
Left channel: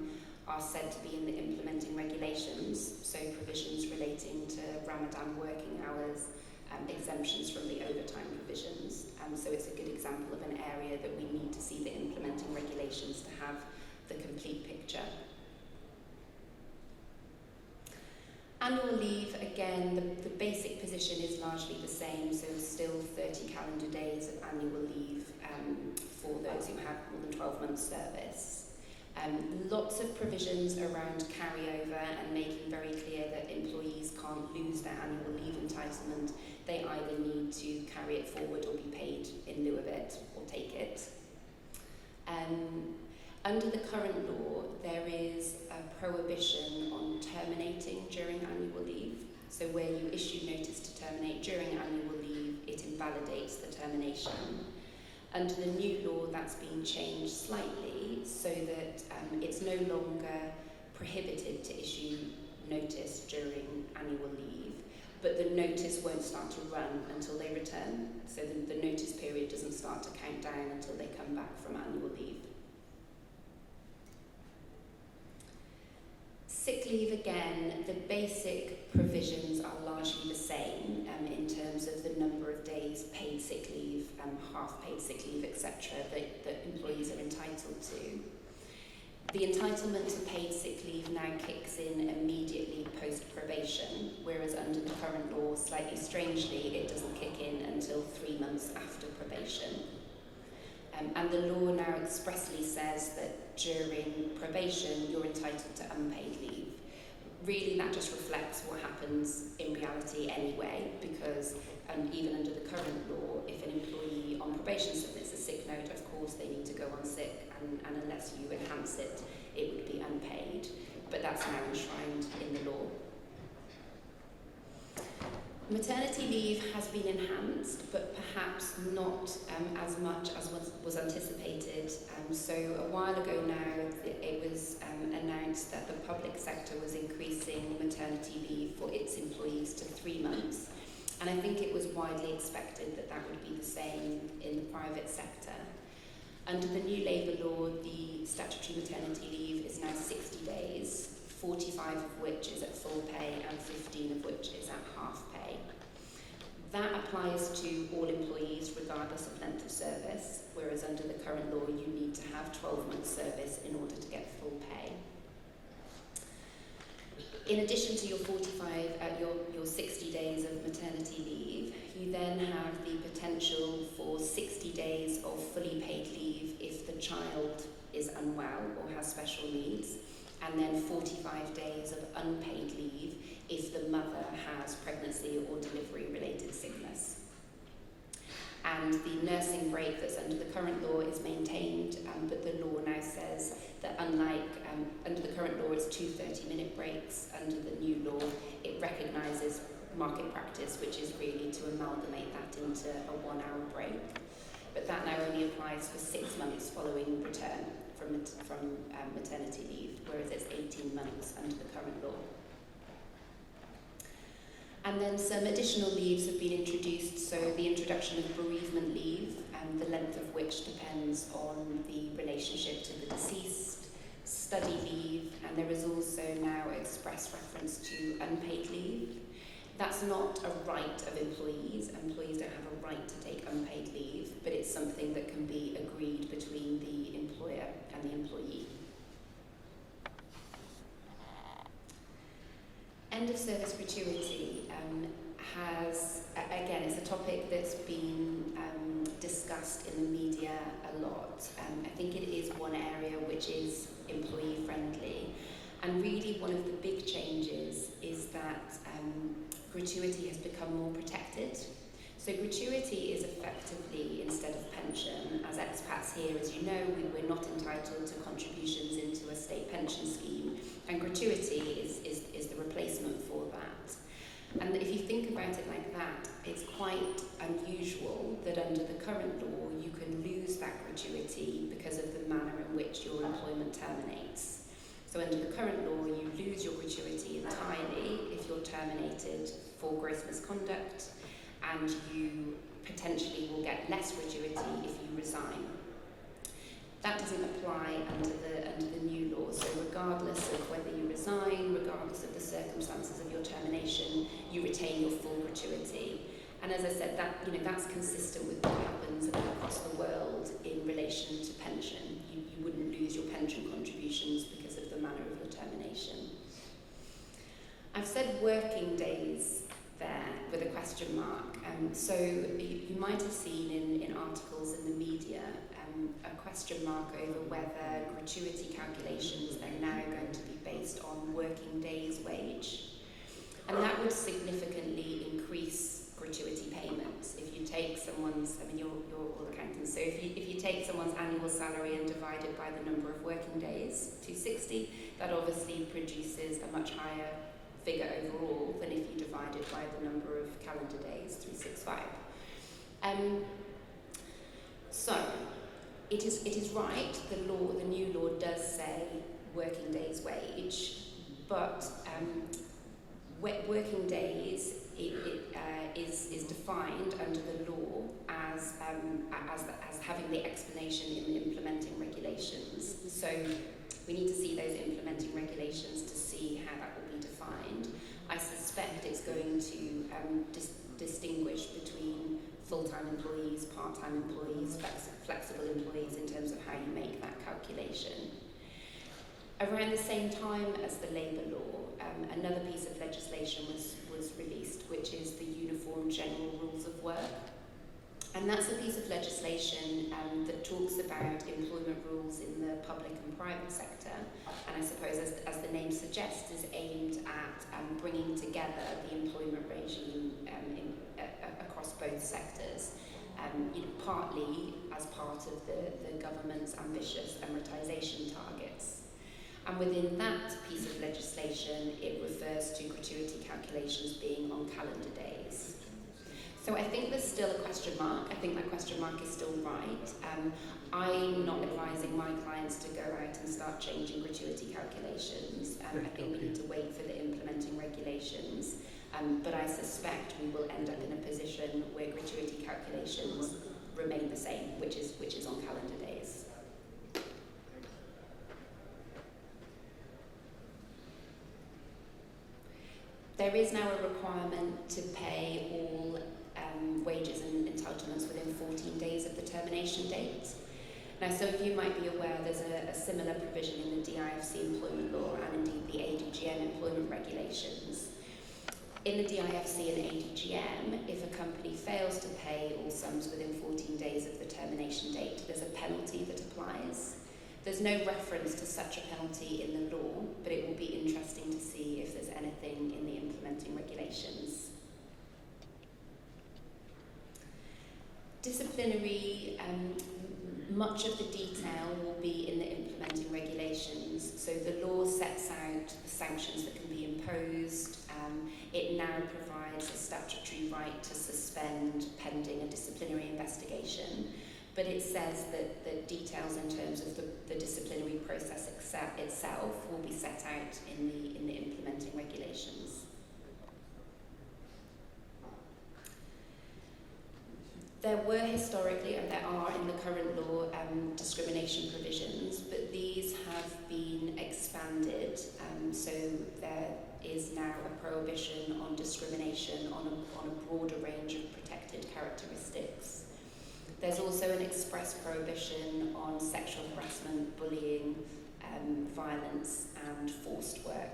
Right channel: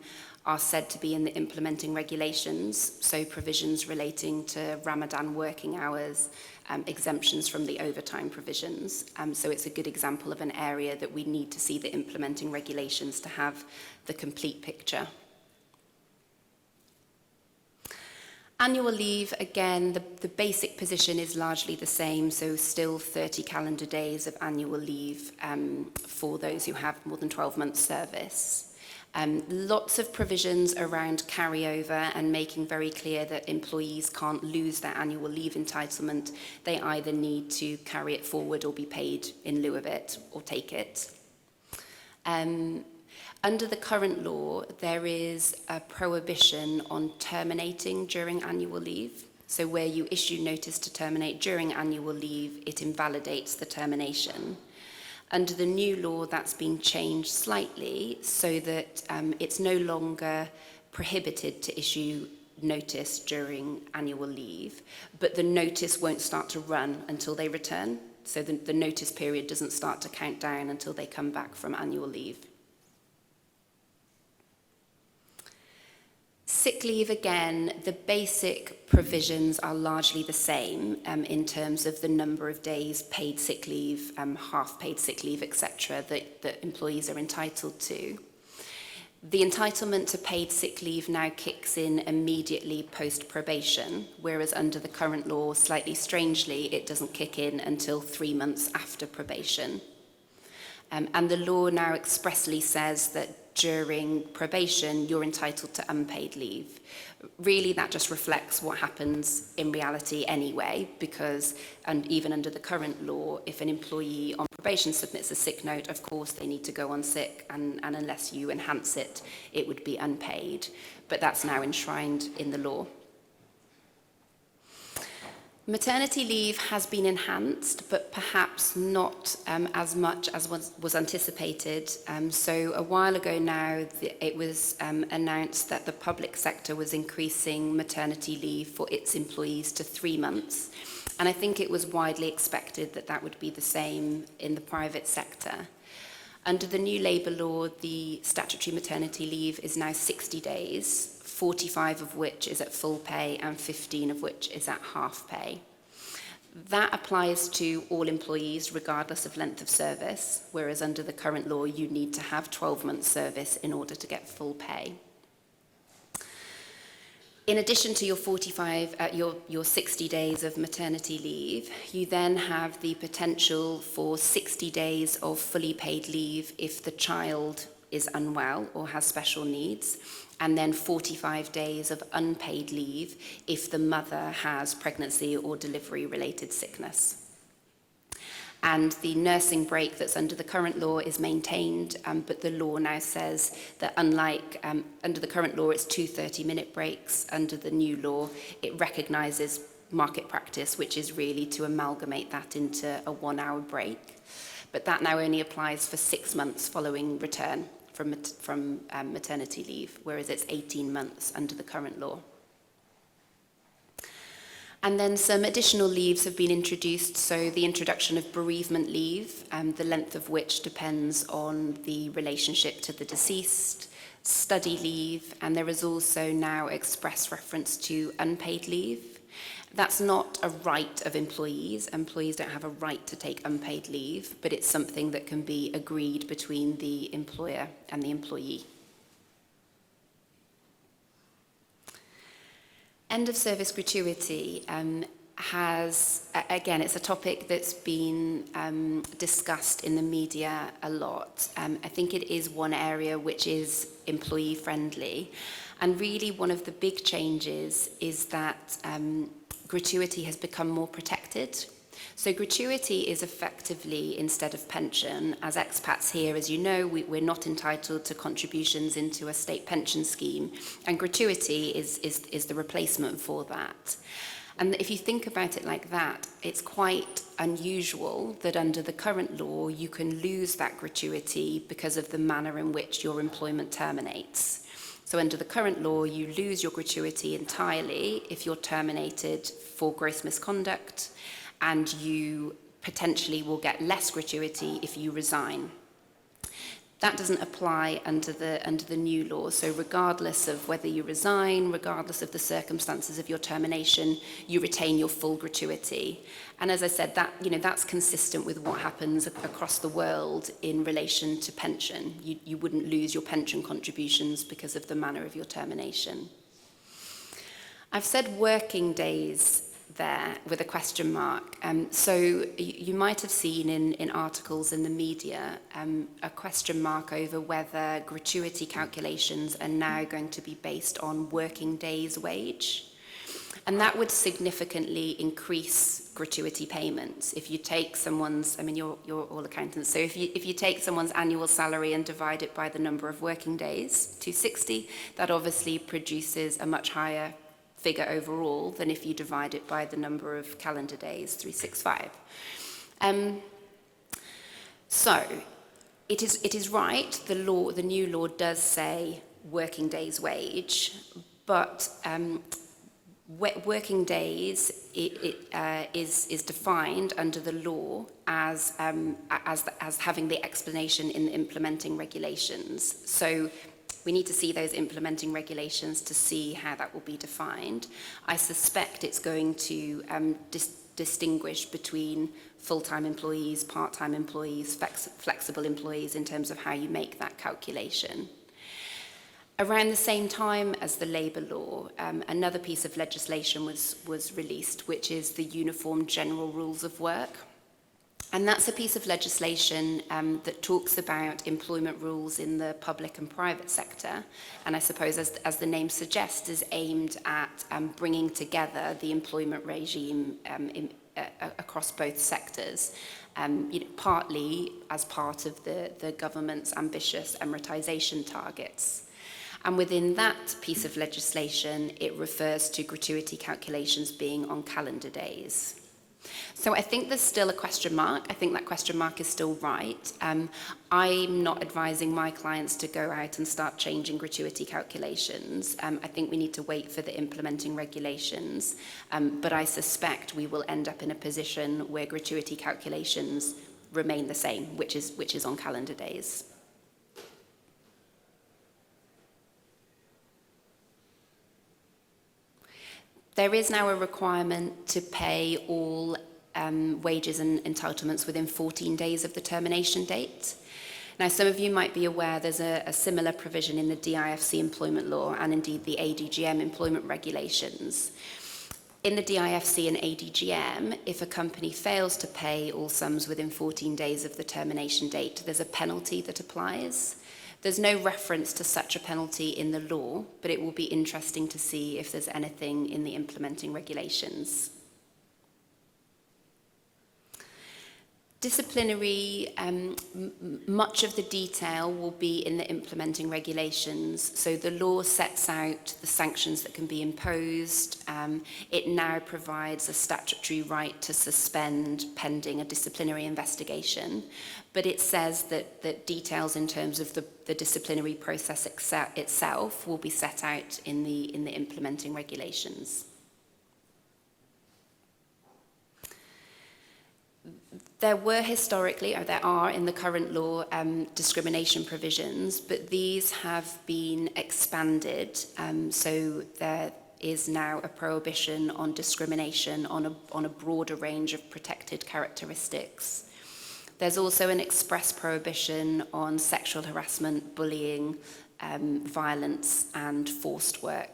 are said to be in the implementing regulations, so provisions relating to Ramadan working hours, exemptions from the overtime provisions. So it's a good example of an area that we need to see the implementing regulations to have the complete picture. Annual leave, again, the basic position is largely the same, so still 30 calendar days of annual leave for those who have more than 12 months service. Lots of provisions around carryover and making very clear that employees can't lose their annual leave entitlement. They either need to carry it forward or be paid in lieu of it or take it. Under the current law, there is a prohibition on terminating during annual leave. So where you issue notice to terminate during annual leave, it invalidates the termination. Under the new law, that's been changed slightly so that it's no longer prohibited to issue notice during annual leave, but the notice won't start to run until they return. So the notice period doesn't start to count down until they come back from annual leave. Sick leave, again, the basic provisions are largely the same in terms of the number of days paid sick leave, half paid sick leave, etc., that employees are entitled to. The entitlement to paid sick leave now kicks in immediately post-probation, whereas under the current law, slightly strangely, it doesn't kick in until 3 months after probation. And the law now expressly says that during probation, you're entitled to unpaid leave. Really, that just reflects what happens in reality anyway, because and even under the current law, if an employee on probation submits a sick note, of course they need to go on sick, and unless you enhance it, it would be unpaid. But that's now enshrined in the law. Maternity leave has been enhanced, but perhaps not as much as was anticipated. So a while ago now, it was announced that the public sector was increasing maternity leave for its employees to 3 months. And I think it was widely expected that that would be the same in the private sector. Under the new labour law, the statutory maternity leave is now 60 days, 45 of which is at full pay and 15 of which is at half pay. That applies to all employees regardless of length of service, whereas under the current law you need to have 12 months service in order to get full pay. In addition to your 60 days of maternity leave, you then have the potential for 60 days of fully paid leave if the child is unwell or has special needs, and then 45 days of unpaid leave if the mother has pregnancy or delivery-related sickness. And the nursing break that's under the current law is maintained, but the law now says that unlike under the current law, it's 2 30-minute breaks. Under the new law, it recognises market practice, which is really to amalgamate that into a 1-hour break. But that now only applies for 6 months following return from maternity leave, whereas it's 18 months under the current law. And then some additional leaves have been introduced, so the introduction of bereavement leave, the length of which depends on the relationship to the deceased, study leave, and there is also now express reference to unpaid leave. That's not a right of employees. Employees don't have a right to take unpaid leave, but it's something that can be agreed between the employer and the employee. End of service gratuity has, again, it's a topic that's been discussed in the media a lot. I think it is one area which is employee friendly. And really one of the big changes is that gratuity has become more protected. So gratuity is effectively, instead of pension, as expats here, as you know, we're not entitled to contributions into a state pension scheme, and gratuity is the replacement for that. And if you think about it like that, it's quite unusual that under the current law you can lose that gratuity because of the manner in which your employment terminates. So under the current law, you lose your gratuity entirely if you're terminated for gross misconduct, and you potentially will get less gratuity if you resign. That doesn't apply under the new law. So regardless of whether you resign, regardless of the circumstances of your termination, you retain your full gratuity. And as I said, that's consistent with what happens across the world in relation to pension. You wouldn't lose your pension contributions because of the manner of your termination. I've said working days there with a question mark. So you might have seen in articles in the media a question mark over whether gratuity calculations are now going to be based on working days wage. And that would significantly increase gratuity payments. If you take someone's, you're all accountants, so if you take someone's annual salary and divide it by the number of working days, 260, that obviously produces a much higher figure overall than if you divide it by the number of calendar days, 365. So, it is right, the new law does say working days wage, but working days is defined under the law as having the explanation in the implementing regulations. So we need to see those implementing regulations to see how that will be defined. I suspect it's going to distinguish between full-time employees, part-time employees, flexible employees in terms of how you make that calculation. Around the same time as the labour law, another piece of legislation was released, which is the Uniform General Rules of Work. And that's a piece of legislation that talks about employment rules in the public and private sector. And I suppose, as the name suggests, is aimed at bringing together the employment regime across both sectors. Partly as part of the government's ambitious Emiratisation targets. And within that piece of legislation, it refers to gratuity calculations being on calendar days. So I think there's still a question mark. I think that question mark is still right. I'm not advising my clients to go out and start changing gratuity calculations. I think we need to wait for the implementing regulations. But I suspect we will end up in a position where gratuity calculations remain the same, which is on calendar days. There is now a requirement to pay all wages and entitlements within 14 days of the termination date. Now, some of you might be aware there's a similar provision in the DIFC employment law and indeed the ADGM employment regulations. In the DIFC and ADGM, if a company fails to pay all sums within 14 days of the termination date, there's a penalty that applies. There's no reference to such a penalty in the law, but it will be interesting to see if there's anything in the implementing regulations. Disciplinary, much of the detail will be in the implementing regulations. So the law sets out the sanctions that can be imposed. It now provides a statutory right to suspend pending a disciplinary investigation. But it says that details in terms of the disciplinary process itself will be set out in the implementing regulations. There were historically, or there are in the current law, discrimination provisions, but these have been expanded. So there is now a prohibition on discrimination on a broader range of protected characteristics. There's also an express prohibition on sexual harassment, bullying, violence, and forced work.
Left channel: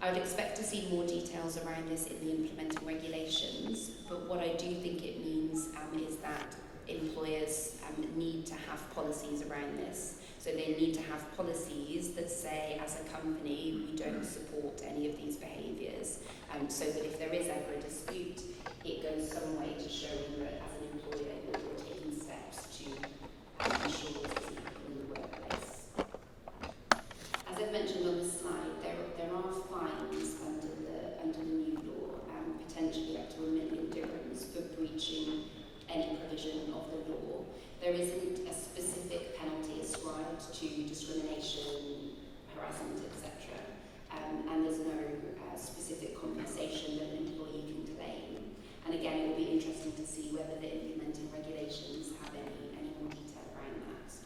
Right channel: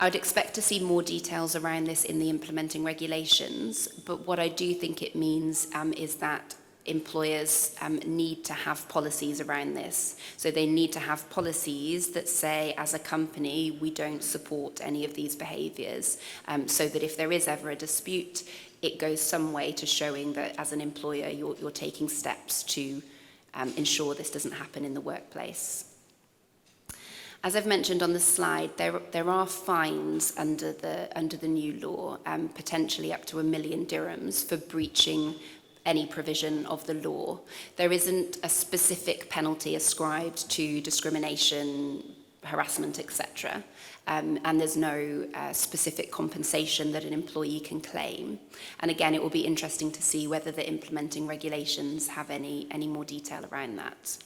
I would expect to see more details around this in the implementing regulations, but what I do think it means is that employers need to have policies around this. So they need to have policies that say, as a company, we don't support any of these behaviours, so that if there is ever a dispute, it goes some way to showing that as an employer, you're taking steps to ensure this doesn't happen in the workplace. As I've mentioned on the slide, there are fines under the new law, potentially up to 1 million dirhams for breaching any provision of the law. There isn't a specific penalty ascribed to discrimination, harassment, etc. And there's no specific compensation that an employee can claim. And again, it will be interesting to see whether the implementing regulations have any more detail around that.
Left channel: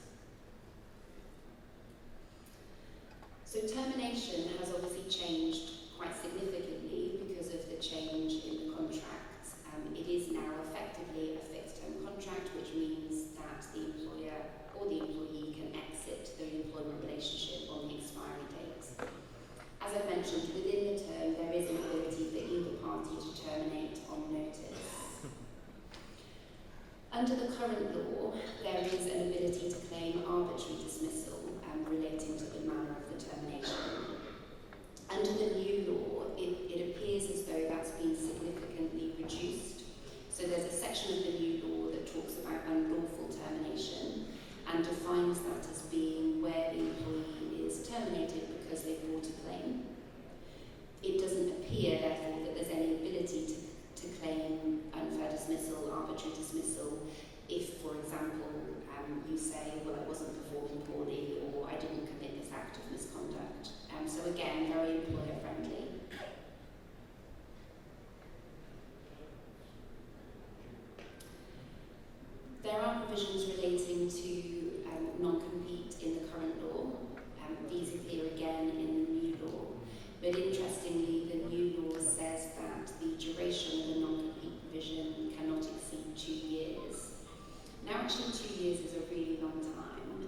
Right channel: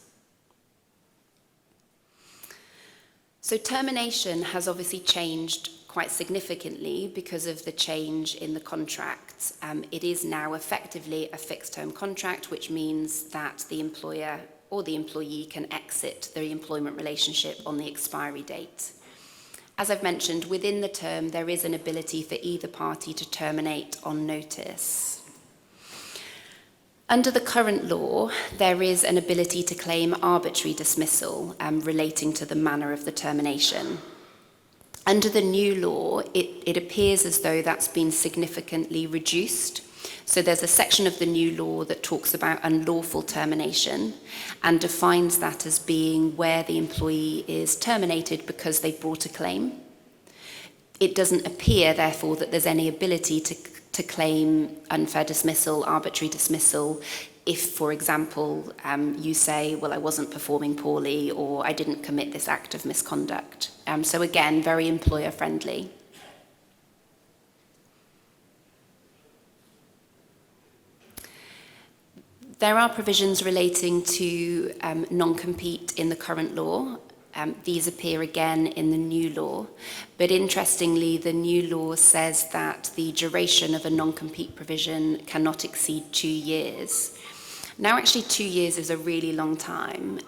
So termination has obviously changed quite significantly because of the change in the contract. It is now effectively a fixed-term contract, which means that the employer or the employee can exit the employment relationship on the expiry date. As I've mentioned, within the term, there is an ability for either party to terminate on notice. Under the current law, there is an ability to claim arbitrary dismissal relating to the manner of the termination. Under the new law, it appears as though that's been significantly reduced. So there's a section of the new law that talks about unlawful termination and defines that as being where the employee is terminated because they brought a claim. It doesn't appear, therefore, that there's any ability to claim unfair dismissal, arbitrary dismissal, if, for example, you say, well, I wasn't performing poorly or I didn't commit this act of misconduct. So again, very employer friendly. There are provisions relating to non-compete in the current law. These appear again in the new law. But interestingly, the new law says that the duration of a non-compete provision cannot exceed 2 years. Now, actually, 2 years is a really long time.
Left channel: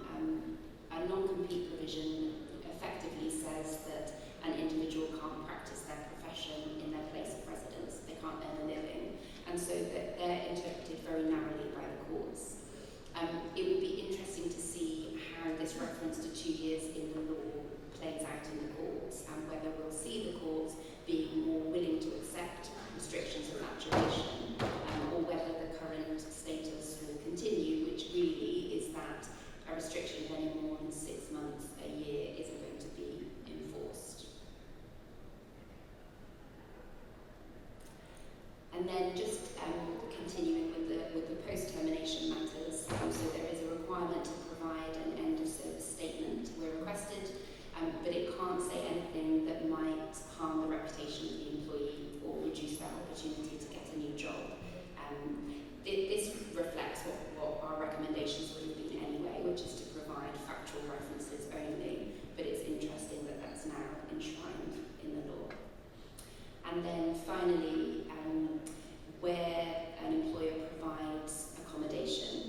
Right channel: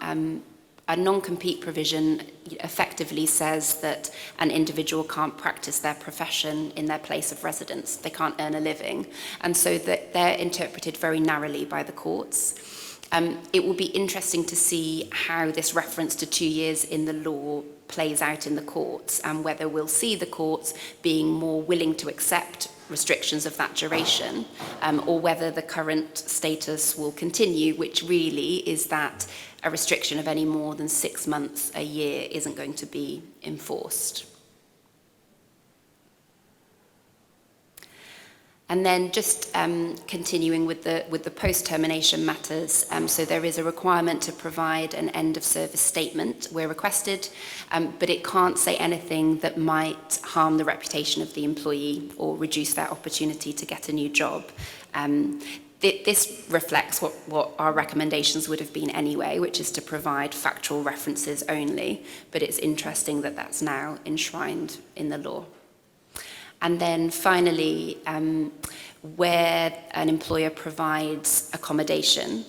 A non-compete provision effectively says that an individual can't practice their profession in their place of residence. They can't earn a living. And so that they're interpreted very narrowly by the courts. It will be interesting to see how this reference to 2 years in the law plays out in the courts, and whether we'll see the courts being more willing to accept restrictions of that duration, or whether the current status will continue, which really is that a restriction of any more than 6 months a year isn't going to be enforced. And then just continuing with the post-termination matters, so there is a requirement to provide an end-of-service statement where requested, but it can't say anything that might harm the reputation of the employee or reduce their opportunity to get a new job. This reflects what our recommendations would have been anyway, which is to provide factual references only, but it's interesting that that's now enshrined in the law. And then finally, where an employer provides accommodation,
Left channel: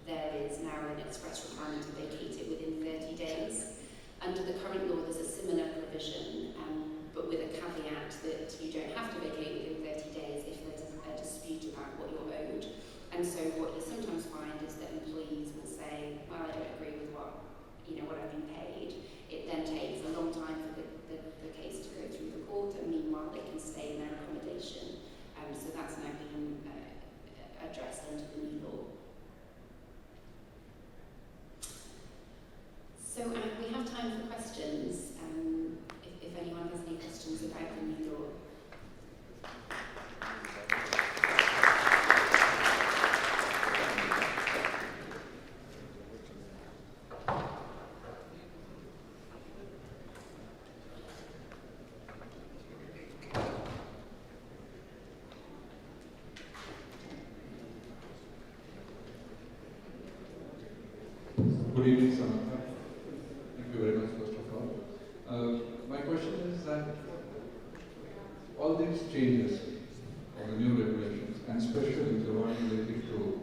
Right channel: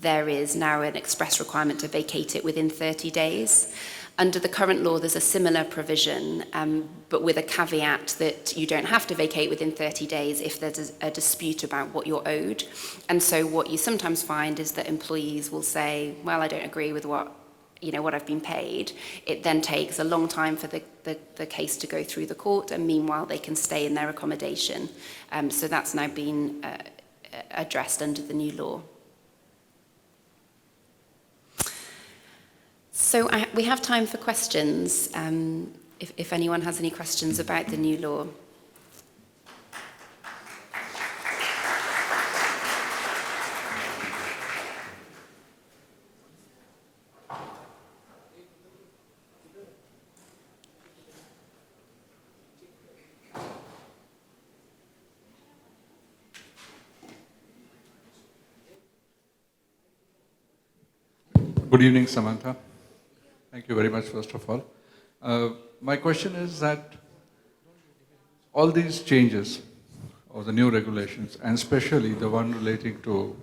there is now an express requirement to vacate it within 30 days. Under the current law, there's a similar provision, but with a caveat that you don't have to vacate within 30 days if there's a dispute about what you're owed. And so what you sometimes find is that employees will say, well, I don't agree with what I've been paid. It then takes a long time for the case to go through the court, and meanwhile they can stay in their accommodation. So that's now been addressed under the new law. So we have time for questions, if anyone has any questions about the new law. Good evening, Samantha. Thank you very much, first of all. My question is that all these changes, or the new regulations, and especially the one relating to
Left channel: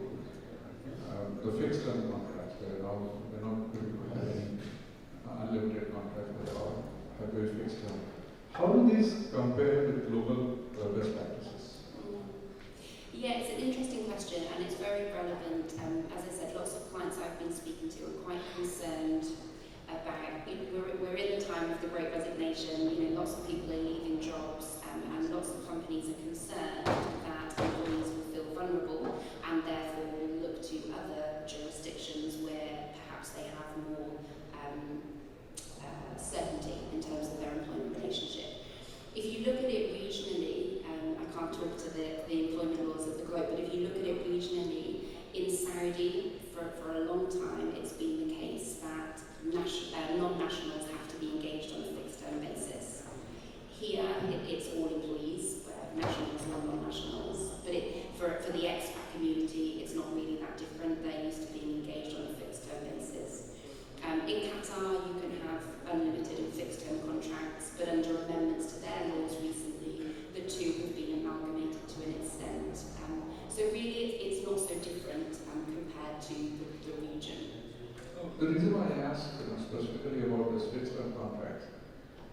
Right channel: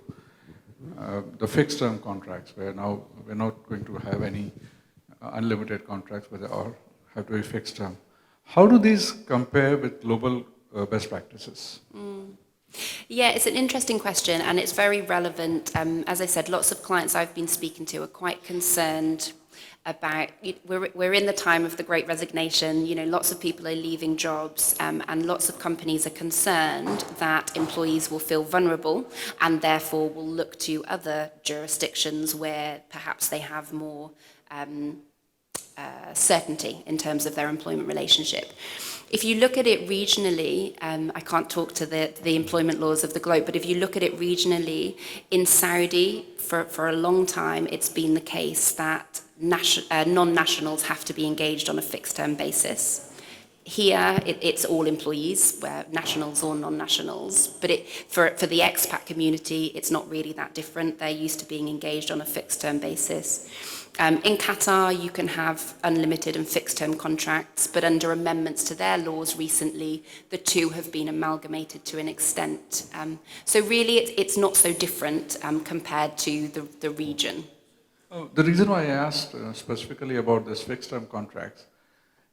the fixed term contracts, where now we're not going to have any unlimited contracts, but they all have to be fixed term. How do these compare with global best practices? Yeah, it's an interesting question, and it's very relevant. As I said, lots of clients I've been speaking to are quite concerned about, we're in the time of the Great Resignation, lots of people are leaving jobs, and lots of companies are concerned that employees will feel vulnerable and therefore will look to other jurisdictions where perhaps they have more certainty in terms of their employment relationship. If you look at it regionally, I can't talk to the employment laws of the globe, but if you look at it regionally, in Saudi, for a long time, it's been the case that non-nationals have to be engaged on a fixed-term basis. Here, it's all employees, nationals or non-nationals, but for the expat community, it's not really that different. They're used to being engaged on a fixed-term basis. In Qatar, you can have unlimited and fixed-term contracts, but under amendments to their laws recently, the two have been amalgamated to an extent. So really, it's not so different compared to the region. The reason why I asked specifically about this fixed-term contracts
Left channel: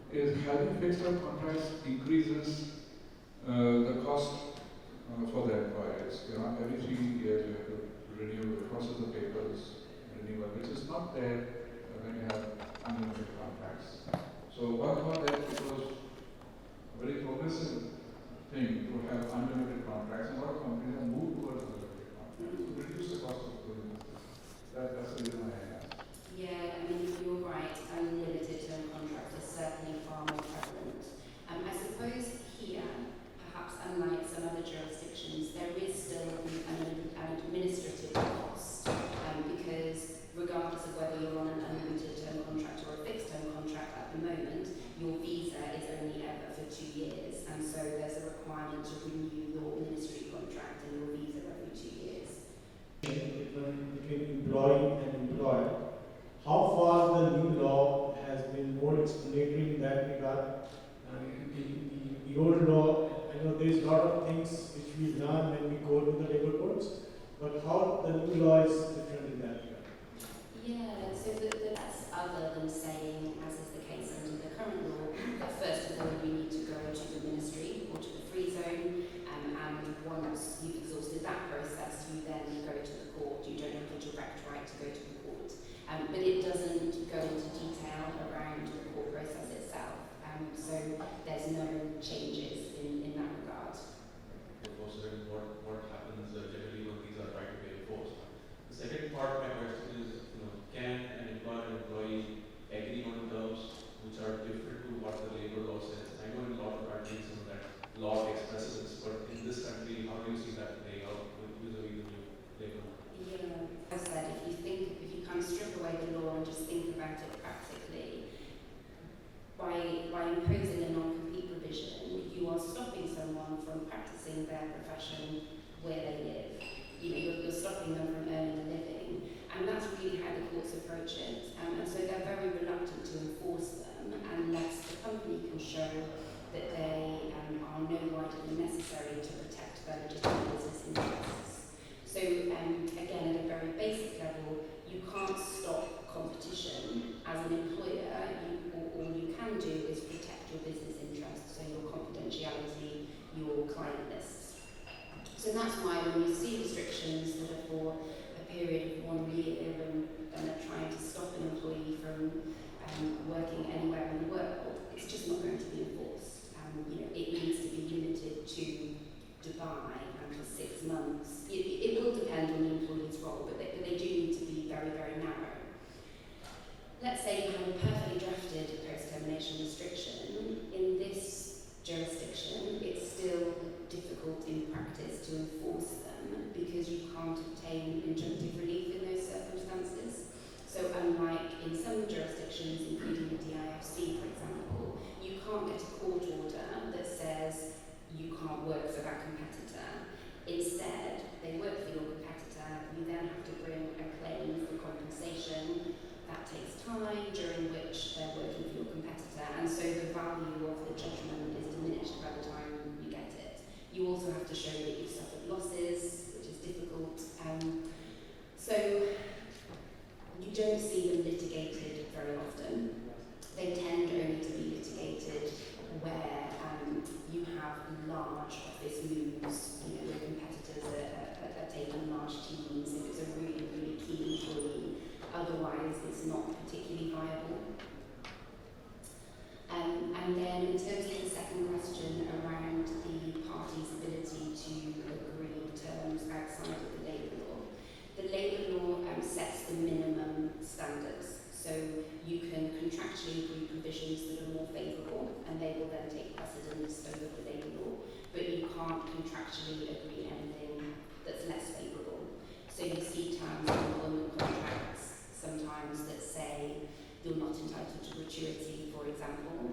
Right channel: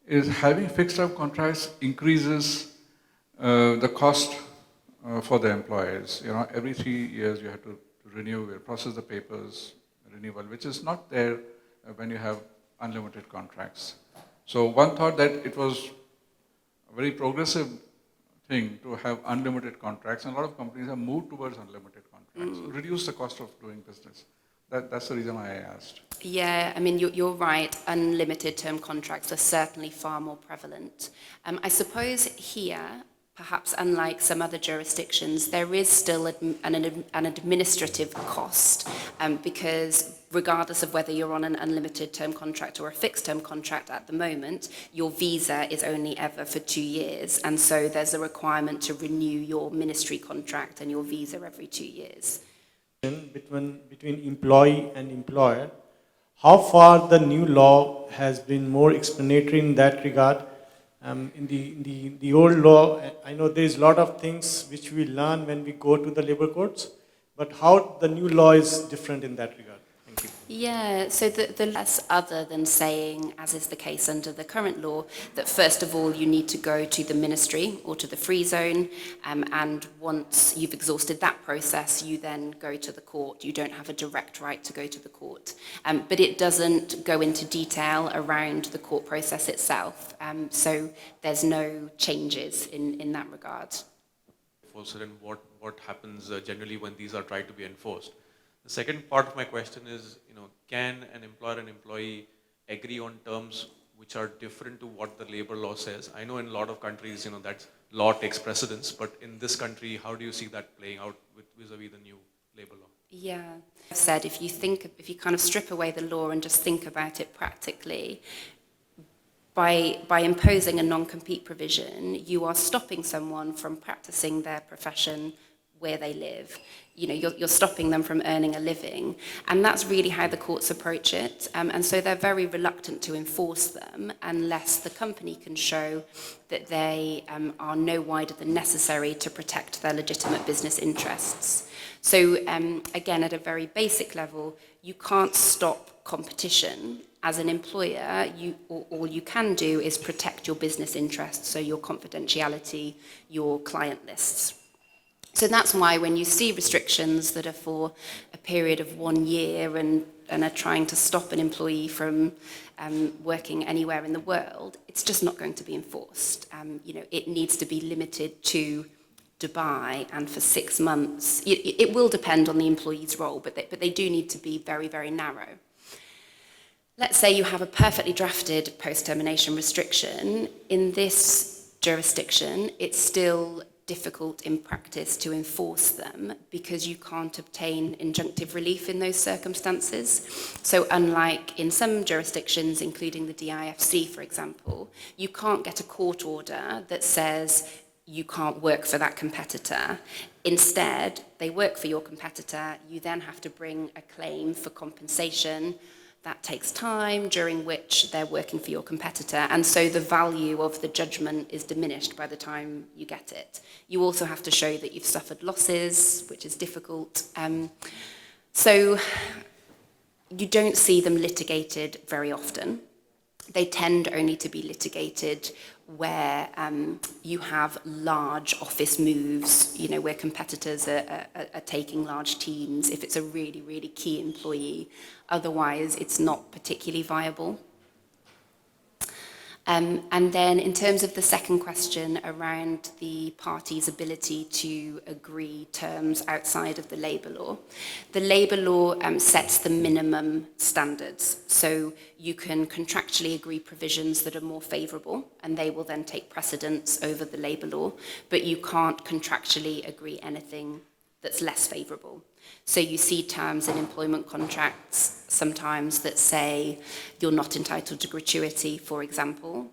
is having fixed-term contracts increases the cost for the employers. Every 3 years you have to renew, process the papers, renewal, which is not there when you have unlimited contracts. So one thought that it was a very progressive thing to have unlimited contracts, and a lot of companies have moved towards unlimited contracts, reduce the cost of doing business. That's the reason why I asked. Yeah, I mean, you're right. Unlimited term contracts are certainly far more prevalent. I suppose here, perhaps unlike some other jurisdictions, there is still an administrative cost because regardless of whether you're on an unlimited term contract or a fixed term contract at the moment, your visa is only ever for 2 years. And so there's a requirement to renew your ministry contract and your visa every 2 years. Between employee and employer, how far the new law has been more explanatory in that regard? In the old law, I know there is a lot of things which we learn when we go to the labor courts, but how the new law is different in that regard? Yeah, so the less other than saying, as is the case under the current law, that first of all you need to go to the ministry or to the free zone, and once you've exhausted that process, you then go to the court. You don't have a direct right to go to the court. But it doesn't go into detail around the court process itself, so there's no changes in that regard. Also, then what happens generally when these are tried to be enforced? The second part of my question is, can an employer and employee agree on terms which are different to what the labor law says? I know in a lot of countries, that law takes precedence, but in this country, how do you see that playing out vis-a-vis the new labor law? Yeah, I've said if you kind of strip away the law and just think about it practically, by imposing a non-compete provision, you are stopping someone from practicing their profession where they live. You're stopping them from earning a living, and that's really how the courts approach it. And so they're very reluctant to enforce them unless the company can show that they are no wider than necessary to protect their legitimate business interests. So again, at a very basic level, you can't stop competition. As an employer, all you can do is protect your business interests, so your confidentiality, your client lists. So that's why when you see restrictions that are for a period of 1 year and are trying to stop an employee from working anywhere in the world, it's just not going to be enforced. It needs to be limited to Dubai and for 6 months. It will depend on the employee's role, but they do need to be very, very narrow. Let's say you have a perfectly drafted post-termination restriction. In this jurisdiction, it's still difficult in practice to enforce them because you can't obtain injunctive relief in those circumstances. So unlike in some jurisdictions, including the DIFC, for example, you can't get a court order that says you can't work for that competitor. Instead, they work for your competitor. You then have to bring a claim for compensation. That takes time, during which they're working for your competitor, and so the value of the judgment is diminished by the time you get it. You also have to show that you've suffered losses, which is difficult. So you don't see them litigated very often. They tend only to be litigated where you have large office moves, where competitors are taking large teams, if it's a really, really key employee. Otherwise, it's not particularly viable. And then in terms of the second question around the party's ability to agree terms outside of the labour law sets the minimum standards. So you can contractually agree provisions that are more favourable, and they will then take precedence over the labour law, but you can't contractually agree anything that's less favourable. So you see terms in employment contracts sometimes that say you're not entitled to gratuity, for example.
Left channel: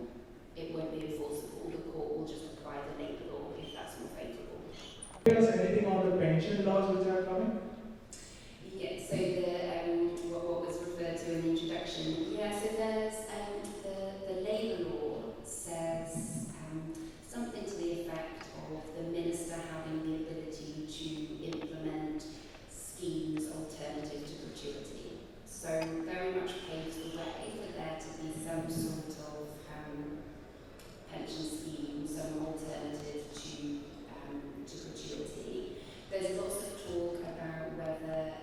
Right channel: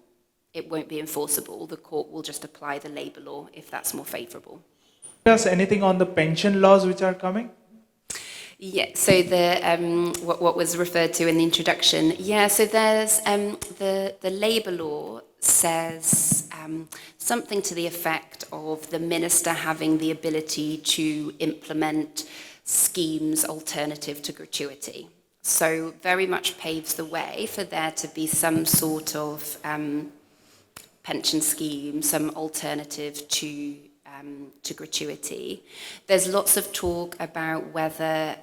It won't be enforceable. The court will just apply the labour law if that's more favourable. Tell us anything on the pension laws which are coming? Yeah, so what was referred to in the introduction. Yeah, so there's the labour law says something to the effect of the minister having the ability to implement schemes alternative to gratuity. So very much paves the way for there to be some sort of pension scheme, some alternative to gratuity. There's lots of talk about whether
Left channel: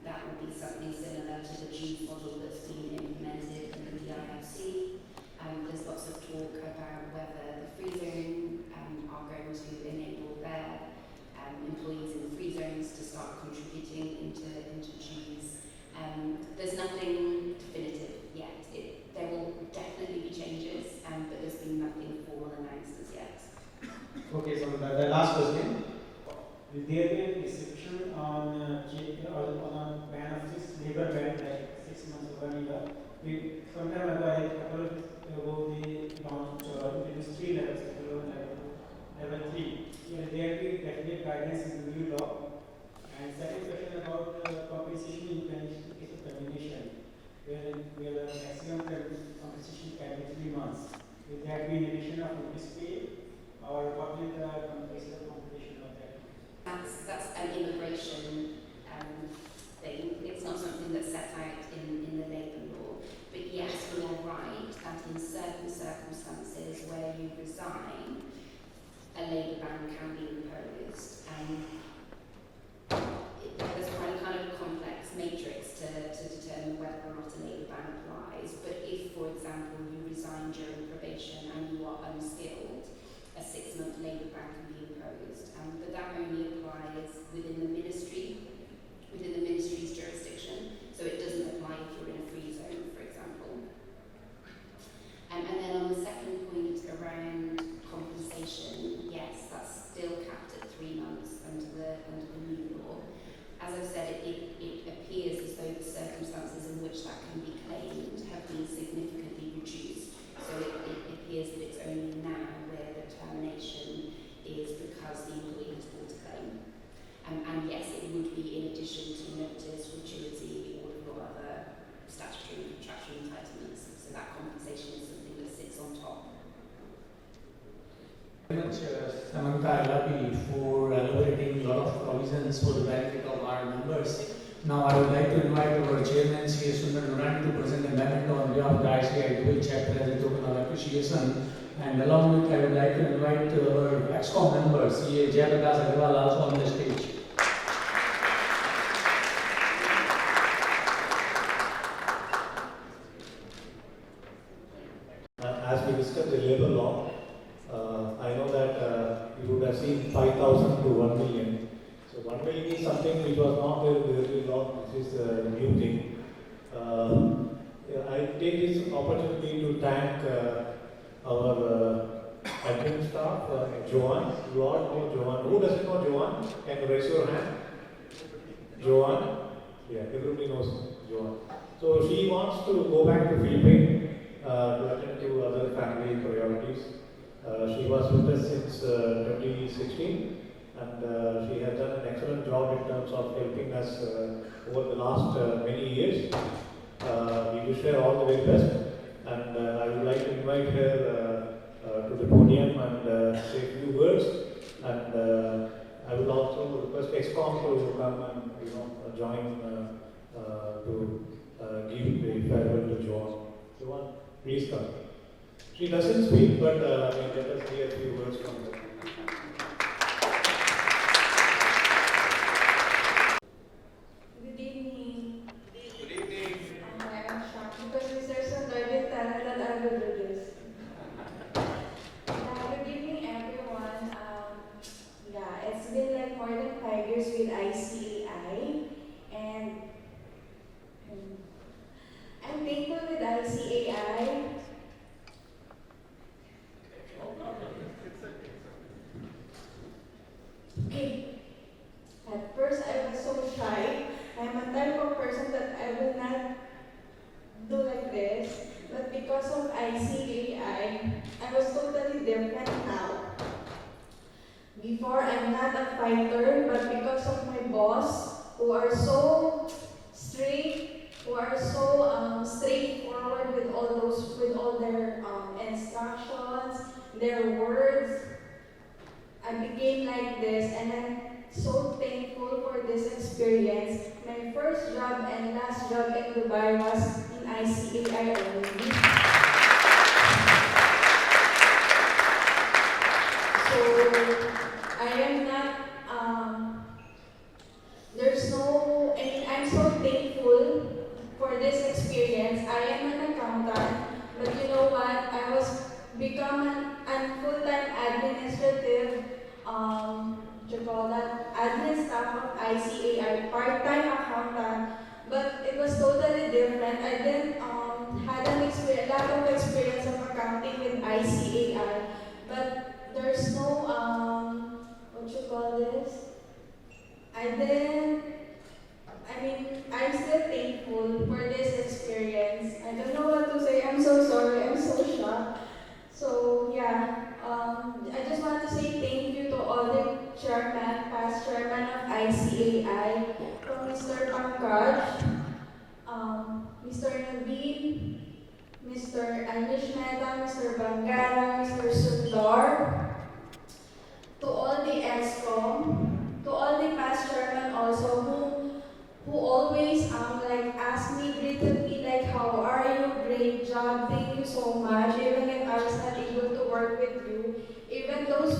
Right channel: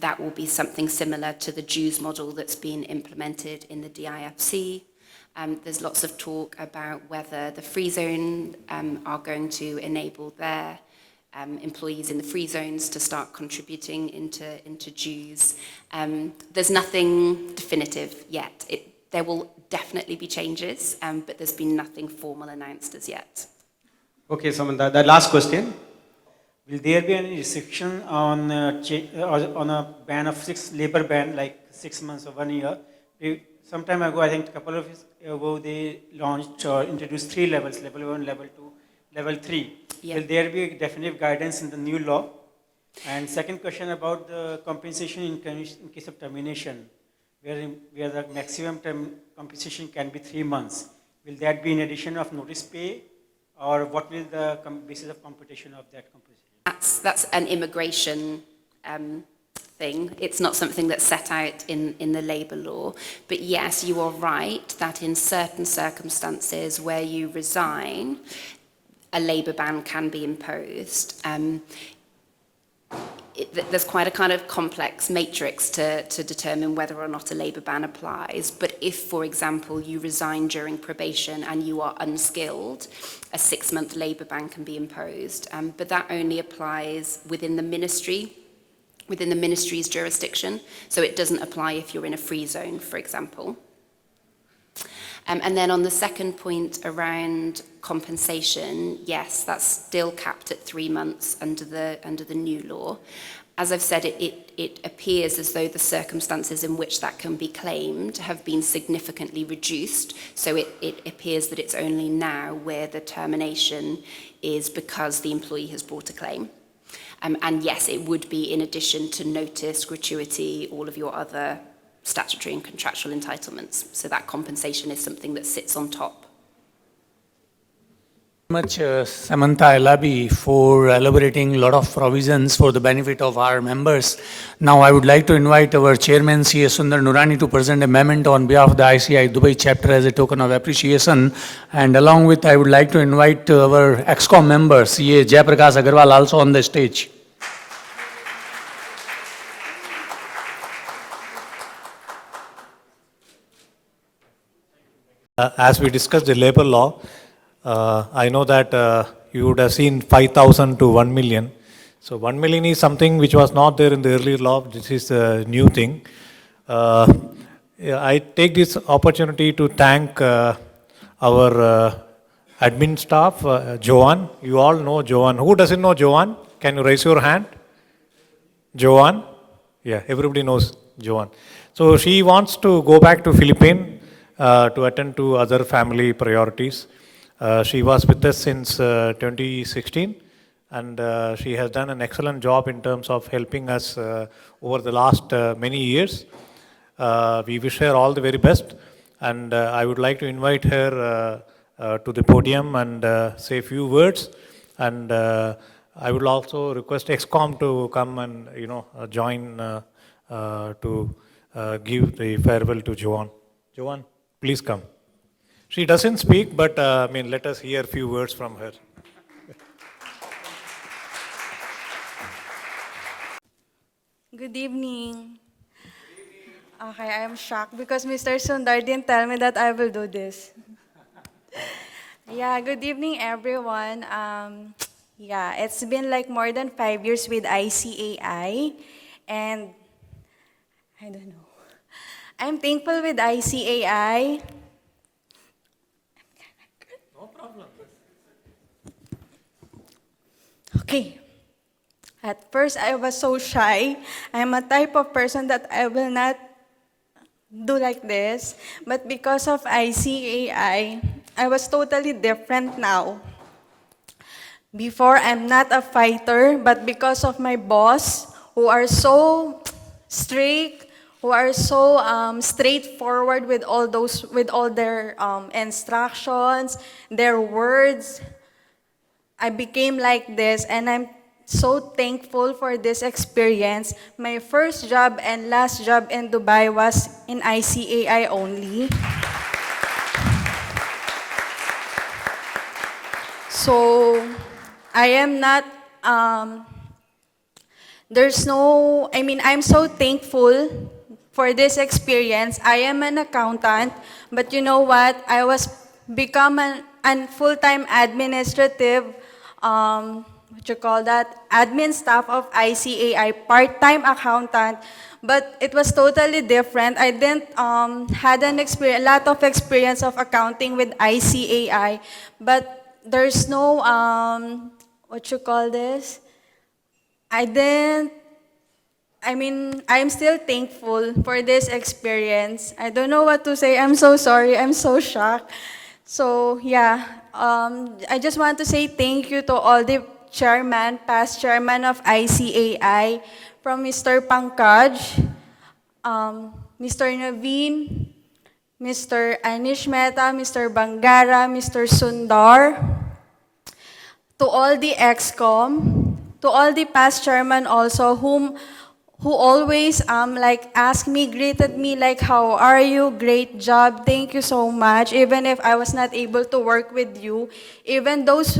that will be something similar to the Jews model that's been implemented in the DIFC. There's lots of talk about whether the free zone are going to enable their employees in the free zones to start contributing into Jews. There's nothing definitive yet. There will definitely be changes, but there's been nothing formal announced as yet. Okay, Samantha, the last question. Will there be any restriction on on a ban of labor ban, like 6 months or 1 year? Some time ago, I think a couple of years ago, they launched introduced 3 levels: level 1, level 2, level 3. Yeah. Will there be a definitive guidance in the new law? And second question about the compensation in case of termination, where the maximum compensation can be 3 months. Will that be in addition of notice pay, or what will the basis of compensation of that? That's an immigration thing. It's not something that's set out in the labour law. But yes, you are right that in certain circumstances where you resign, a labour ban can be imposed. There's quite a kind of complex matrix to determine whether or not a labour ban applies. But if, for example, you resign during probation and you are unskilled, a 6-month labour ban can be imposed. But that only applies within the ministry, within the ministry's jurisdiction. So it doesn't apply if you're in a free zone, for example. And then on the second point around compensation, yes, that's still capped at 3 months under the new law. As I've said, it appears as though the circumstances in which that can be claimed have been significantly reduced. So it appears that it's only now where the termination is because the employee has brought a claim. And yes, it would be in addition to notice, gratuity, all of your other statutory and contractual entitlements. So that compensation is something that sits on top. Much Samantha Elabi for elaborating a lot of provisions for the benefit of our members. Now I would like to invite our chairman CA Sundar Nurani to present a memento on behalf of the ICI Dubai chapter as a token of appreciation, and along with I would like to invite our EXCOM member CA Jayaprakash Agarwal also on the stage. As we discussed the labor law, I know that you would have seen 5,000 to 1 million. So 1 million is something which was not there in the earlier law. This is a new thing. I take this opportunity to thank our admin staff, Joanne. You all know Joanne. Who doesn't know Joanne? Can you raise your hand? Joanne? Yeah, everybody knows Joanne. So she wants to go back to Philippines to attend to other family priorities. She was with us since 2016, and she has done an excellent job in terms of helping us over the last many years. We wish her all the very best, and I would like to invite her to the podium and say a few words. And I would also request EXCOM to come and join to give the farewell to Joanne. Joanne, please come. She doesn't speak, but let us hear a few words from her. Good evening. Good evening. Okay, I am shocked because Mr. Sundar didn't tell me that I will do this. Yeah, good evening, everyone. Yeah, it's been like more than 5 years with ICAI, and I don't know. I'm thankful with ICAI. Okay. At first, I was so shy. I'm a type of person that I will not do like this. But because of ICAI, I was totally different now. Before, I'm not a fighter, but because of my boss, who are so strict, who are so straightforward with all their instructions, their words, I became like this, and I'm so thankful for this experience. My first job and last job in Dubai was in ICAI only. So, I am not, I'm so thankful for this experience. I am an accountant, but you know what? I was become an full-time administrative, admin staff of ICAI, part-time accountant. but it was totally different. I didn't had a lot of experience of accounting with ICAI, but there's no what you call this. I didn't. I mean, I'm still thankful for this experience. I don't know what to say. I'm so sorry. I'm so shocked. So yeah, I just want to say thank you to all the past chairman of ICAI, from Mr. Pankaj, Mr. Naveen, Mr. Anish Mehta, Mr. Bangara, Mr. Sundar, to all the ExCom, to all the past chairman also, who always like asked me, greeted me like, how are you? Great job. Thank you so much. Even if I was not able to work with you, even those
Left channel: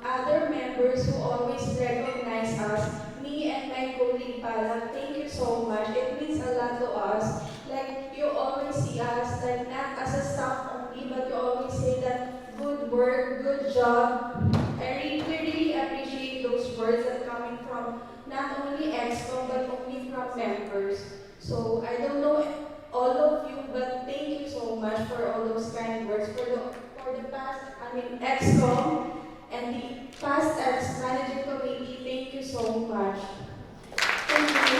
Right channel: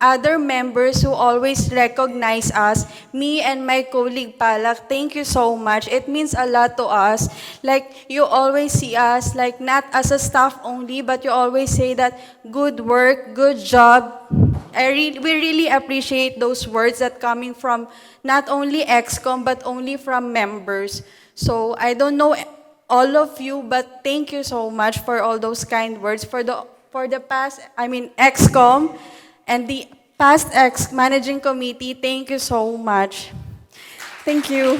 other members who always recognize us, me and my colleague Palak, thank you so much. It means a lot to us. Like, you always see us like not as a staff only, but you always say that good work, good job. We really appreciate those words that coming from not only ExCom, but only from members. So I don't know all of you, but thank you so much for all those kind words for the past, ExCom and the past managing committee. Thank you so much. Thank you.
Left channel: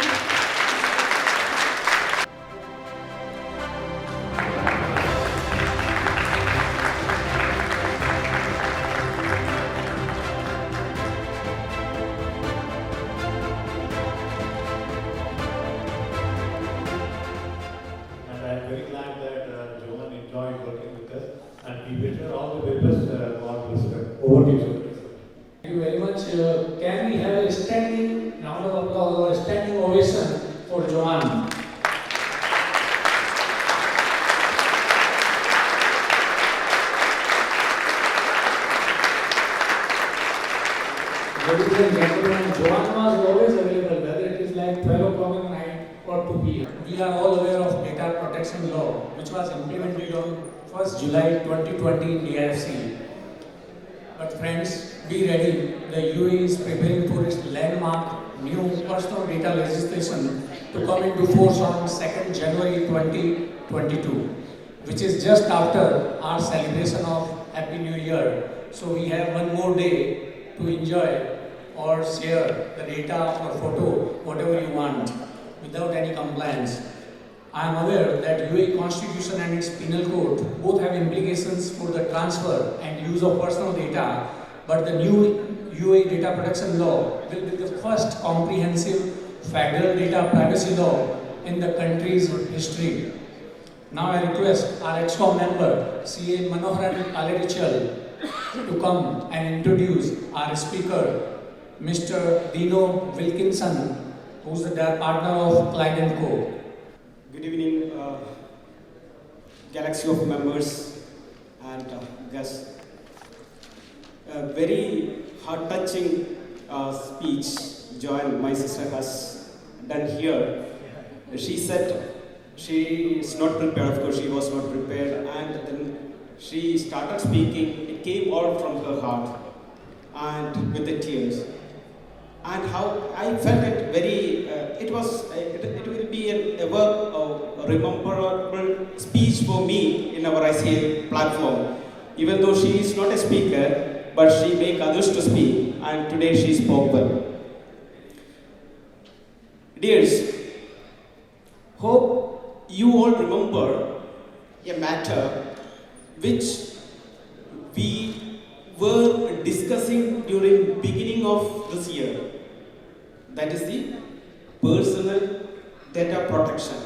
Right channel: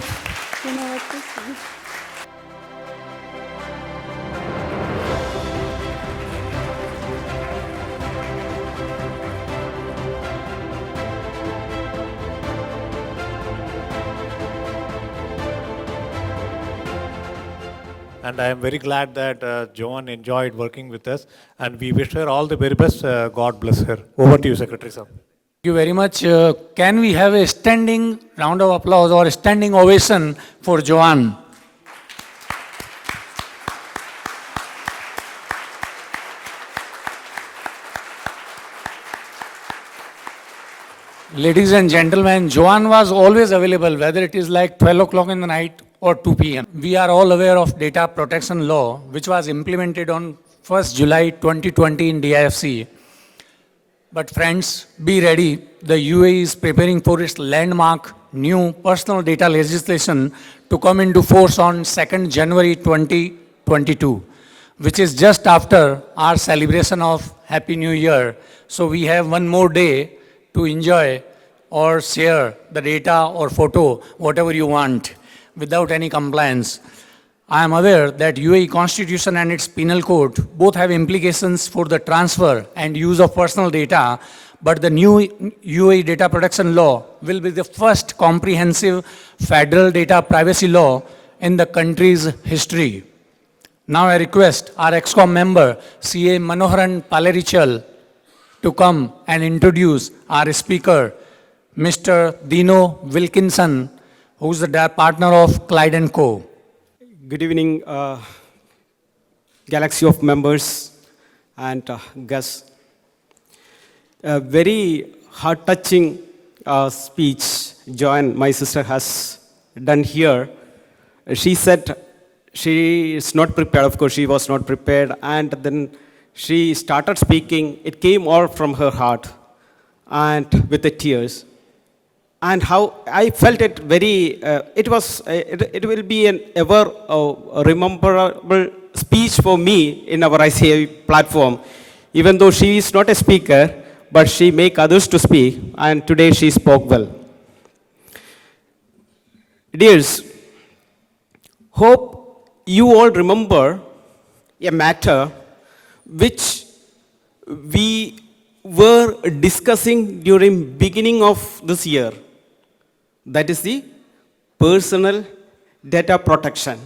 And I am very glad that Joan enjoyed working with us, and we wish her all the very best. God bless her. Over to you, Secretary sir. Thank you very much. Can we have a standing round of applause or a standing ovation for Joanne? Ladies and gentlemen, Joanne was always available, whether it is like 12 o'clock in the night or 2 p.m. We are all aware of data protection law, which was implemented on 1st July 2020 in DIFC. But friends, be ready. The UAE is preparing for its landmark new personal data legislation to come into force on 2nd January 2022, which is just after our celebration of Happy New Year. So we have one more day to enjoy or share the data or photo, whatever you want, without any compliance. I am aware that UAE Constitution and its penal code both have implications for the transfer and use of personal data, but the new UAE data protection law will be the first comprehensive federal data privacy law in the country's history. Now I request our ExCom member, CA Manoharan Palerichal, to come and introduce our speaker, Mr. Dino Wilkinson, who's the partner of Clyde & Co. Good evening, galaxy of members and guests. A very heart-touching speech Joanne, my sister, has done here. She said she is not prepared. Of course, she was not prepared. And then she started speaking. It came all from her heart and with the tears. And how I felt it very, it will be an ever rememberable speech for me in our ICA platform. Even though she is not a speaker, but she make others to speak, and today she spoke well. Dears, hope you all remember a matter which we were discussing during beginning of this year. That is the personal data protection,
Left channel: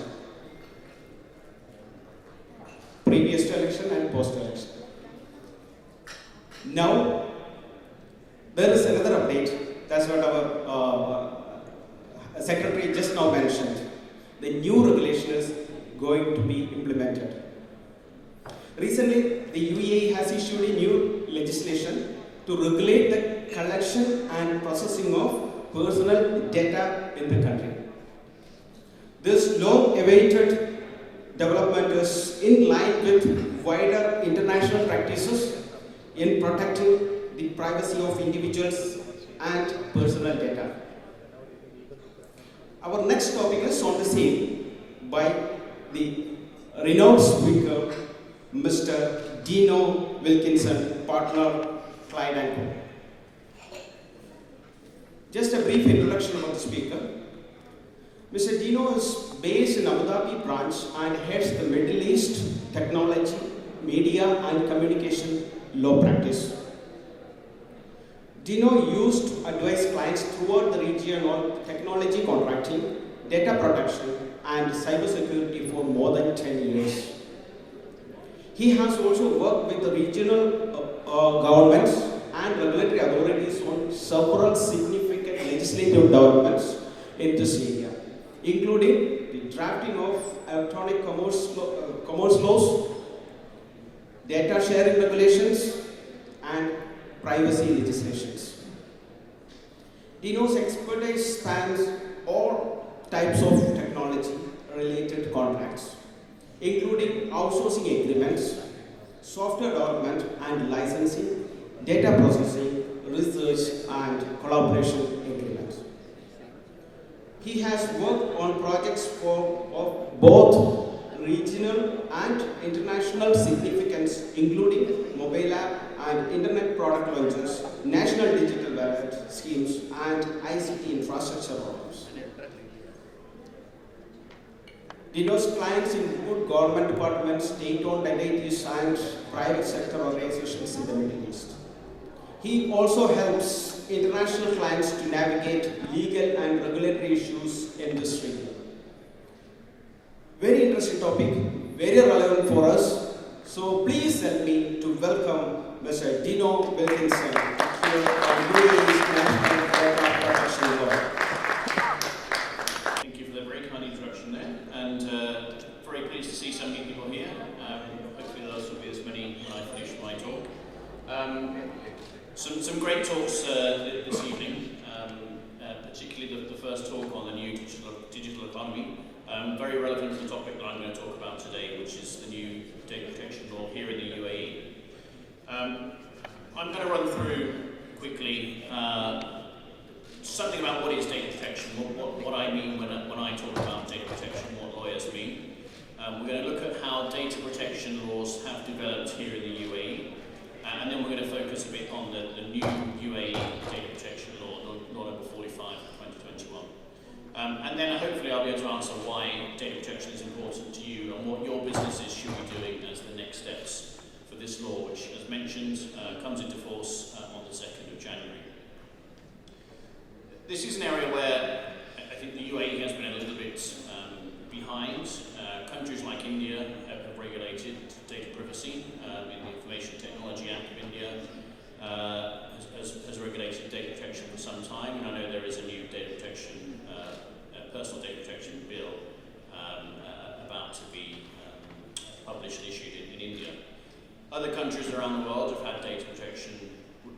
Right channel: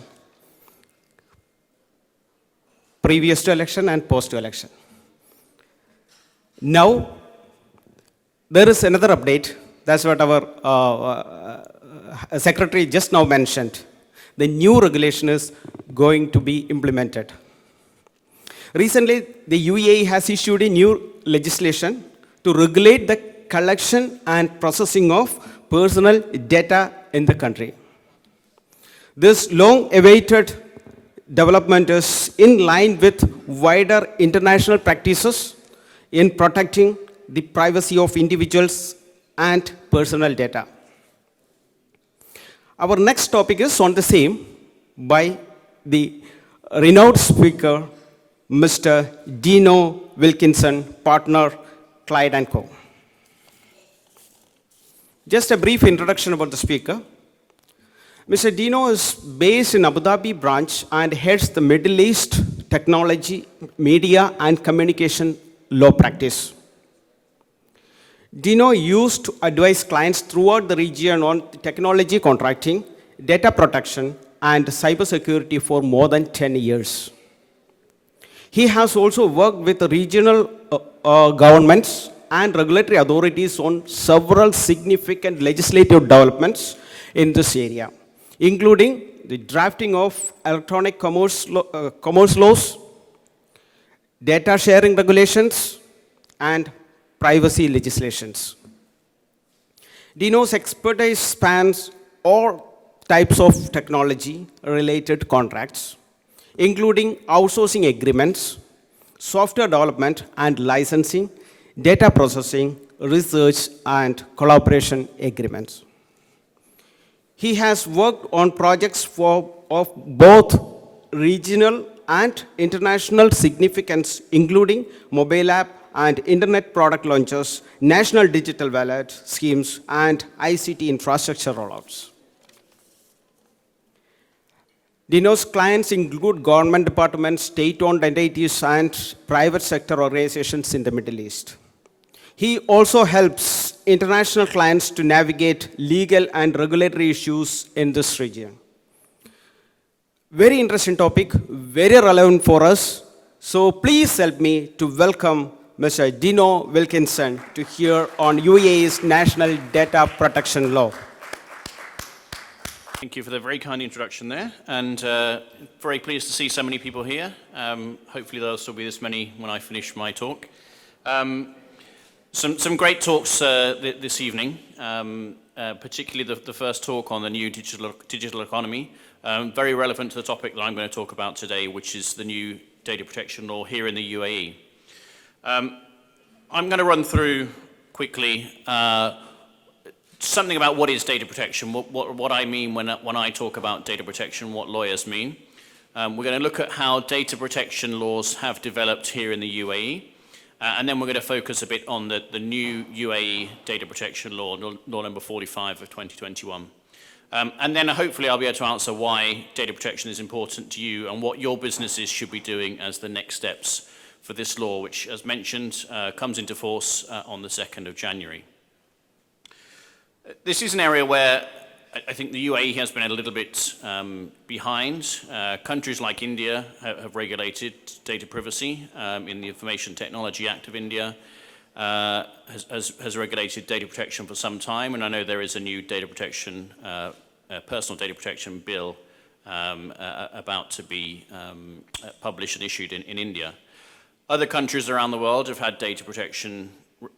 previous to election and post to election. Now, there is another update. That's what our secretary just now mentioned. The new regulation is going to be implemented. Recently, the UAE has issued a new legislation to regulate the collection and processing of personal data in the country. This long-awaited development is in line with wider international practices in protecting the privacy of individuals and personal data. Our next topic is on the same by the renowned speaker, Mr. Dino Wilkinson, partner, Clyde & Co. Just a brief introduction about the speaker. Mr. Dino is based in Abu Dhabi branch and heads the Middle East Technology, Media and Communication Law Practice. Dino used to advise clients throughout the region on technology contracting, data protection, and cybersecurity for more than 10 years. He has also worked with the regional governments and regulatory authorities on several significant legislative developments in this area, including the drafting of electronic commerce laws, data sharing regulations, and privacy legislations. Dino's expertise spans all types of technology-related contracts, including outsourcing agreements, software development and licensing, data processing, research, and collaboration agreements. He has worked on projects of both regional and international significance, including mobile app and internet product launches, national digital wallet schemes, and ICT infrastructure rollouts. Dino's clients include government departments, state-owned entities, and private sector organizations in the Middle East. He also helps international clients to navigate legal and regulatory issues in this region. Very interesting topic, very relevant for us. So please help me to welcome Mr. Dino Wilkinson to hear on UAE's National Data Protection Law. Thank you for the very kind introduction there, and very pleased to see so many people here. Hopefully there'll still be this many when I finish my talk. Some great talks this evening, particularly the first talk on the new digital economy, very relevant to the topic that I'm going to talk about today, which is the new data protection law here in the UAE. I'm going to run through quickly something about what is data protection, what I mean when I talk about data protection, what lawyers mean. We're going to look at how data protection laws have developed here in the UAE, and then we're going to focus a bit on the new UAE data protection law, law number 45 of 2021. And then hopefully I'll be able to answer why data protection is important to you and what your businesses should be doing as the next steps for this law, which, as mentioned, comes into force on the 2nd of January. This is an area where I think the UAE has been a little bit behind. Countries like India have regulated data privacy in the Information Technology Act of India, has regulated data protection for some time, and I know there is a new data protection, personal data protection bill about to be published and issued in India. Other countries around the world have had data protection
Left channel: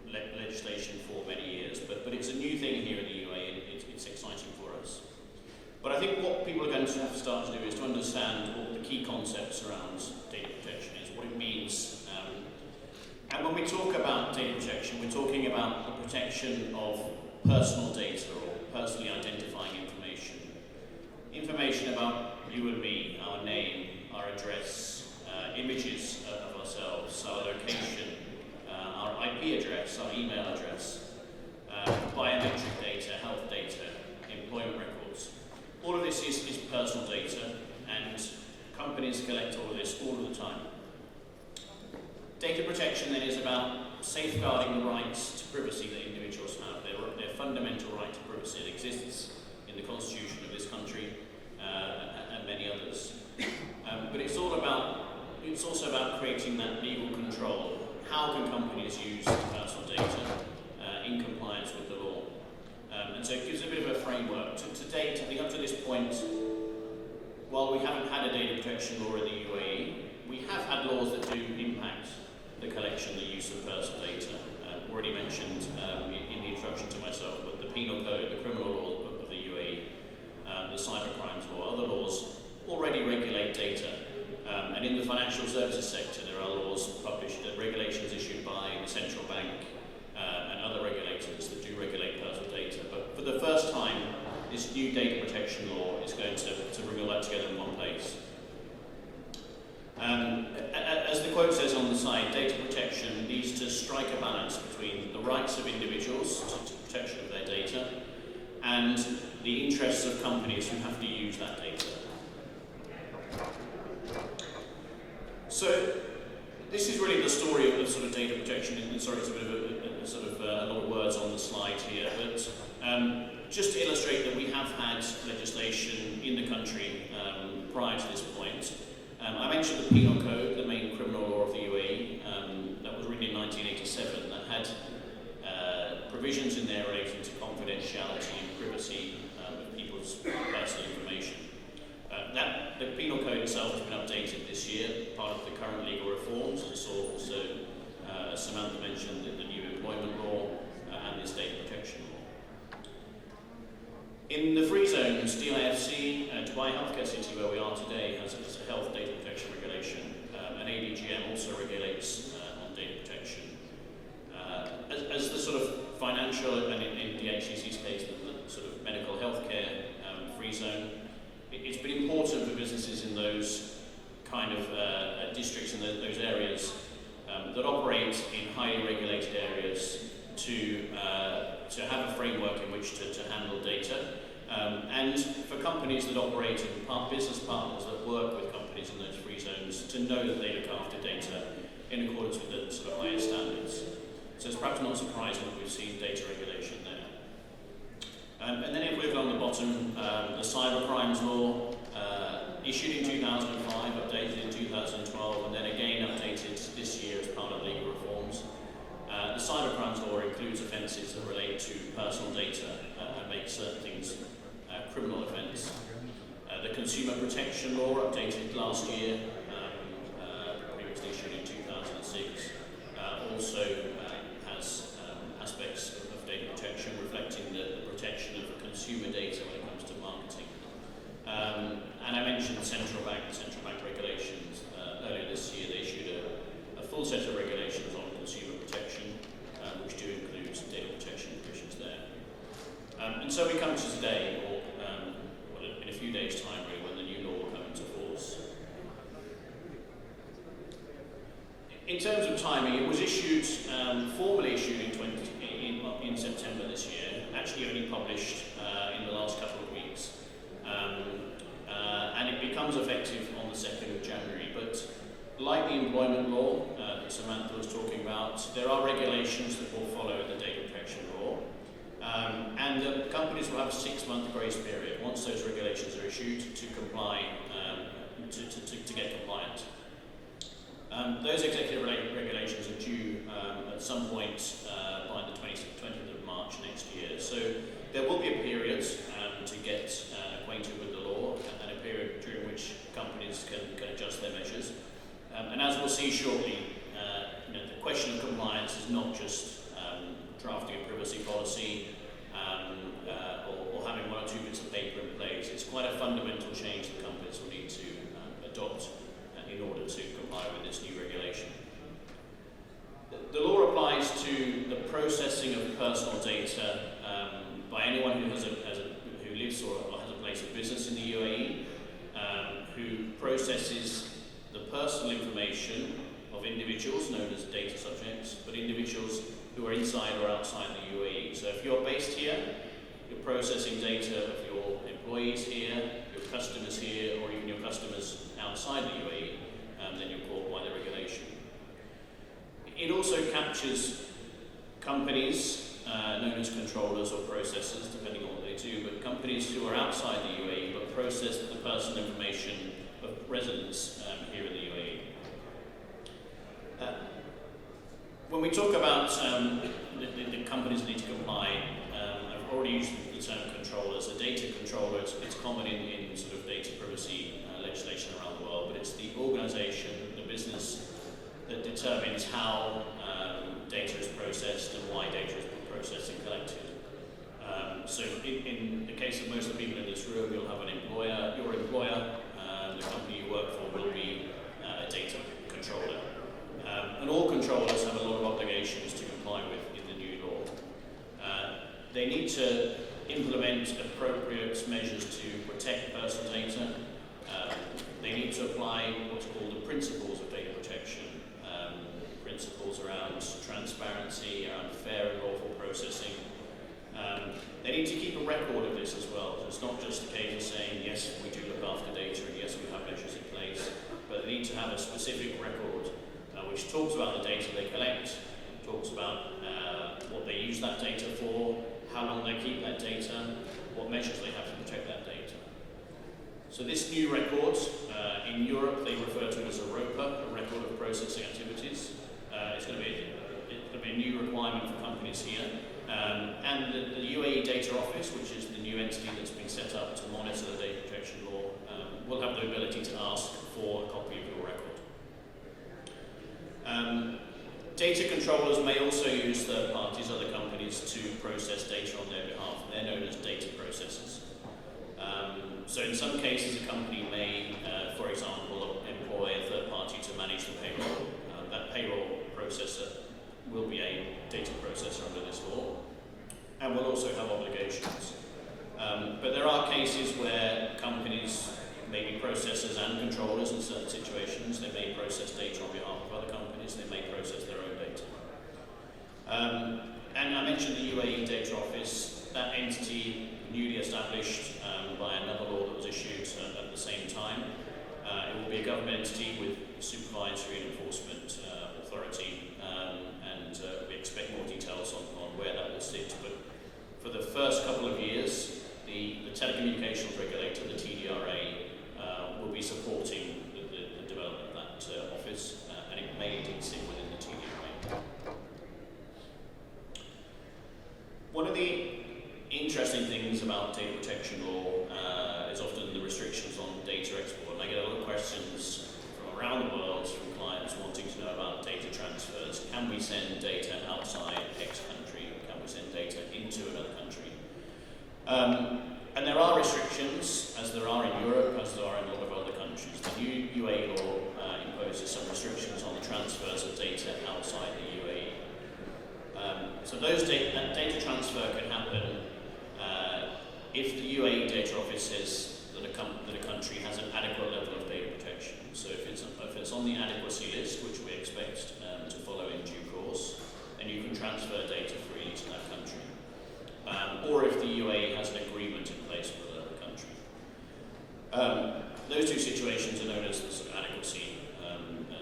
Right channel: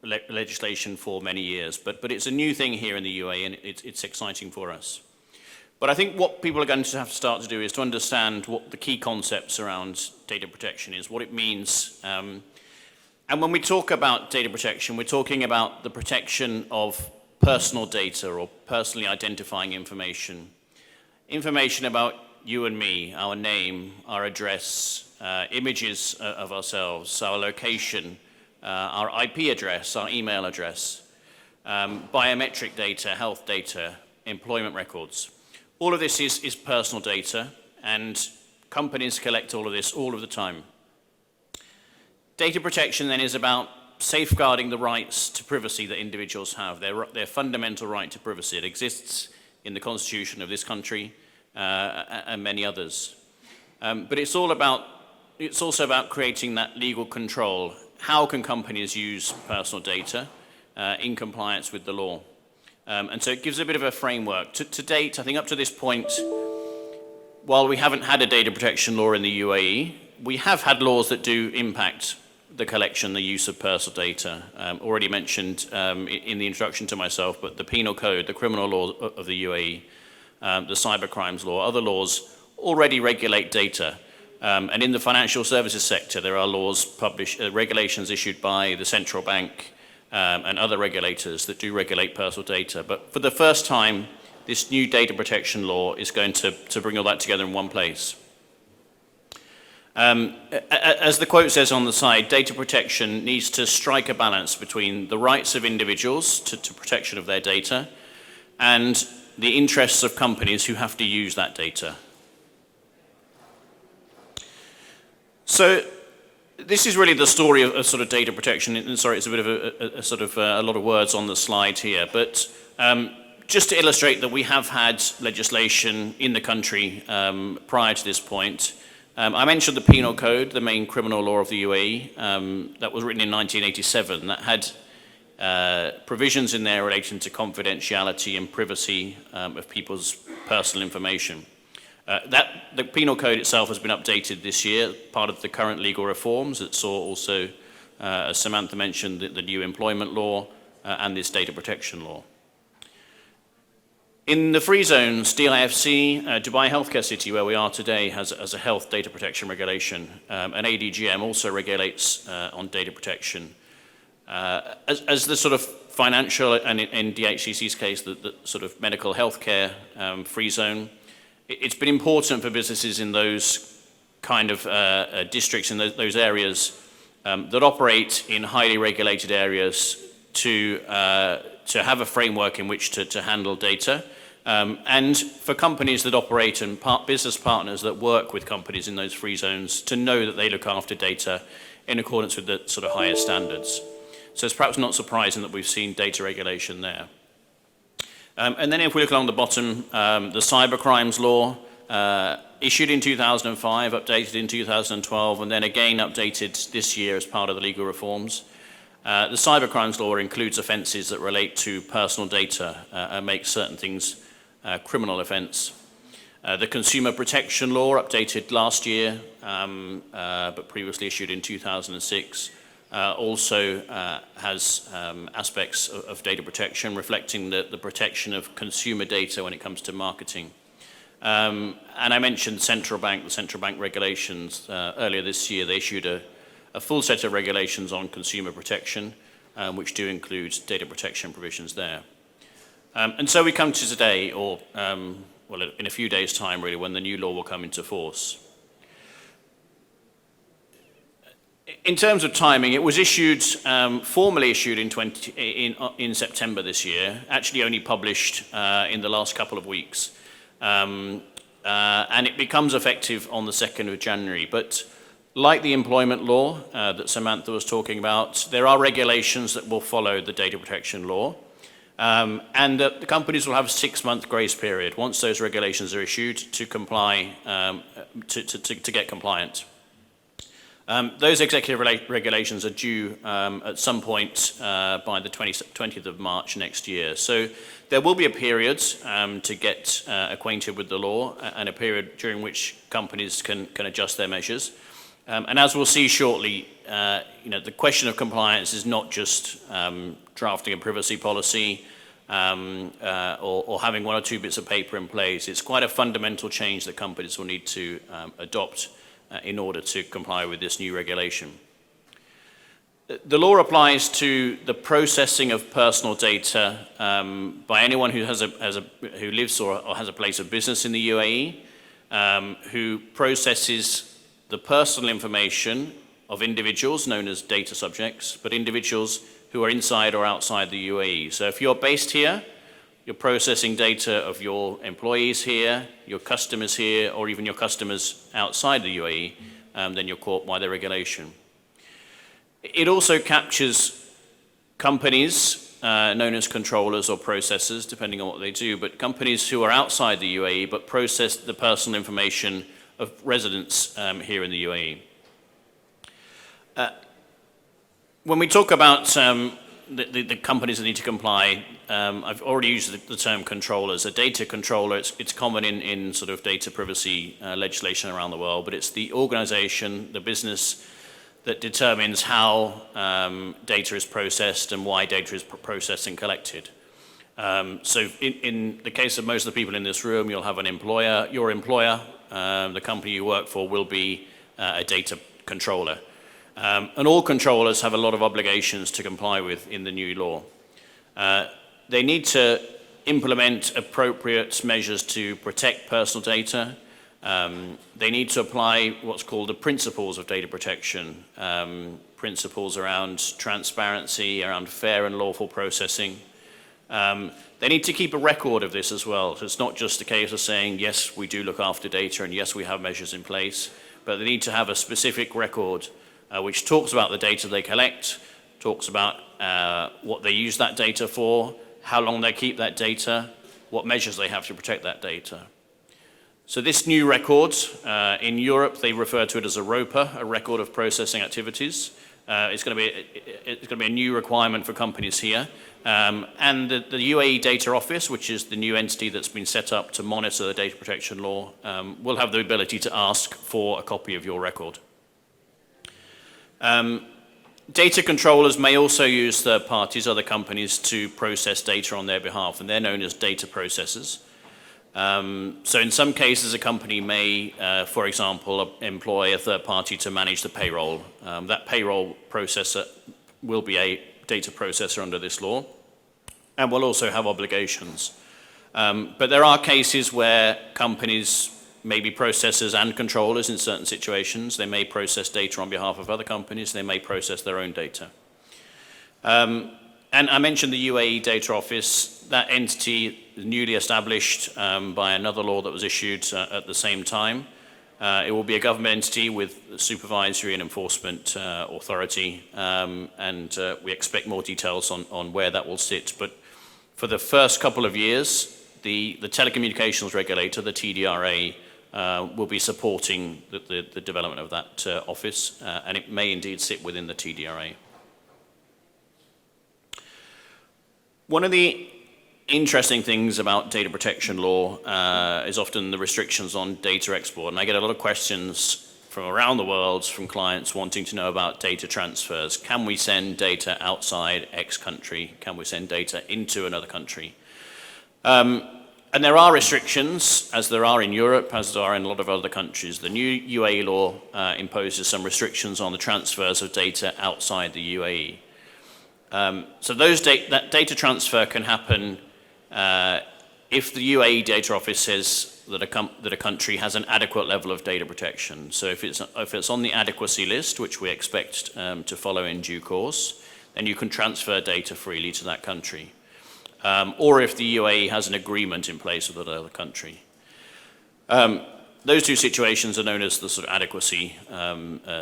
legislation for many years, but it's a new thing here in the UAE, and it's exciting for us. But I think what people are going to have to start to do is to understand what the key concepts around data protection is, what it means. And when we talk about data protection, we're talking about the protection of personal data or personally identifying information. Information about you and me, our name, our address, images of ourselves, our location, our IP address, our email address, biometric data, health data, employment records. All of this is personal data, and companies collect all of this all of the time. Data protection then is about safeguarding the rights to privacy that individuals have, their fundamental right to privacy. It exists in the constitution of this country and many others. But it's also about creating that legal control. How can companies use personal data in compliance with the law? And so it gives a bit of a framework. To date, I think up to this point, while we haven't had a data protection law in the UAE, we have had laws that do impact the collection, the use of personal data. Already mentioned in the introduction to myself, but the penal code, the criminal law of the UAE, the cybercrimes law, other laws already regulate data. And in the financial services sector, there are laws published, regulations issued by the central bank and other regulators that do regulate personal data. But for the first time, this new data protection law is going to bring all that together in one place. As the quote says on the side, data protection needs to strike a balance between the rights of individuals to protection of their data and the interests of companies who have to use that data. So this is really the story of sort of data protection. And sorry, it's a bit of a lot of words on the slide here, but just to illustrate that we have had legislation in the country prior to this point. I mentioned the Penal Code, the main criminal law of the UAE, that was written in 1987, that had provisions in there relating to confidentiality and privacy of people's personal information. The Penal Code itself has been updated this year, part of the current legal reforms that saw also, as Samantha mentioned, the new employment law and this data protection law. In the free zone, Steel IFC, Dubai Healthcare City, where we are today, has a health data protection regulation. And ADGM also regulates on data protection. As the sort of financial, and in DHCC's case, the sort of medical healthcare free zone, it's been important for businesses in those kind of districts, in those areas that operate in highly regulated areas to have a framework in which to handle data. And for companies that operate and business partners that work with companies in those free zones to know that they look after data in accordance with the sort of highest standards. So it's perhaps not surprising that we've seen data regulation there. And then if we look along the bottom, the cybercrimes law, issued in 2005, updated in 2012, and then again updated this year as part of the legal reforms. The cybercrimes law includes offences that relate to personal data and makes certain things criminal offence. The consumer protection law, updated last year, but previously issued in 2006, also has aspects of data protection reflecting the protection of consumer data when it comes to marketing. And I mentioned the central bank regulations. Earlier this year, they issued a full set of regulations on consumer protection, which do include data protection provisions there. And so we come to today, or well, in a few days' time, really, when the new law will come into force. In terms of timing, it was issued, formally issued in September this year, actually only published in the last couple of weeks. And it becomes effective on the 2nd of January. But like the employment law that Samantha was talking about, there are regulations that will follow the data protection law. And the companies will have a 6-month grace period once those regulations are issued to comply, to get compliant. Those executive regulations are due at some point by the 20th of March next year. So there will be a period to get acquainted with the law and a period during which companies can adjust their measures. And as we'll see shortly, the question of compliance is not just drafting a privacy policy or having 1 or 2 bits of paper in place. It's quite a fundamental change that companies will need to adopt in order to comply with this new regulation. The law applies to the processing of personal data by anyone who who lives or has a place of business in the UAE, who processes the personal information of individuals known as data subjects, but individuals who are inside or outside the UAE. So if you're based here, you're processing data of your employees here, your customers here, or even your customers outside the UAE, then you're caught by the regulation. It also captures companies known as controllers or processors, depending on what they do, but companies who are outside the UAE but process the personal information of residents here in the UAE. When we talk about the companies that need to comply, I've already used the term controllers. A data controller, it's common in sort of data privacy legislation around the world, but it's the organization, the business that determines how data is processed and why data is processed and collected. So in the case of most of the people in this room, you'll have an employer. Your employer, the company you work for, will be a data controller. And all controllers have a lot of obligations to comply with in the new law. They need to implement appropriate measures to protect personal data. They need to apply what's called the principles of data protection, principles around transparency, around fair and lawful processing. They need to keep a record of this as well. So it's not just a case of saying, yes, we do look after data and yes, we have measures in place, but they need to have a specific record which talks about the data they collect, talks about what they use that data for, how long they keep that data, what measures they have to protect that data. So this new record, in Europe, they refer to it as a ROPA, a record of processing activities. It's going to be a new requirement for companies here. And the UAE Data Office, which is the new entity that's been set up to monitor the data protection law, will have the ability to ask for a copy of your record. Data controllers may also use third parties, other companies, to process data on their behalf, and they're known as data processors. So in some cases, a company may, for example, employ a third party to manage the payroll. That payroll processor will be a data processor under this law, and will also have obligations. But there are cases where companies may be processors and controllers in certain situations. They may process data on behalf of other companies. They may process their own data. And I mentioned the UAE Data Office. That entity is newly established by another law that was issued at the same time. It will be a government entity with supervisory and enforcement authority, and we expect more details on where that will sit. But for the first couple of years, the telecommunications regulator, the TDRA, will be supporting the development of that office, and it may indeed sit within the TDRA. One of the interesting things about data protection law is often the restrictions on data export, and I get a lot of questions from around the world from clients wanting to know about data transfers. Can we send data outside X country? Can we send data into another country? And there are restrictions, as there are in Europe, as there are in a lot of other countries. The new UAE law imposes some restrictions on the transfers of data outside the UAE. So that data transfer can happen if the UAE Data Office says that a country has an adequate level of data protection. So if it's on the adequacy list, which we expect to follow in due course, then you can transfer data freely to that country. Or if the UAE has an agreement in place with another country. Those two situations are known as the sort of adequacy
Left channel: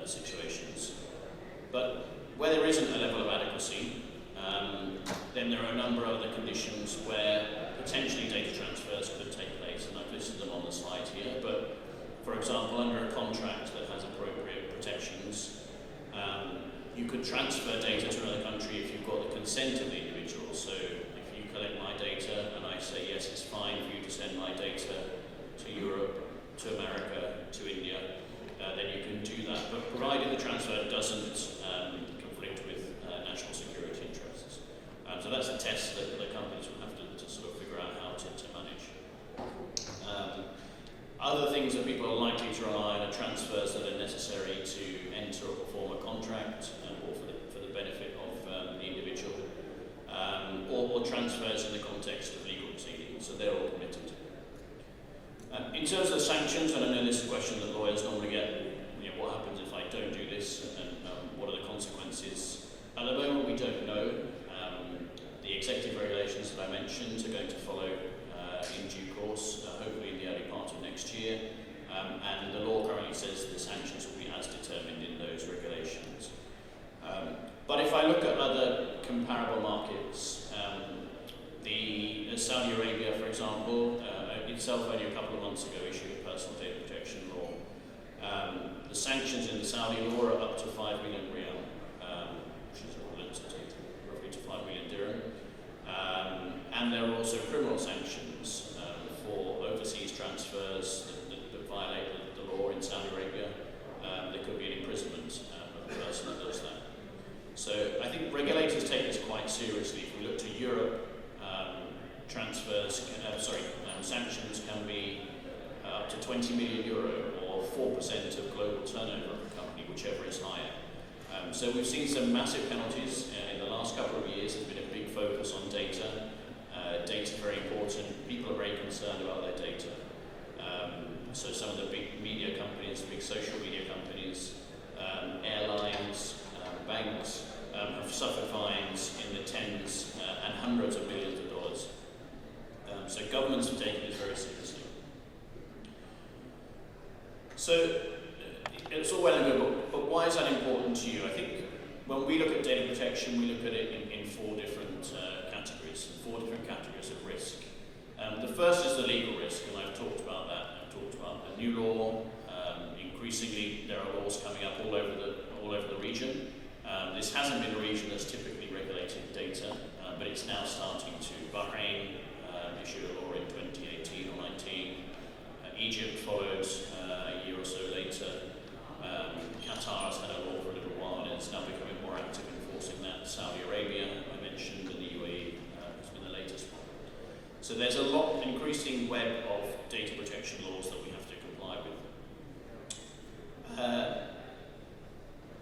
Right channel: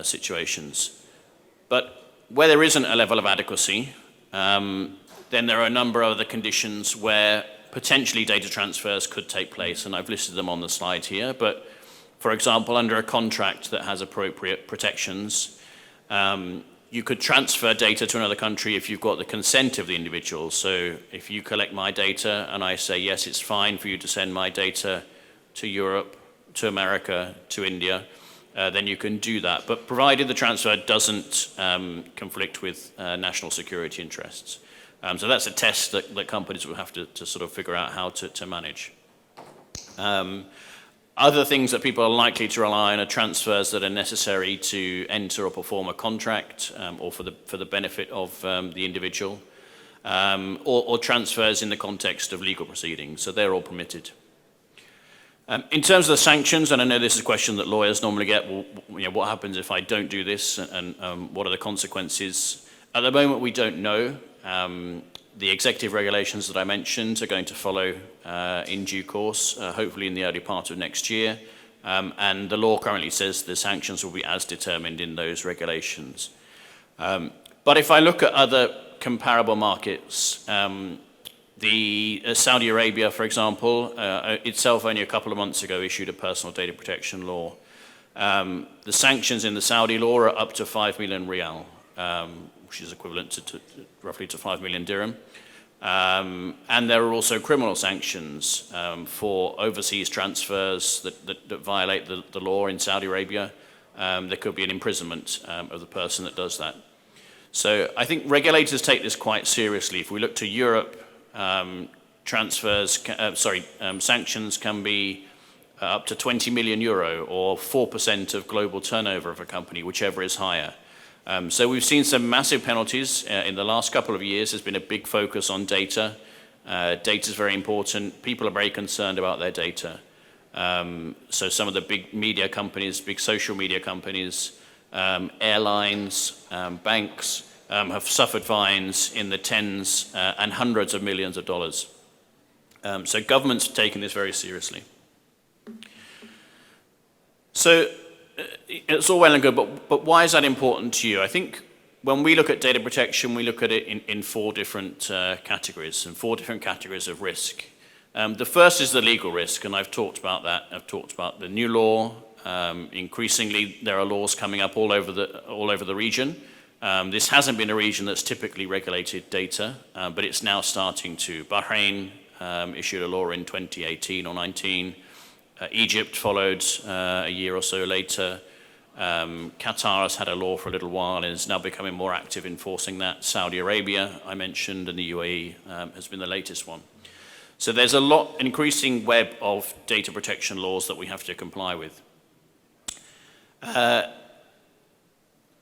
situations. But where there isn't a level of adequacy, then there are a number of other conditions where potentially data transfers could take place, and I've listed them on the slide here. But for example, under a contract that has appropriate protections, you could transfer data to another country if you've got the consent of the individual. So if you collect my data and I say, yes, it's fine for you to send my data to Europe, to America, to India, then you can do that. But provided the transfer doesn't conflict with national security interests. So that's a test that companies will have to sort of figure out how to manage. Other things that people are likely to rely on are transfers that are necessary to enter or perform a contract, or for the benefit of the individual, or transfers in the context of legal proceedings. So they're all permitted. In terms of the sanctions, and I know this is a question that lawyers normally get, well, what happens if I don't do this, and what are the consequences? At the moment, we don't know. The executive regulations that I mentioned are going to follow in due course, hopefully in the early part of next year. And the law currently says the sanctions will be as determined in those regulations. But if I look at other comparable markets, Saudi Arabia, for example, itself only a couple of months ago issued a personal data protection law. The sanctions in the Saudi law are up to 5 million riyal, which is equivalent to roughly to 5 million dirham. And there are also criminal sanctions for overseas transfers that violate the law in Saudi Arabia. There could be an imprisonment of the person that does that. So I think regulators take this quite seriously. If we look to Europe, sanctions can be up to 20 million euro or 4% of global turnover of a company, whichever is higher. So we've seen some massive penalties in the last couple of years. There's been a big focus on data, Data is very important. People are very concerned about their data. So some of the big media companies, big social media companies, airlines, banks have suffered fines in the tens and hundreds of millions of dollars. So governments are taking this very seriously. So it's all well and good, but why is that important to you? I think when we look at data protection, we look at it in four different categories, and four different categories of risk. The first is the legal risk, and I've talked about that. I've talked about the new law. Increasingly, there are laws coming up all over the region. This hasn't been a region that's typically regulated data, but it's now starting to. Bahrain issued a law in 2018 or 19. Egypt followed a year or so later. Qatar has had a law for a little while and is now becoming more active enforcing that. Saudi Arabia, I mentioned, and the UAE has been the latest one. So there's an increasing web of data protection laws that we have to comply with.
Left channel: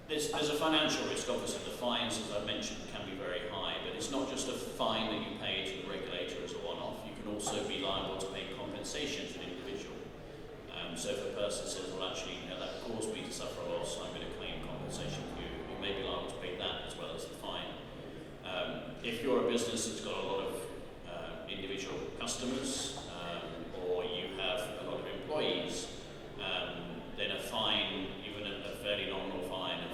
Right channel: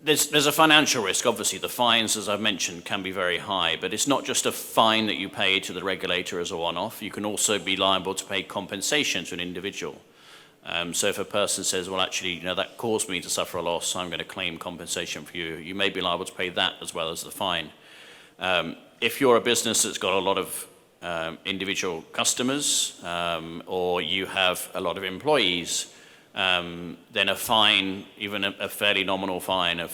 There's a financial risk. Obviously, the fines, as I've mentioned, can be very high, but it's not just a fine that you pay to the regulator as a one-off. You can also be liable to pay compensation to an individual. So if a person says, well, actually, that caused me to suffer a loss, I'm going to claim compensation for you, you may be liable to pay that as well as the fine. If you're a business that's got a lot of individual customers, or you have a lot of employees, then a fine, even a fairly nominal fine of,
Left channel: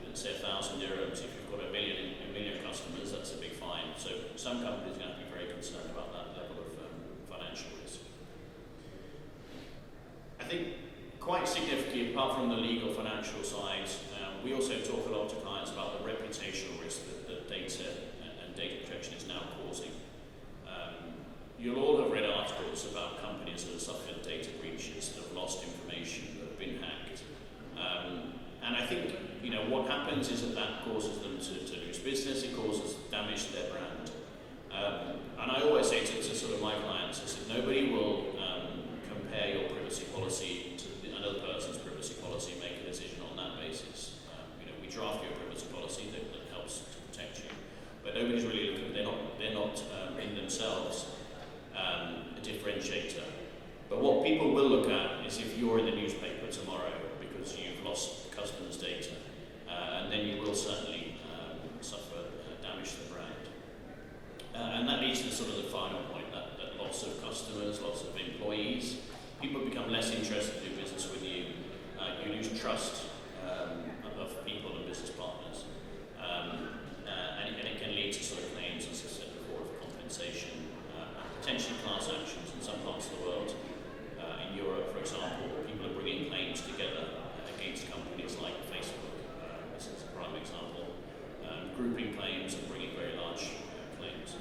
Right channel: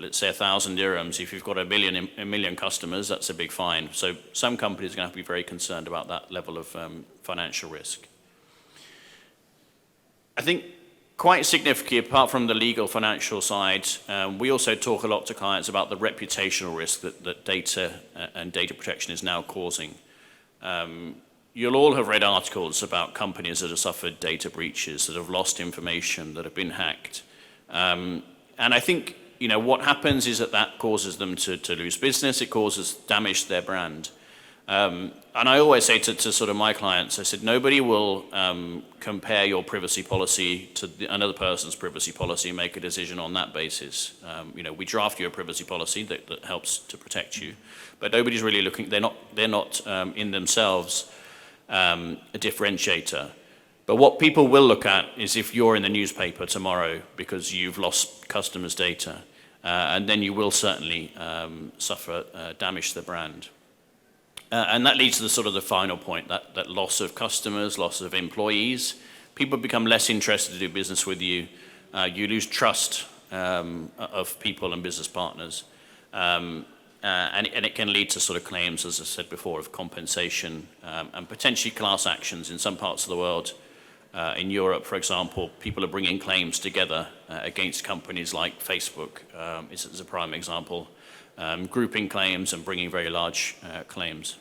let's say 1,000 dirhams, if you've got a million customers, that's a big fine. So some companies are going to have to be very concerned about that level of financial risk. I think quite significantly, apart from the legal financial side, we also talk a lot to clients about the reputational risk that data and data protection is now causing. You'll all have read articles about companies that have suffered data breaches, that have lost information, that have been hacked. And I think, what happens is that causes them to lose business, it causes damage to their brand. And I always say to sort of my clients, I said, nobody will compare your privacy policy to another person's privacy policy and make a decision on that basis. We draft you a privacy policy that helps to protect you, but nobody's really looking, they're not in themselves a differentiator. But what people will look at is if you're in the newspaper tomorrow because you've lost customers' data, and then you will certainly suffer damage to the brand. And that leads to the final point, that loss of customers, loss of employees. People become less interested to do business with you. You lose trust of people and business partners. And it can lead to claims, as I said before, of compensation and potentially class actions in some parts of the world. In Europe, for example, people are bringing claims together against companies like Facebook. This is a prime example. Grouping claims and bringing very large claims.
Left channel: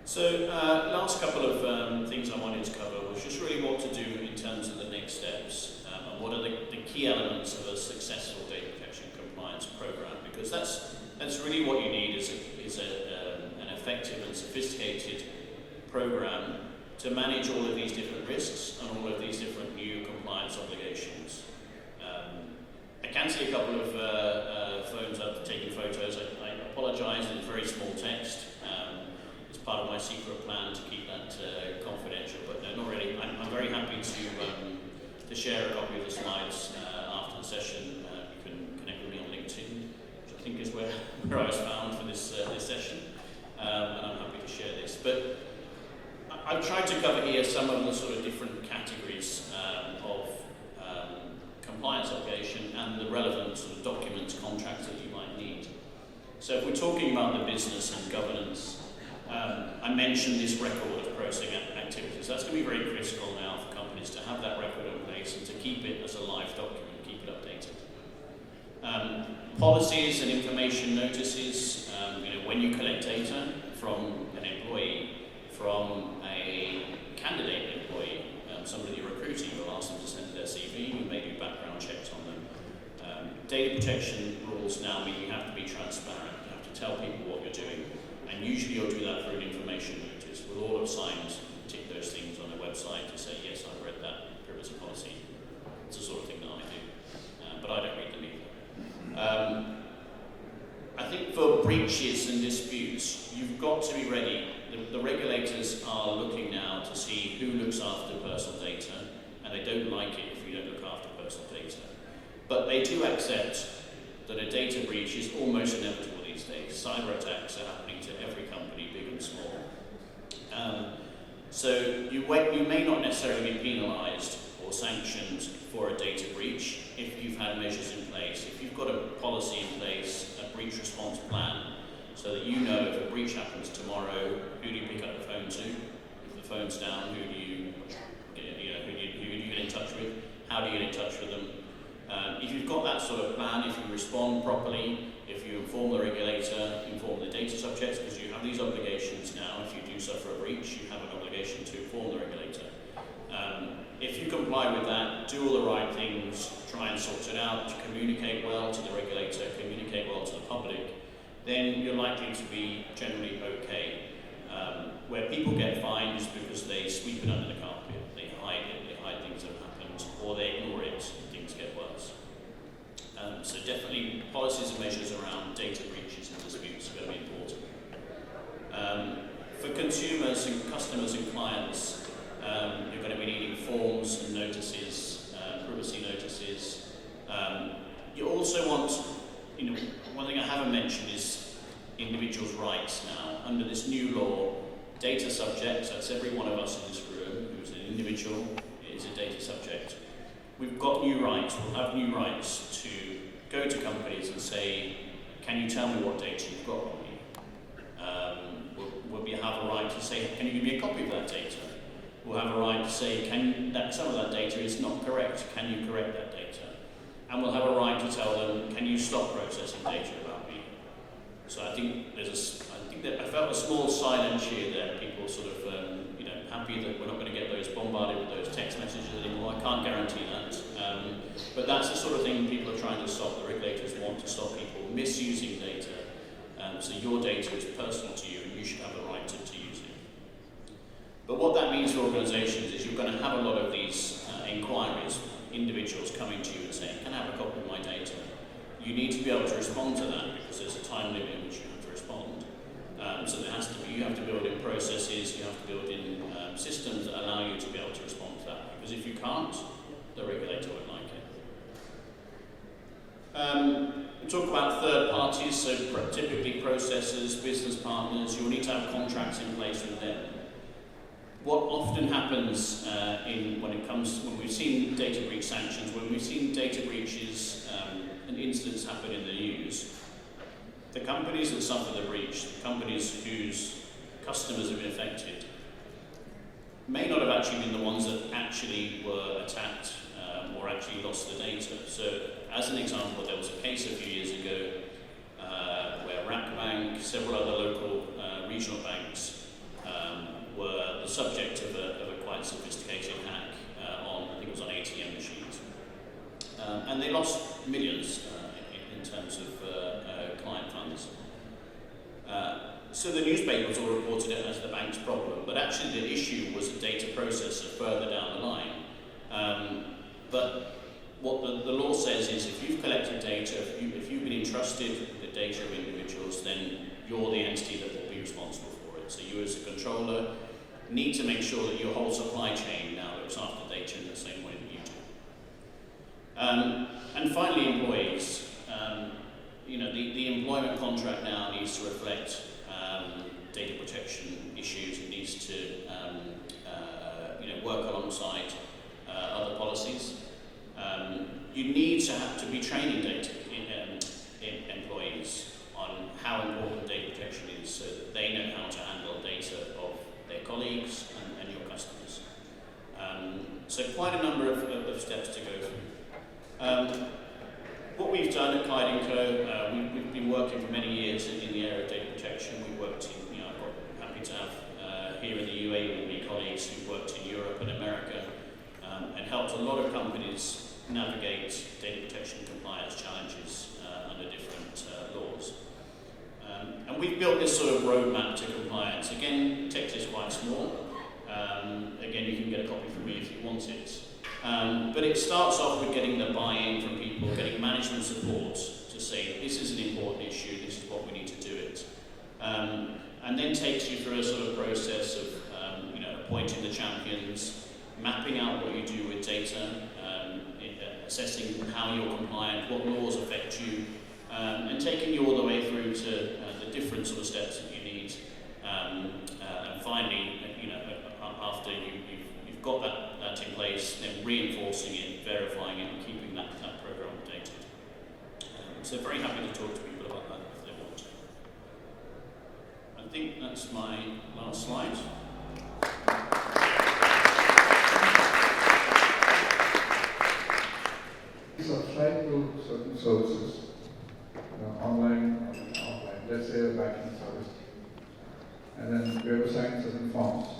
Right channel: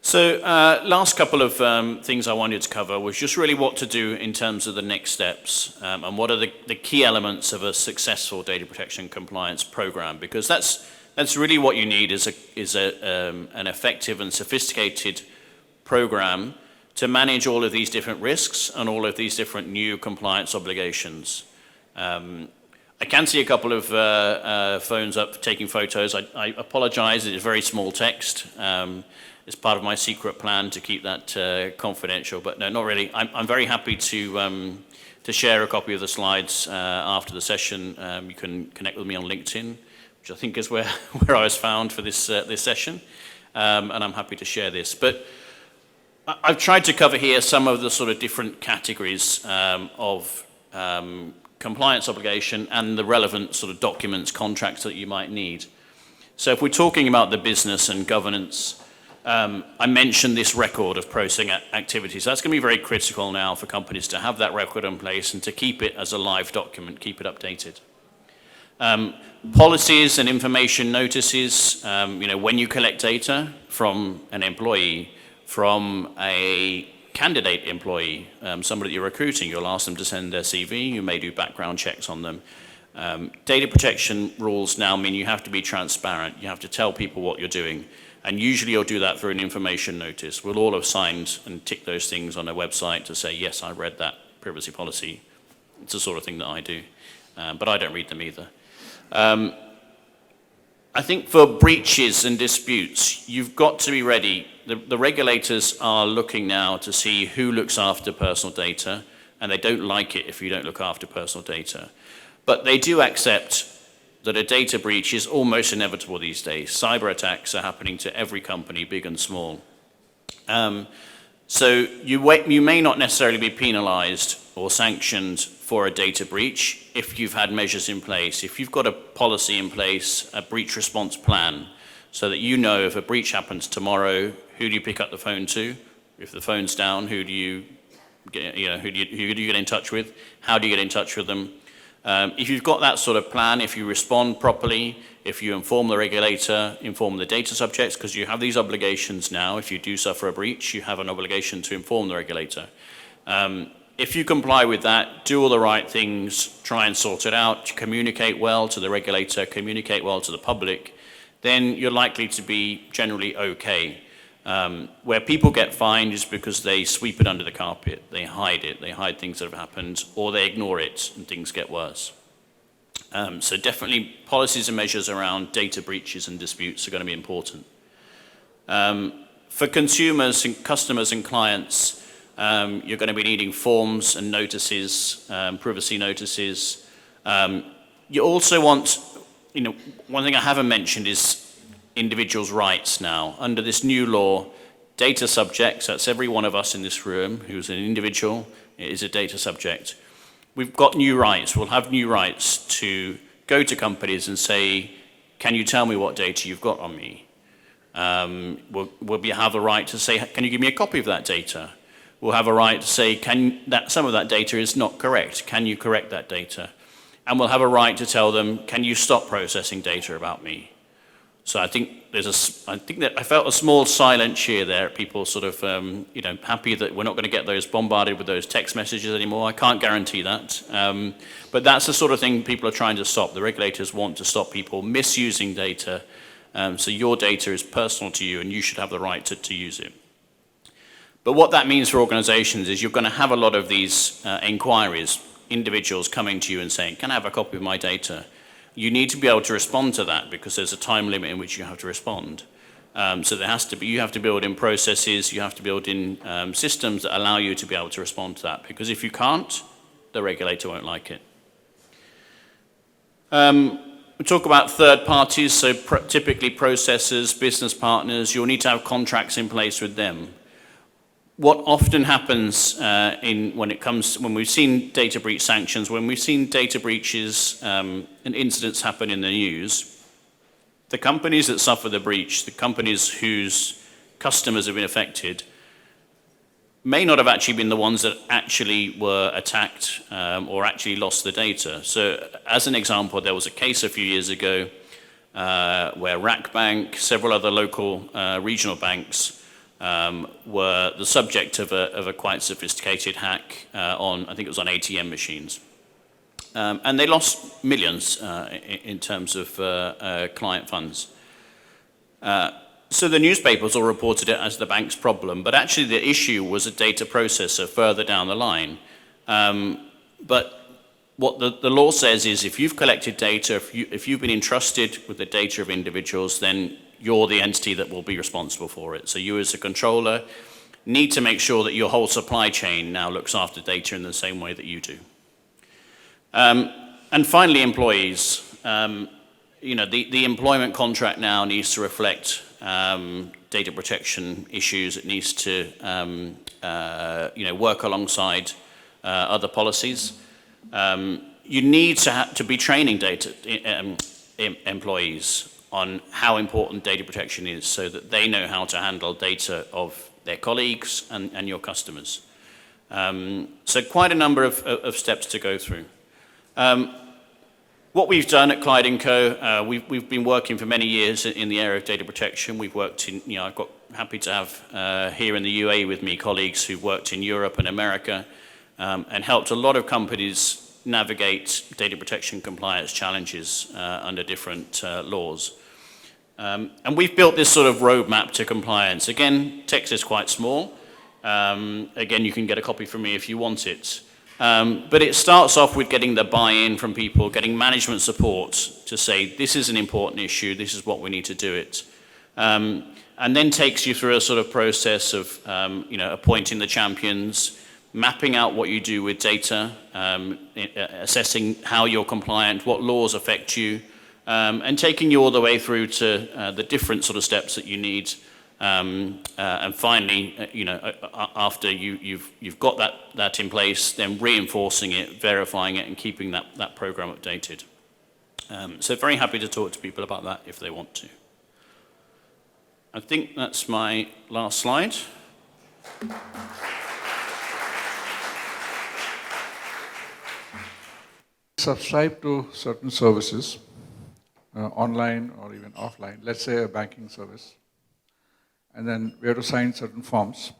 So last couple of things I wanted to cover was just really what to do in terms of the next steps and what are the key elements of a successful data protection compliance program, because that's really what you need is an effective and sophisticated program to manage all of these different risks and all of these different new compliance obligations. I can see a couple of phones up taking photos. I apologize, it is very small text. It's part of my secret plan to keep that confidential, but no, not really. I'm very happy to share a copy of the slides after the session. You can connect with me on LinkedIn, which I think is where I was found for this session, and I'm happy to share this. But I've tried to cover here some of the different categories of compliance obligation and the relevant documents, contracts that you might need. So if we're talking about the business and governance, I mentioned this record of processing activities. That's going to be very critical now for companies to have that record in place and to keep it as a live document, keep it updated. Policies and information notices, when you collect data from an employee, from a candidate employee, somebody you're recruiting, you'll ask them to send their CV, you may do background checks on them. Data protection rules now mean you have to be transparent, you have to tell people what you're doing, and usually you'll do that through an information notice. We'll all have signed and ticked those things on a website to say, yes, I read that privacy policy. It's the sort of thing that I do, but I don't read them either. I think for breaches and disputes, you've got to be ready. The regulators are looking now to see who looks after personal data, and they don't like it if you don't look after personal data. But they do accept that a data breach is almost inevitable these days. Cyber attacks are happening to every company, big and small. So you may not necessarily be penalized or sanctioned for a data breach if you've had measures in place, if you've got a policy in place, a breach response plan, so that you know if a breach happens tomorrow, who do you pick up the phone to? If the phone's down, who do you get in touch with? How do you get in touch with them? If you've got that sort of plan, if you respond properly, if you inform the regulator, inform the data subjects, because you have these obligations now. If you do suffer a breach, you have an obligation to inform the regulator. If you comply with that, do all the right things, try and sort it out, communicate well to the regulator, communicate well to the public, then you're likely to be generally okay. Where people get fined is because they sweep it under the carpet, they hide things that have happened, or they ignore it and things get worse. So definitely policies and measures around data breaches and disputes are going to be important. For consumers and customers and clients, you're going to be needing forms and notices, privacy notices. You also want, one thing I haven't mentioned is individuals' rights now. Under this new law, data subjects, that's every one of us in this room who's an individual, is a data subject. We've got new rights. We'll have new rights to go to companies and say, can you tell me what data you've got on me? We'll have a right to say, can you give me a copy of that data? We'll have a right to say, some of that data is not correct. Can you correct that data? And we'll have a right to tell them, can you stop processing data about me? So I think I felt a small silent cheer there. People sort of, happy that we're not going to get those bombarded with those text messages anymore. I can't guarantee that. But that's the sort of thing people are trying to stop. The regulators want to stop people misusing data. So your data is personal to you and you should have the right to use it. But what that means for organizations is you're going to have a lot of these inquiries, individuals coming to you and saying, can I have a copy of my data? You need to be able to respond to that because there's a time limit in which you have to respond. So you have to build in processes, you have to build in systems that allow you to be able to respond to that. Because if you can't, the regulator won't like it. We talk about third parties, so typically processors, business partners, you'll need to have contracts in place with them. What often happens when we've seen data breach sanctions, when we've seen data breaches and incidents happen in the news, the companies that suffer the breach, the companies whose customers have been affected, may not have actually been the ones that actually were attacked or actually lost the data. So as an example, there was a case a few years ago where RAC Bank, several other local regional banks, were the subject of a quite sophisticated hack on, I think it was on ATM machines. And they lost millions in terms of client funds. So the newspapers all reported it as the bank's problem, but actually the issue was a data processor further down the line. But what the law says is if you've collected data, if you've been entrusted with the data of individuals, then you're the entity that will be responsible for it. So you as a controller need to make sure that your whole supply chain now looks after data in the same way that you do. And finally, employees. The employment contract now needs to reflect data protection issues. It needs to work alongside other policies. You need to be training employees on how important data protection is so that they know how to handle data of their colleagues and your customers. So quite a number of steps to go through. What we've done at Clyde & Co, we've been working for many years in the area of data protection. We've worked I've got happy to have here in the UAE with me colleagues who've worked in Europe and America and helped a lot of companies navigate data protection compliance challenges under different laws. And we've built this sort of roadmap to compliance. Again, text is quite small. Again, you can get a copy from me if you want it. But it starts off with getting the buy-in from people, getting management support to say, this is an important issue, this is what we need to do it. And then takes you through a sort of process of appointing the champions, mapping out what you do with data, assessing how you're compliant, what laws affect you, and taking you all the way through to the different sort of steps that you need. And finally, after you've got that in place, then reinforcing it, verifying it, and keeping that program updated. So very happy to talk to people about that if they want to. I think that's my last slide. Subscribe to certain services, online or even offline, let's say a banking service. And then we have to sign certain forms,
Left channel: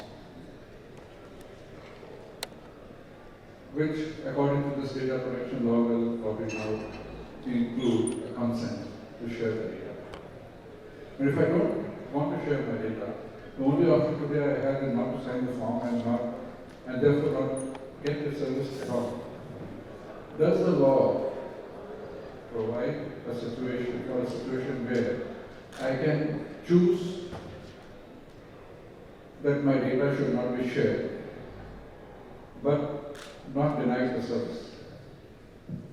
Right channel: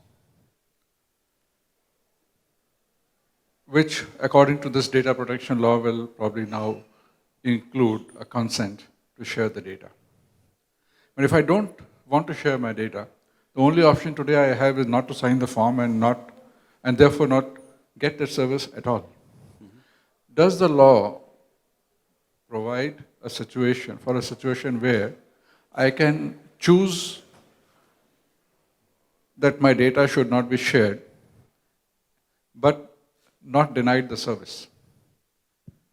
which according to this data protection law will probably now include a consent to share the data. But if I don't want to share my data, the only option today I have is not to sign the form and therefore not get that service at all. Does the law provide a situation where I can choose that my data should not be shared, but not denied the service?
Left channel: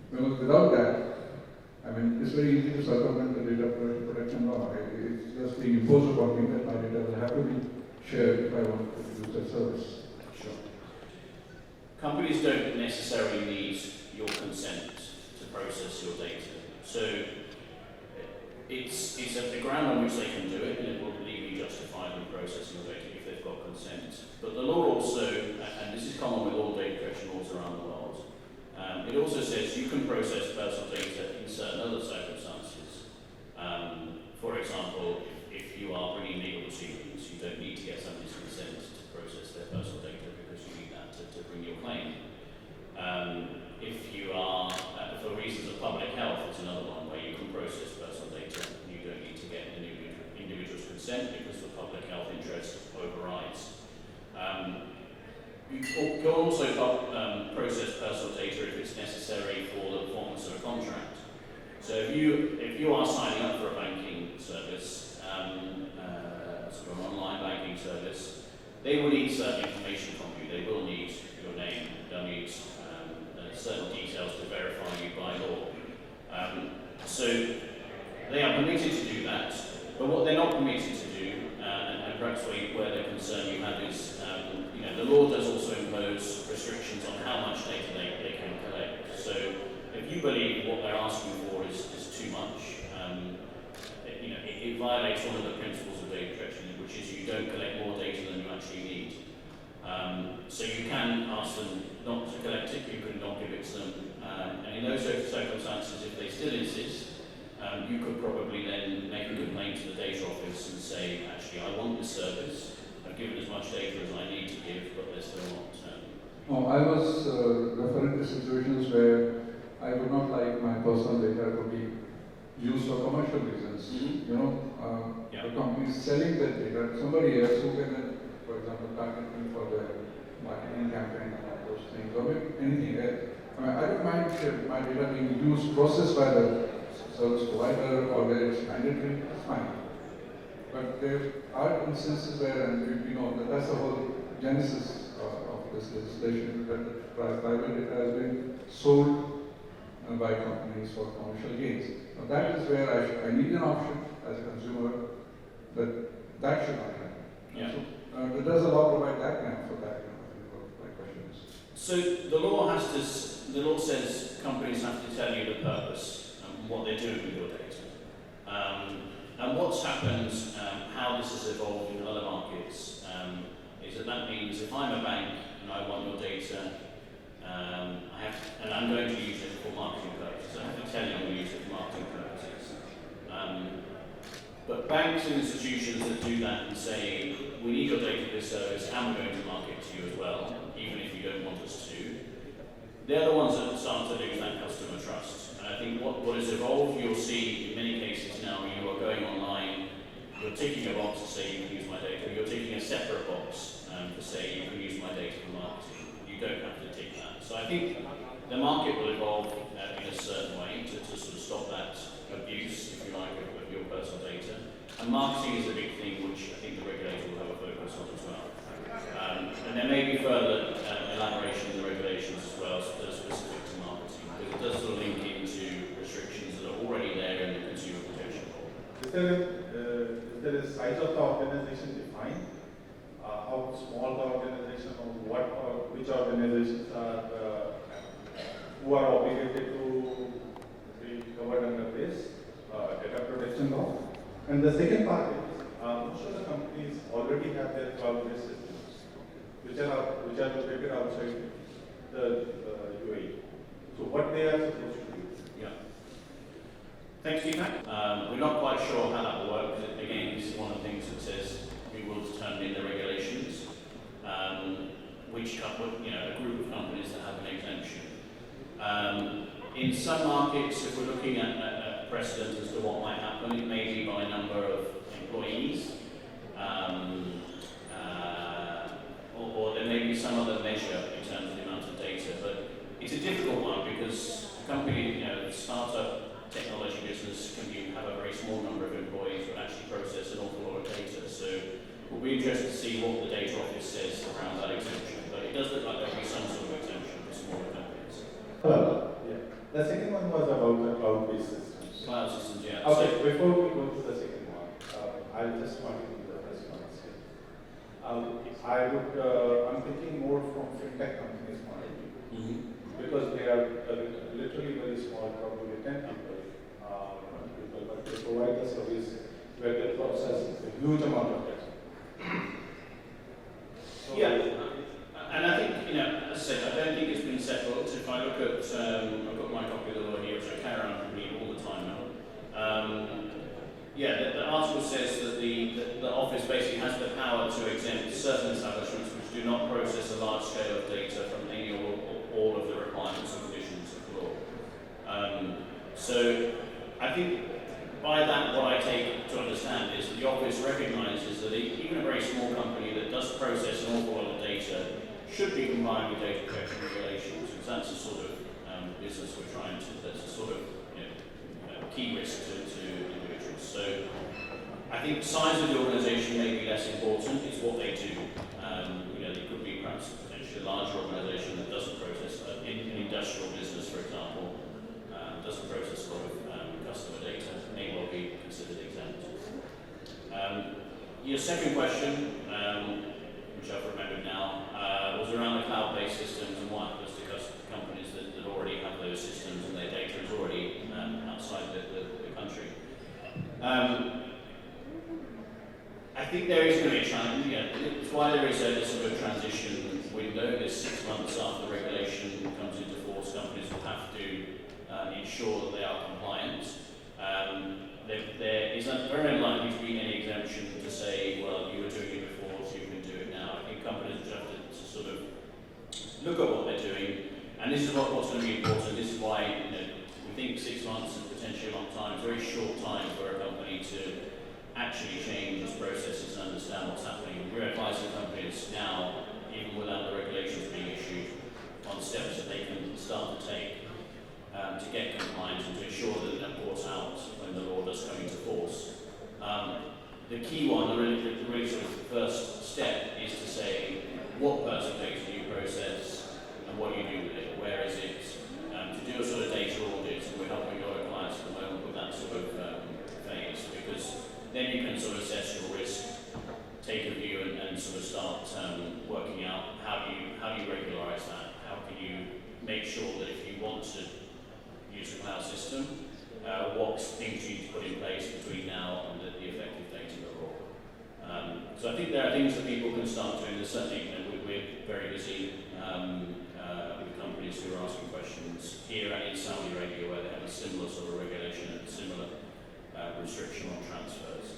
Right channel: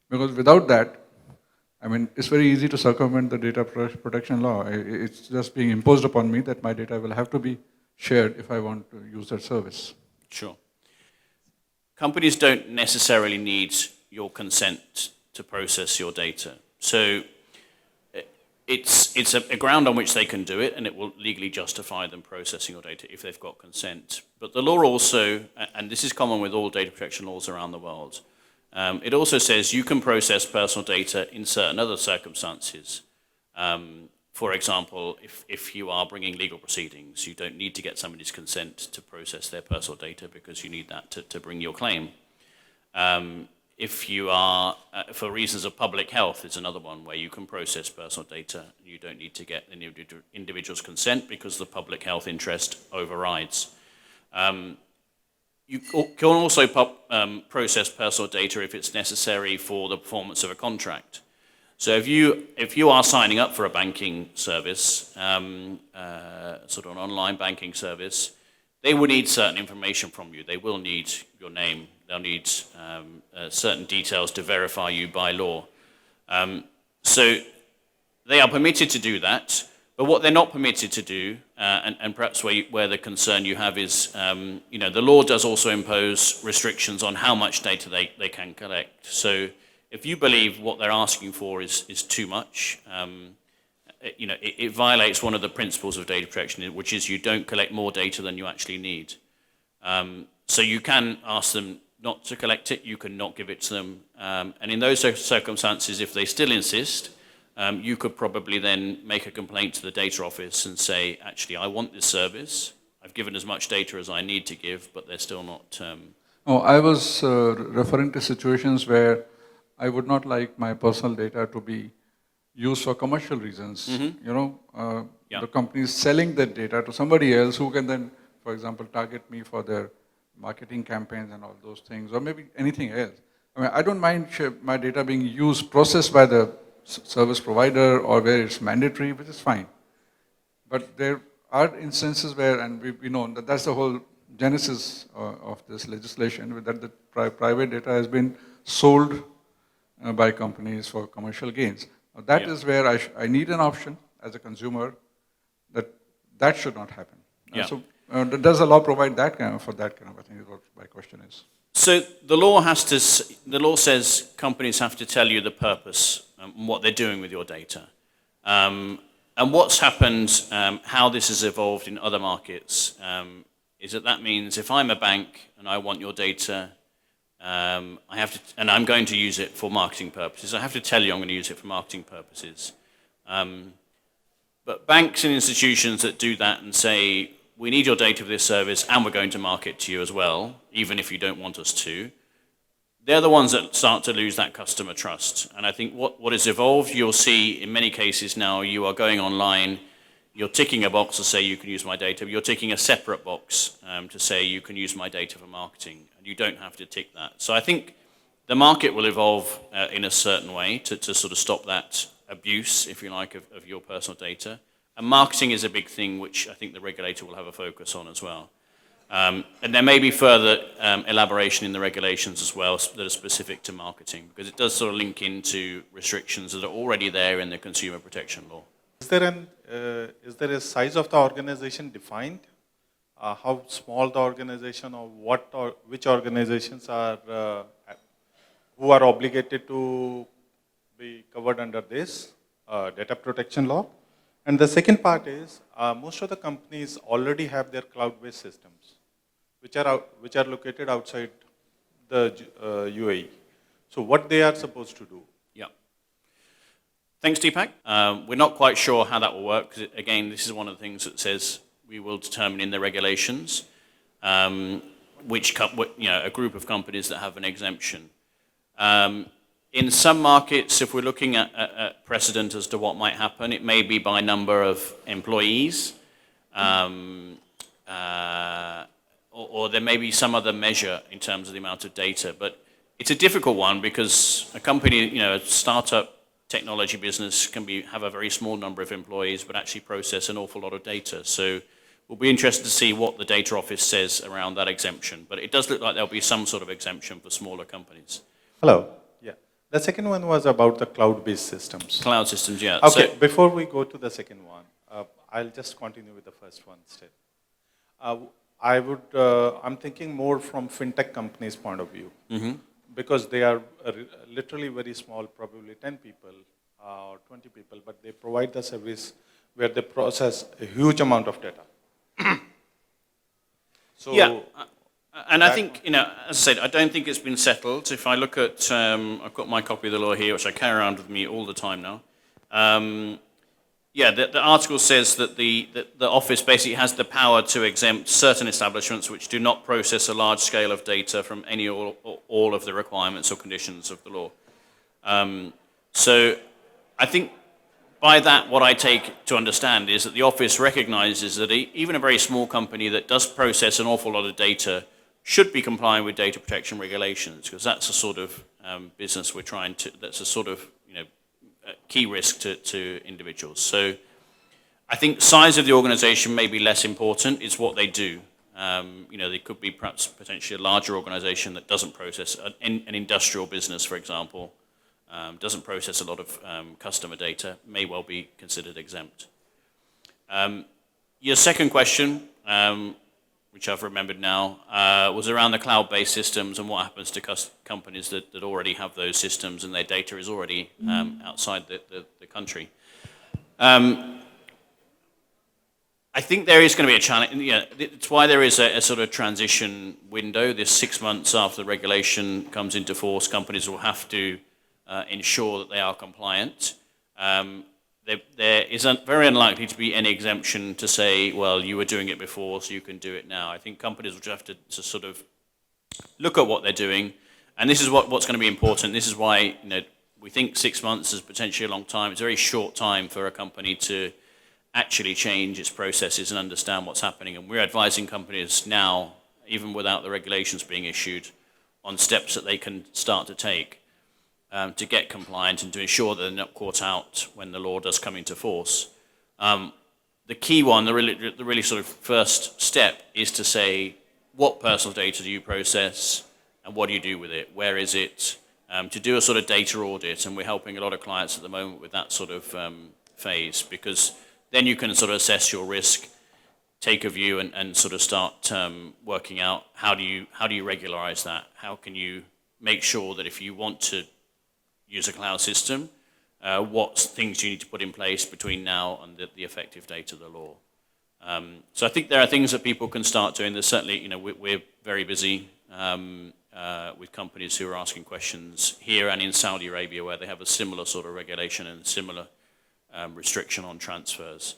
Because without that, it's very easy to circumvent the data protection law. It's just being imposed upon me that my data will have to be shared if I want to use that service. Sure. Companies don't necessarily need your consent to process your data. So it's a ground on which they can do it, and it will legally justify them processing your data if they've got consent. But the law also, and this is common with all data protection laws around the world, it also says you can process personal data in certain other circumstances. For example, if you are bringing legal proceedings, you don't need to get somebody's consent to process their personal data because you need that to bring your claim. If you are, for reasons of public health, is another one where you can process personal data. You don't need to get an individual's consent because the public health interest overrides. You can also process personal data if it's necessary for the performance of a contract. So if you are signing up for a banking service, sort of an online banking service, they will need certain information from you. They will need your name. They'll need certain details to verify you by law. So they are permitted to do that, but what they're not permitted to do, and perhaps where the concern you have is, the law does also impose restrictions on how much data they can collect. So if you believe what they're asking for is too much, it violates one of the principles of data protection, which is you don't collect more data than you actually need. So you can ask them not to collect it, you can not give it to them, and in those circumstances, if they still insist, you could probably then make a complaint to the data office and say, actually, I want this service, I've given as much data as I need to give, but they're still not... I was referring to situations where I would not like my personal data to be used for commercial reasons. Mm-hmm. The company is selling that data to somebody else who can then, for example, target me for their marketing campaigns and all those things, or maybe anything else. I don't mind my data being used, processed by the service provider or where it's mandatory, but it's fine. But there are instances where, and we know that that's the whole genesis of this legislation, that the private data has been sold by companies for commercial gains. But that is where I need an option as a consumer that should not happen. Yeah. So does the law provide that kind of thing? Is what my question is. So the law says companies have to tell you the purpose and what they're doing with your data. And what's happened, how this has evolved in other markets, is that means if I'm a bank and I want your data, and I'm going to use it for marketing purposes, I have to tell you I'm going to use it for marketing purposes. But banks and institutions that do that and say, we need your data for this service and we're going to market to you as well, even if you don't want us to, they're the ones that start to lose that customer trust. And I think what has evolved, you'll see in many cases now, you are going online, you're ticking a box to say you can use my data, but you're ticking a separate box to say you can use my data for marketing. You don't have to tick that. So I think the market will evolve in a certain way to sort of stop that abuse, if you like, of your personal data. And marketing is a big thing which I think the regulator will have a focus on as well. And there may be further elaboration in the regulations as well that are specific to marketing, because it does sort of link into restrictions that are already there in the consumer protection law. Is there a size of the organization defined? How small the organization, or which organizations are who are obligated to be covered under this data protection law? And the second part is most of the companies already have their cloud-based systems, which are located outside the UAE. So what they are supposed to do? Yeah. Thanks, Deepak. We're not quite sure how that will work, because again, this is one of the things that says we will determine in the regulations a group of companies that have an exemption. In some markets, if we're looking at precedent as to what might happen, it may be by number of employees, or there may be some other measure in terms of the amount of data. But it's a difficult one because a company, a startup technology business can have a very small number of employees, but actually process an awful lot of data. So we'll be interested to see what the data office says around that exemption. But it does look like there'll be some sort of exemption for smaller companies. Hello. Yeah. The second one was about the cloud-based systems. Cloud systems, yeah. Okay, before we go to the second one, I'll just continue with the first one still. I'm thinking more from fintech companies' point of view, because they are literally very small, probably 10 people or 20 people, but they provide the service where they process a huge amount of data. So yeah. And I think, as I said, I don't think it's been settled. If I look at, I've got my copy of the law here, which I carry around with me all the time now. The article says that the office basically has the power to exempt certain establishments which do not process a large scale of data from any or all of the requirements or conditions of the law. So I think by that, what I take to understand is that the office recognizes that even a very small company that does process an awful lot of data should be complying with data protection regulations, because that's a sort of business that's a sort of key risk to individuals. So I think size of the organization may be less important, it's what they do. They could be perhaps potentially a larger organization that doesn't process, an industrial business, for example, doesn't process a lot of customer data, may well be considered exempt. Your second question, which I've remembered now, was around the cloud-based systems and what happens to companies that already have those systems and their data is already outside the country. I think there is going to be a challenge. It's why there is a sort of transition window. This 6 months after the regulation comes into force, companies will have to ensure that they are compliant. There is very unlikely to be any exemption to say, well, you were doing it before, so you can do it now. I think companies will have to sort of look at what they're doing, and this is what's going to be important. This is why we think 6 months is potentially a long time. It's a very short time for a company to actually change its processes and understand what's happening. And we're advising companies now, even without the regulations being issued, on steps that they can start to take to get compliant and to ensure that they're not caught out when the law does come into force. The key one, the really sort of first step, is to say, what personal data do you process and what do you do with it? Where is it? To do a sort of data audit, and we're helping a lot of clients at the moment with that sort of phase, because then you can sort of assess your risk, take a view, and sort of start working out how do you regularize that? How can you make sure that if you want to use a cloud system, what things you need to put in place between now and the effective date of the law. So I think there are things that people can start doing. There's certainly, we're very busy with companies who are asking questions here and in Saudi Arabia, where they have a similar sort of regulation and similar restriction on transfers.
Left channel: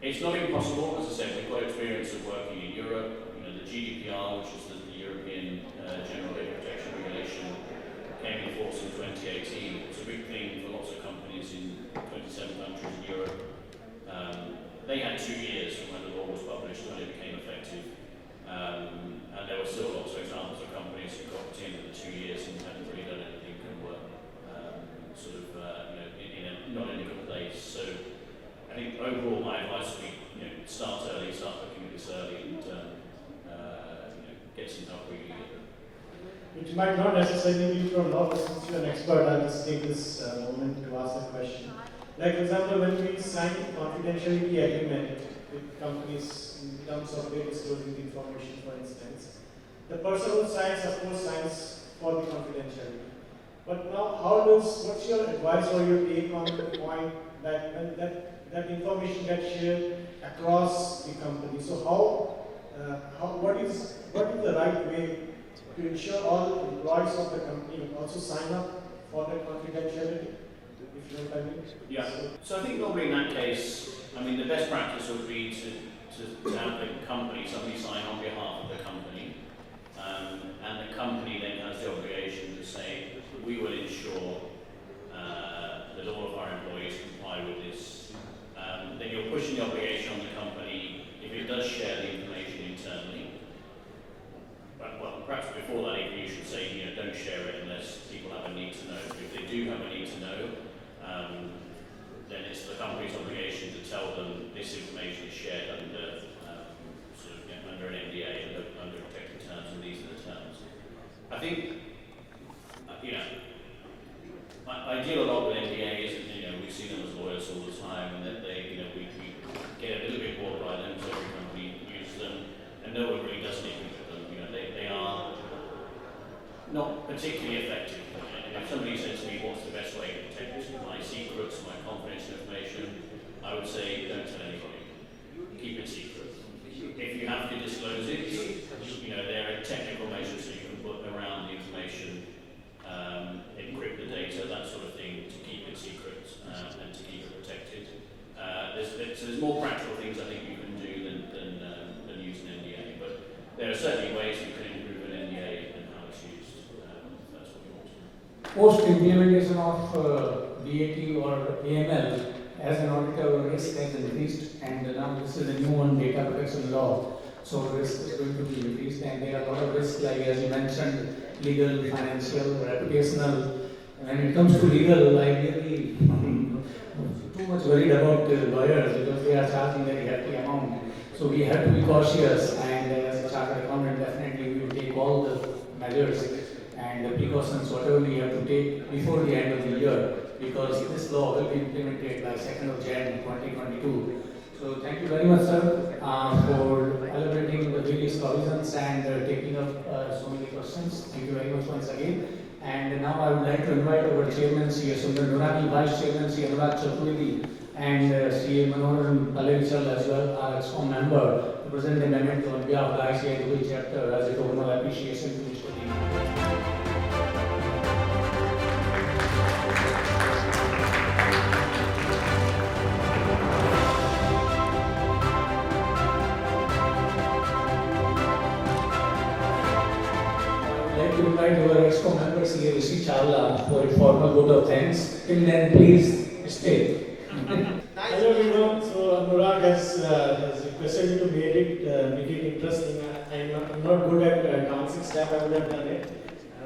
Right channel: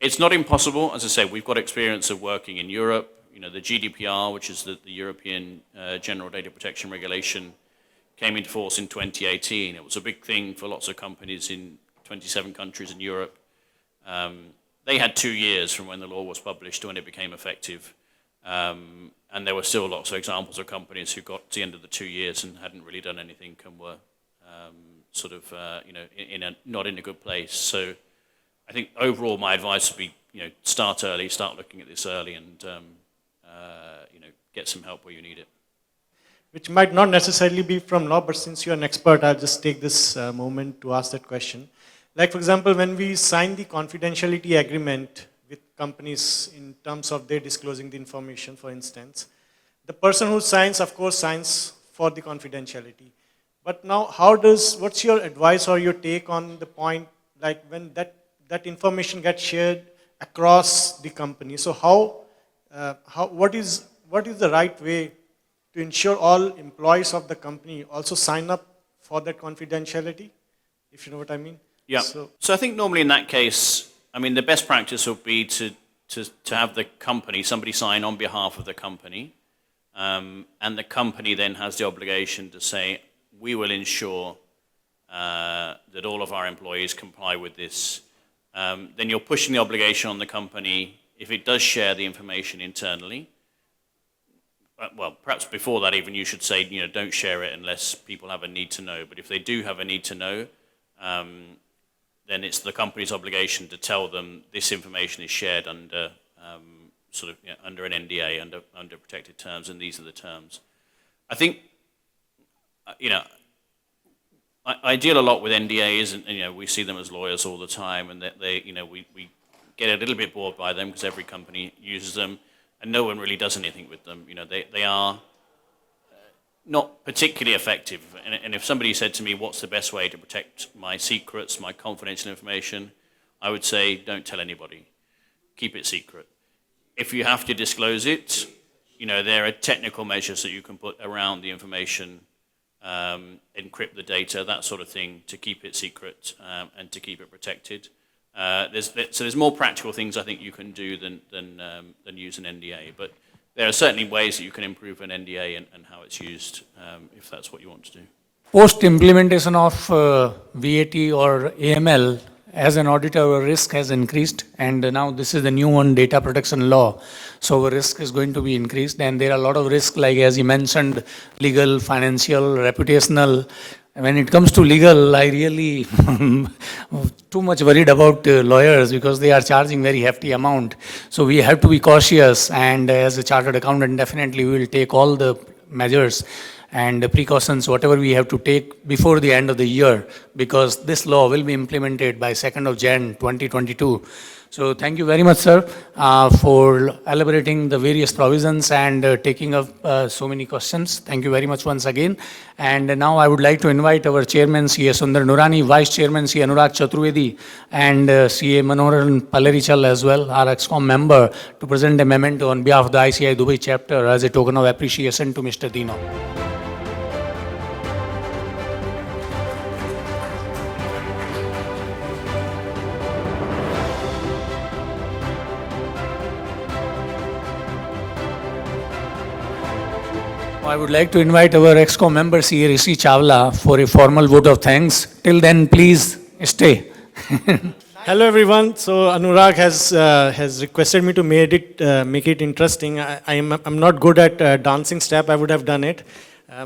It's not impossible. As I say, we've got experience of working in Europe. The GDPR, which is the European General Data Protection Regulation, came into force in 2018. It was a big thing for lots of companies in 27 countries in Europe. They had 2 years from when the law was published to when it became effective. And there were still lots of examples of companies who got to the end of the 2 years and hadn't really done anything and were sort of, not in a good place. So I think overall my advice would be, start early, start looking at this early and, get some help where you need it. Which might not necessarily be from law, but since you're an expert, I'll just take this moment to ask that question. Like, for example, when we sign the confidentiality agreement with companies in terms of their disclosing the information, for instance, the person who signs, of course, signs for the confidentiality. But now, what's your advice or your take on the point, like when that information gets shared across the company? So what is the right way to ensure all employees of the company also sign up for that confidentiality, if you know what I mean? Yeah. So I think normally in that case, the best practice would be to have the company, somebody sign on behalf of the company, and the company then has the obligation to say, we will ensure that all of our employees comply with this. Then you're pushing the obligation on the company if it does share the information internally. Well, perhaps before that even you should say, don't share it unless people have a need to know. But if they do have a need to know, then it's the company's obligation to tell them this information is shared under under an NDA, under protected terms, and these are the terms. I think, I deal a lot with NDAs, and we see them as lawyers all the time, and that we get a little bit bored by them because every company uses them, and no one really does anything with them. They are not particularly effective. And if somebody said to me, what's the best way to protect my secrets, my confidential information, I would say, don't tell anybody. Keep it secret. If you have to disclose it, there are technical measures that you can put around the information, encrypt the data, that sort of thing, to keep it secret and to keep it protected. So there's more practical things I think you can do than use an NDA. But there are certainly ways that you can improve an NDA and how it's used, if that's what you want to do. Post implementation of VAT or AML, as an auditor, our risk has increased, and now this is the new one, data protection law. So our risk is going to be increased, and there are a lot of risks, like as you mentioned, legal, financial, reputational. When it comes to legal, I really too much worried about lawyers because they are charging very hefty amount. So we have to be cautious, and as a chartered accountant, definitely we will take all the measures and precautions, whatever we have to take before the end of the year, because this law will be implemented by 2nd of Jan 2022. So thank you very much, sir, for elaborating the various provisions and taking up so many questions. Thank you very much once again. And now I would like to invite our chairman, CA Sundar Nurani, vice chairman, CA Anurag Chaturvedi, and CA Manoharan Palerichal as well, our EXCOM member, to present a memento on behalf of the ICI Dubai chapter as a token of appreciation to Mr. Dino. I would like to invite our EXCO member, CA Rishi Chawla, for a formal vote of thanks. Till then, please stay. Hello, everyone. So Anurag has requested me to make it interesting. I'm not good at dancing step. I would have done it.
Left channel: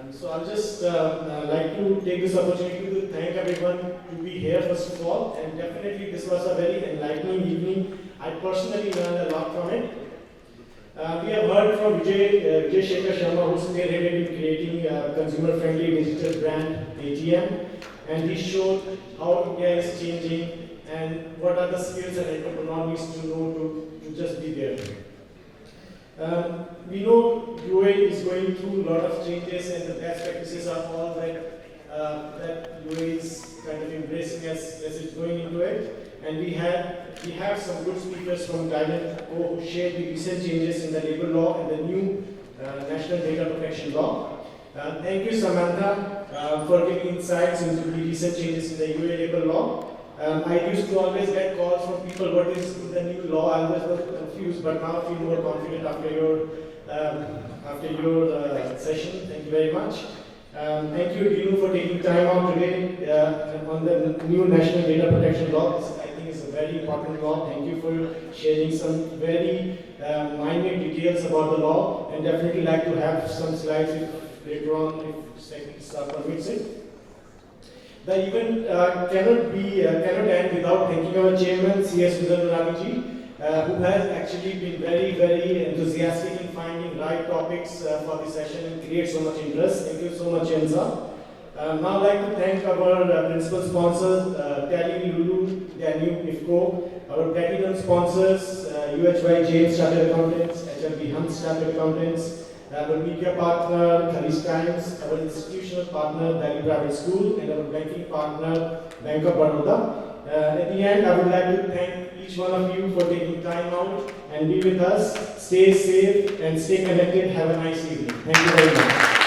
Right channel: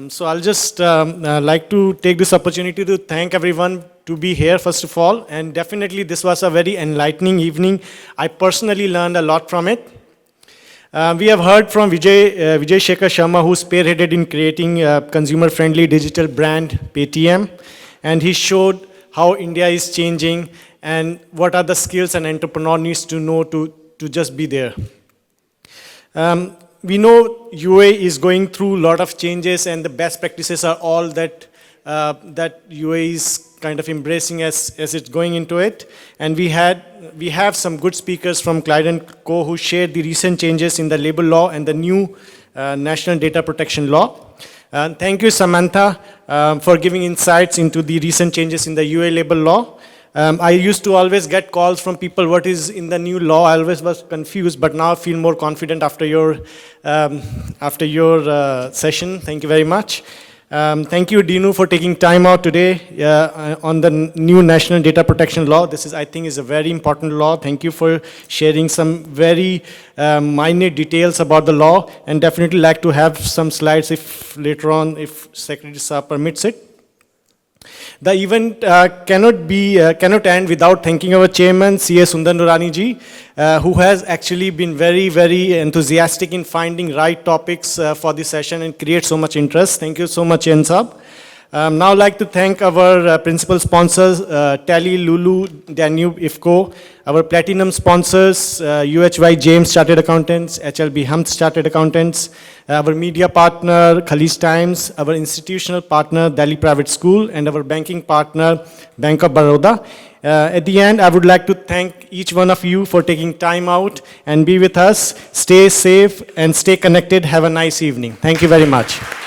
So I'll just like to take this opportunity to thank everyone to be here, first of all. And definitely, this was a very enlightening evening. I personally learned a lot from it. We have heard from Vijay Shekhar Sharma, who spearheaded in creating a consumer-friendly digital brand, Paytm, and he showed how India is changing and what are the skills an entrepreneur needs to know to just be there. We know UAE is going through a lot of changes, and the best practices are all that UAE is kind of embracing as it's going into it. And we have some good speakers from Clyde & Co. who shared the recent changes in the labor law and the new national data protection law. Thank you, Samantha, for giving insights into the recent changes in the UAE labor law. I used to always get calls from people, what is in the new law? I always was confused, but now I feel more confident after your session. Thank you very much. Thank you, Dinu, for taking time out today on the new National Data Protection Law. This is, I think, is a very important law. Thank you for sharing some very minute details about the law, and definitely like to have some slides if later on, if Secretary Saab permits it. The event cannot end without thanking our chairman, C.A. Sundar Nurani ji, who has actually been very, very enthusiastic in finding right topics for this session and create so much interest. Thank you so much, Chairman Saab. Now I'd like to thank our principal sponsors, Tally, Lulu, Danube, IFCO, our platinum sponsors, UHY James Chartered Accountants, HLB Humph Chartered Accountants, our media partner, Khalij Times, our institutional partner, Delhi Private School, and our banking partner, Bank of Baroda. At the end, I would like to thank each one of you for taking time out and be with us. Stay safe and stay connected. Have a nice evening. Thank you very much.